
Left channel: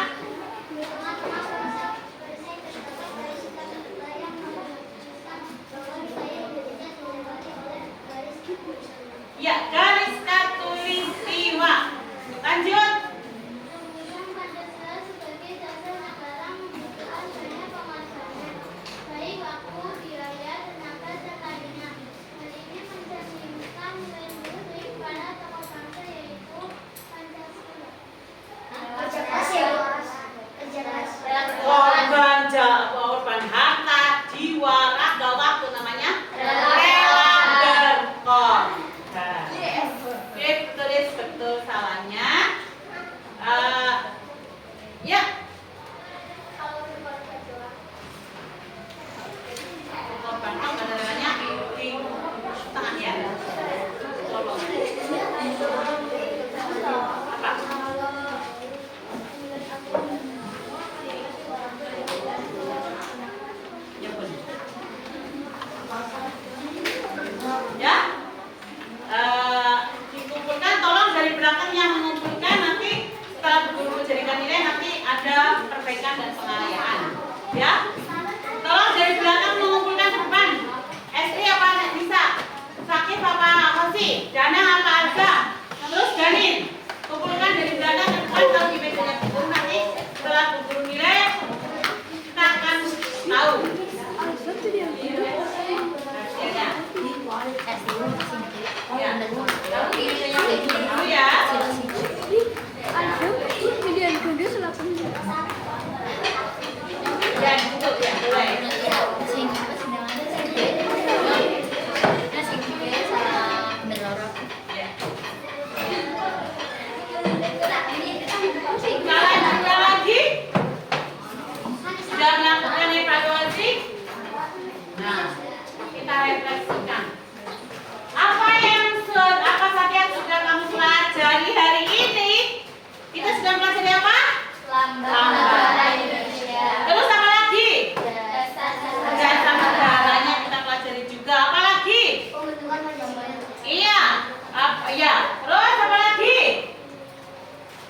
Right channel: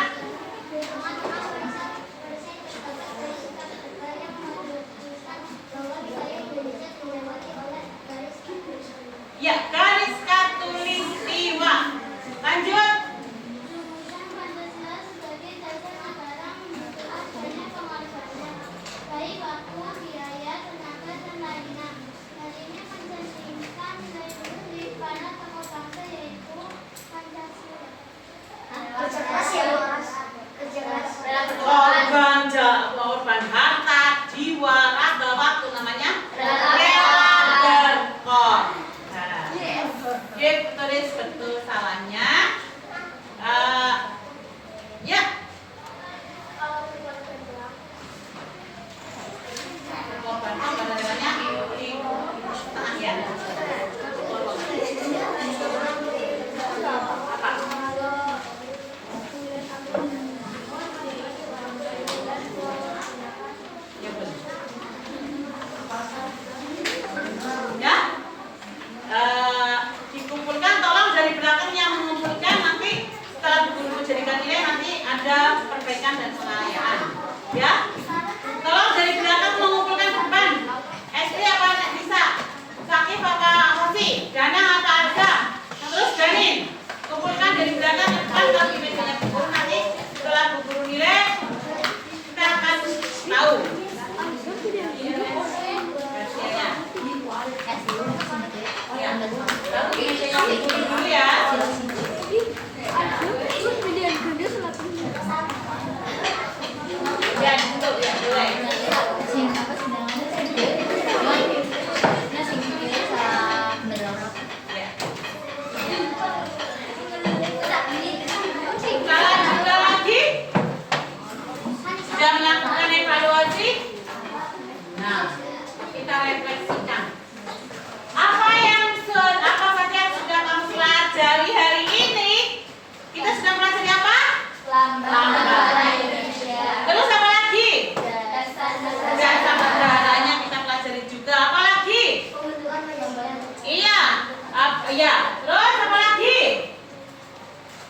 Iya, terus apa lagi?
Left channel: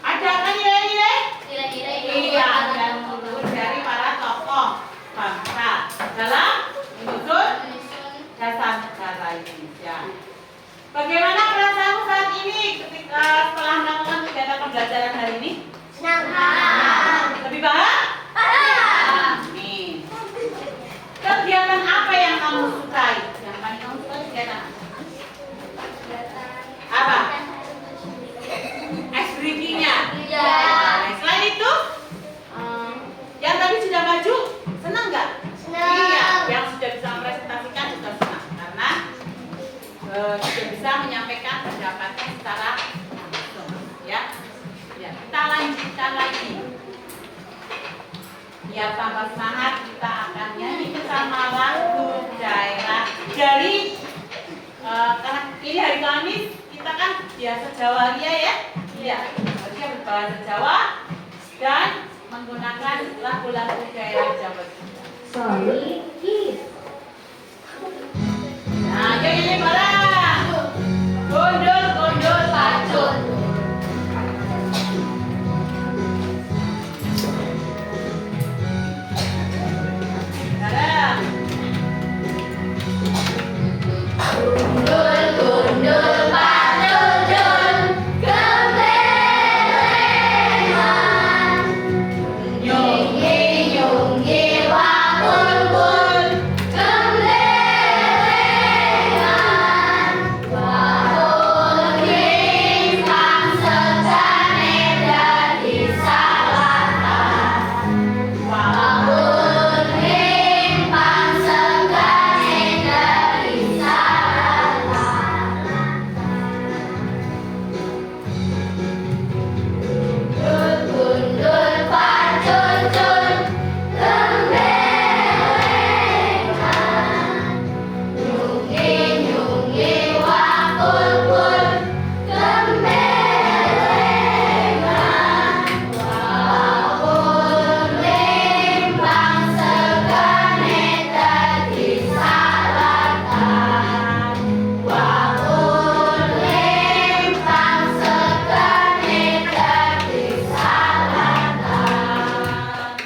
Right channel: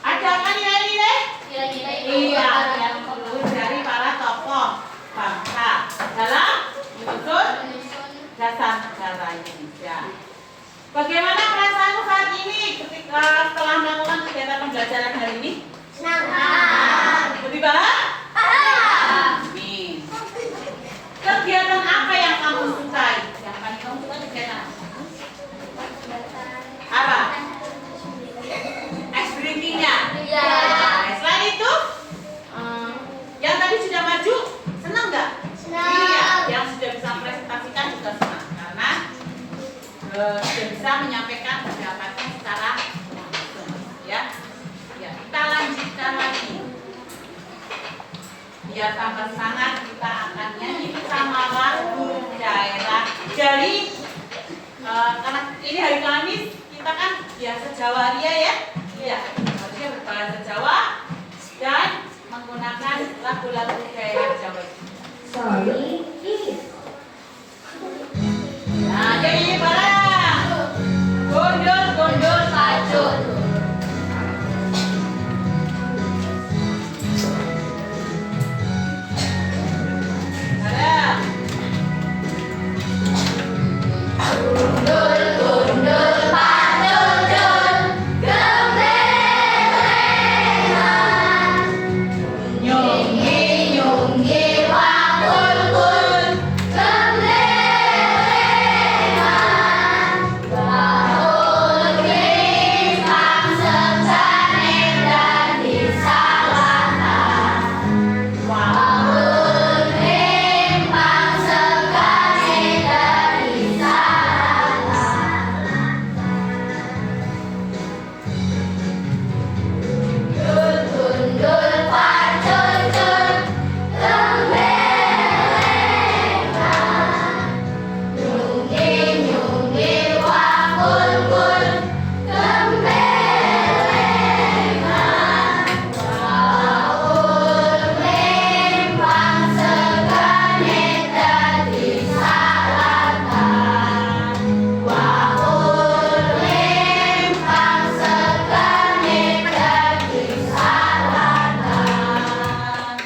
Ada apa nilai-nilai? Iya, dan luhur dari para tokoh bangsa dalam menyusun dasar negara Indonesia. Bagaimana perasaanmu saat ini ketika setelah melakukan kegiatan pembelajaran hari ini? Senang. Lebih baik? Nih. Kegiatan apa yang kamu sukai? Yang paling kamu suka kegiatan apa? Ice drinkingnya? Iya. Nah, selain itu, yang tadi sudah maju, senang nggak? Senang. Iya, yang sudah bisa mempresentasikan juga senang karena sudah bisa menyampaikan pendapatnya secara langsung, ya. Ya, kita lanjutkan lagi. Biar tambah semangat, kita akan nyanyi bersama lagu daerah dari karena ini hari Kamis, kita kan biasa Jawa Ria ya. Iya, dia berbahasa Jawa dan menggunakan lagu-lagu daerah Jawa. Sorry, kiss. Nah, ini barang. Gondol pacul. Barang.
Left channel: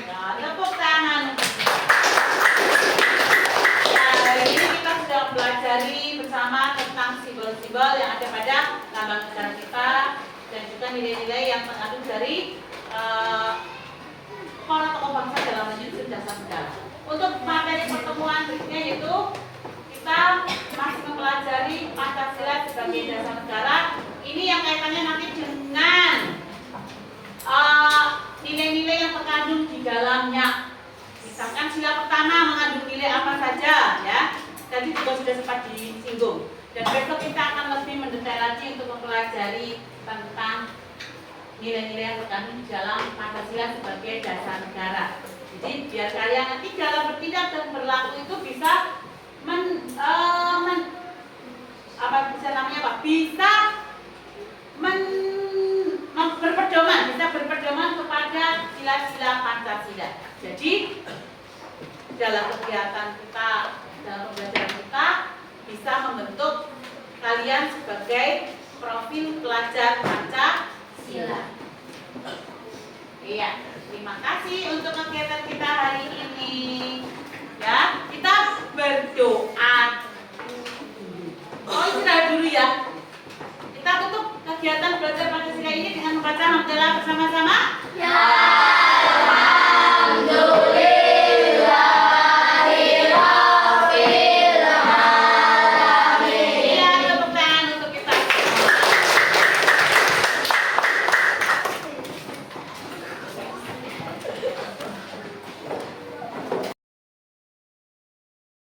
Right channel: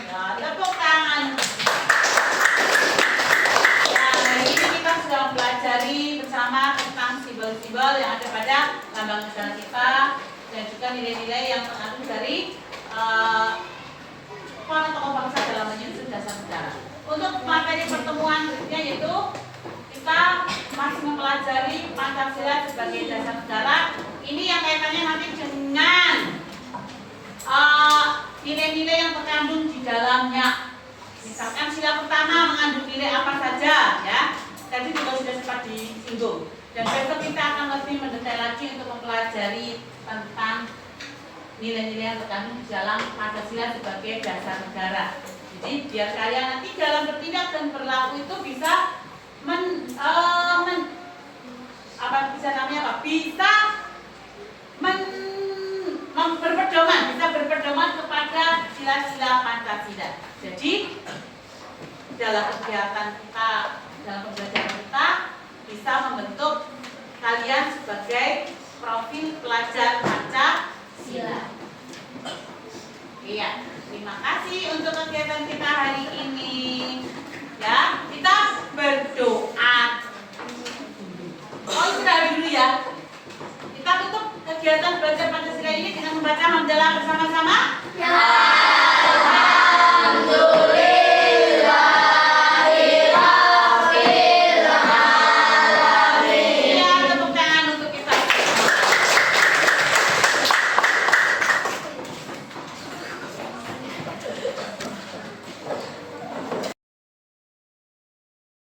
Nah, tepuk tangan. Ya, hari ini kita sudah mempelajari bersama tentang simbol-simbol yang ada pada lambang negara kita dan juga nilai-nilai yang terkandung dari para tokoh bangsa dalam menyusun dasar negara. Untuk materi pertemuan berikutnya yaitu kita masih mempelajari Pancasila sebagai dasar negara. Ini yang kaitannya nanti dengan nilai-nilai yang terkandung di dalamnya. Misalkan sila pertama mengandung nilai apa saja, ya. Tadi juga sudah sempat disinggung. Dan besok kita akan lebih mendetail lagi untuk mempelajari tentang nilai-nilai yang terkandung di dalam Pancasila sebagai dasar negara. Jadi biar kalian nanti dalam bertindak dan berlaku itu bisa berpedoman kepada sila-sila Pancasila. Jadi dalam kegiatan kita, dalam pembelajaran kita bisa membentuk kalian sebagai profil pelajar Pancasila. Iya, terima kasih untuk kegiatan kita hari ini. Ya, kita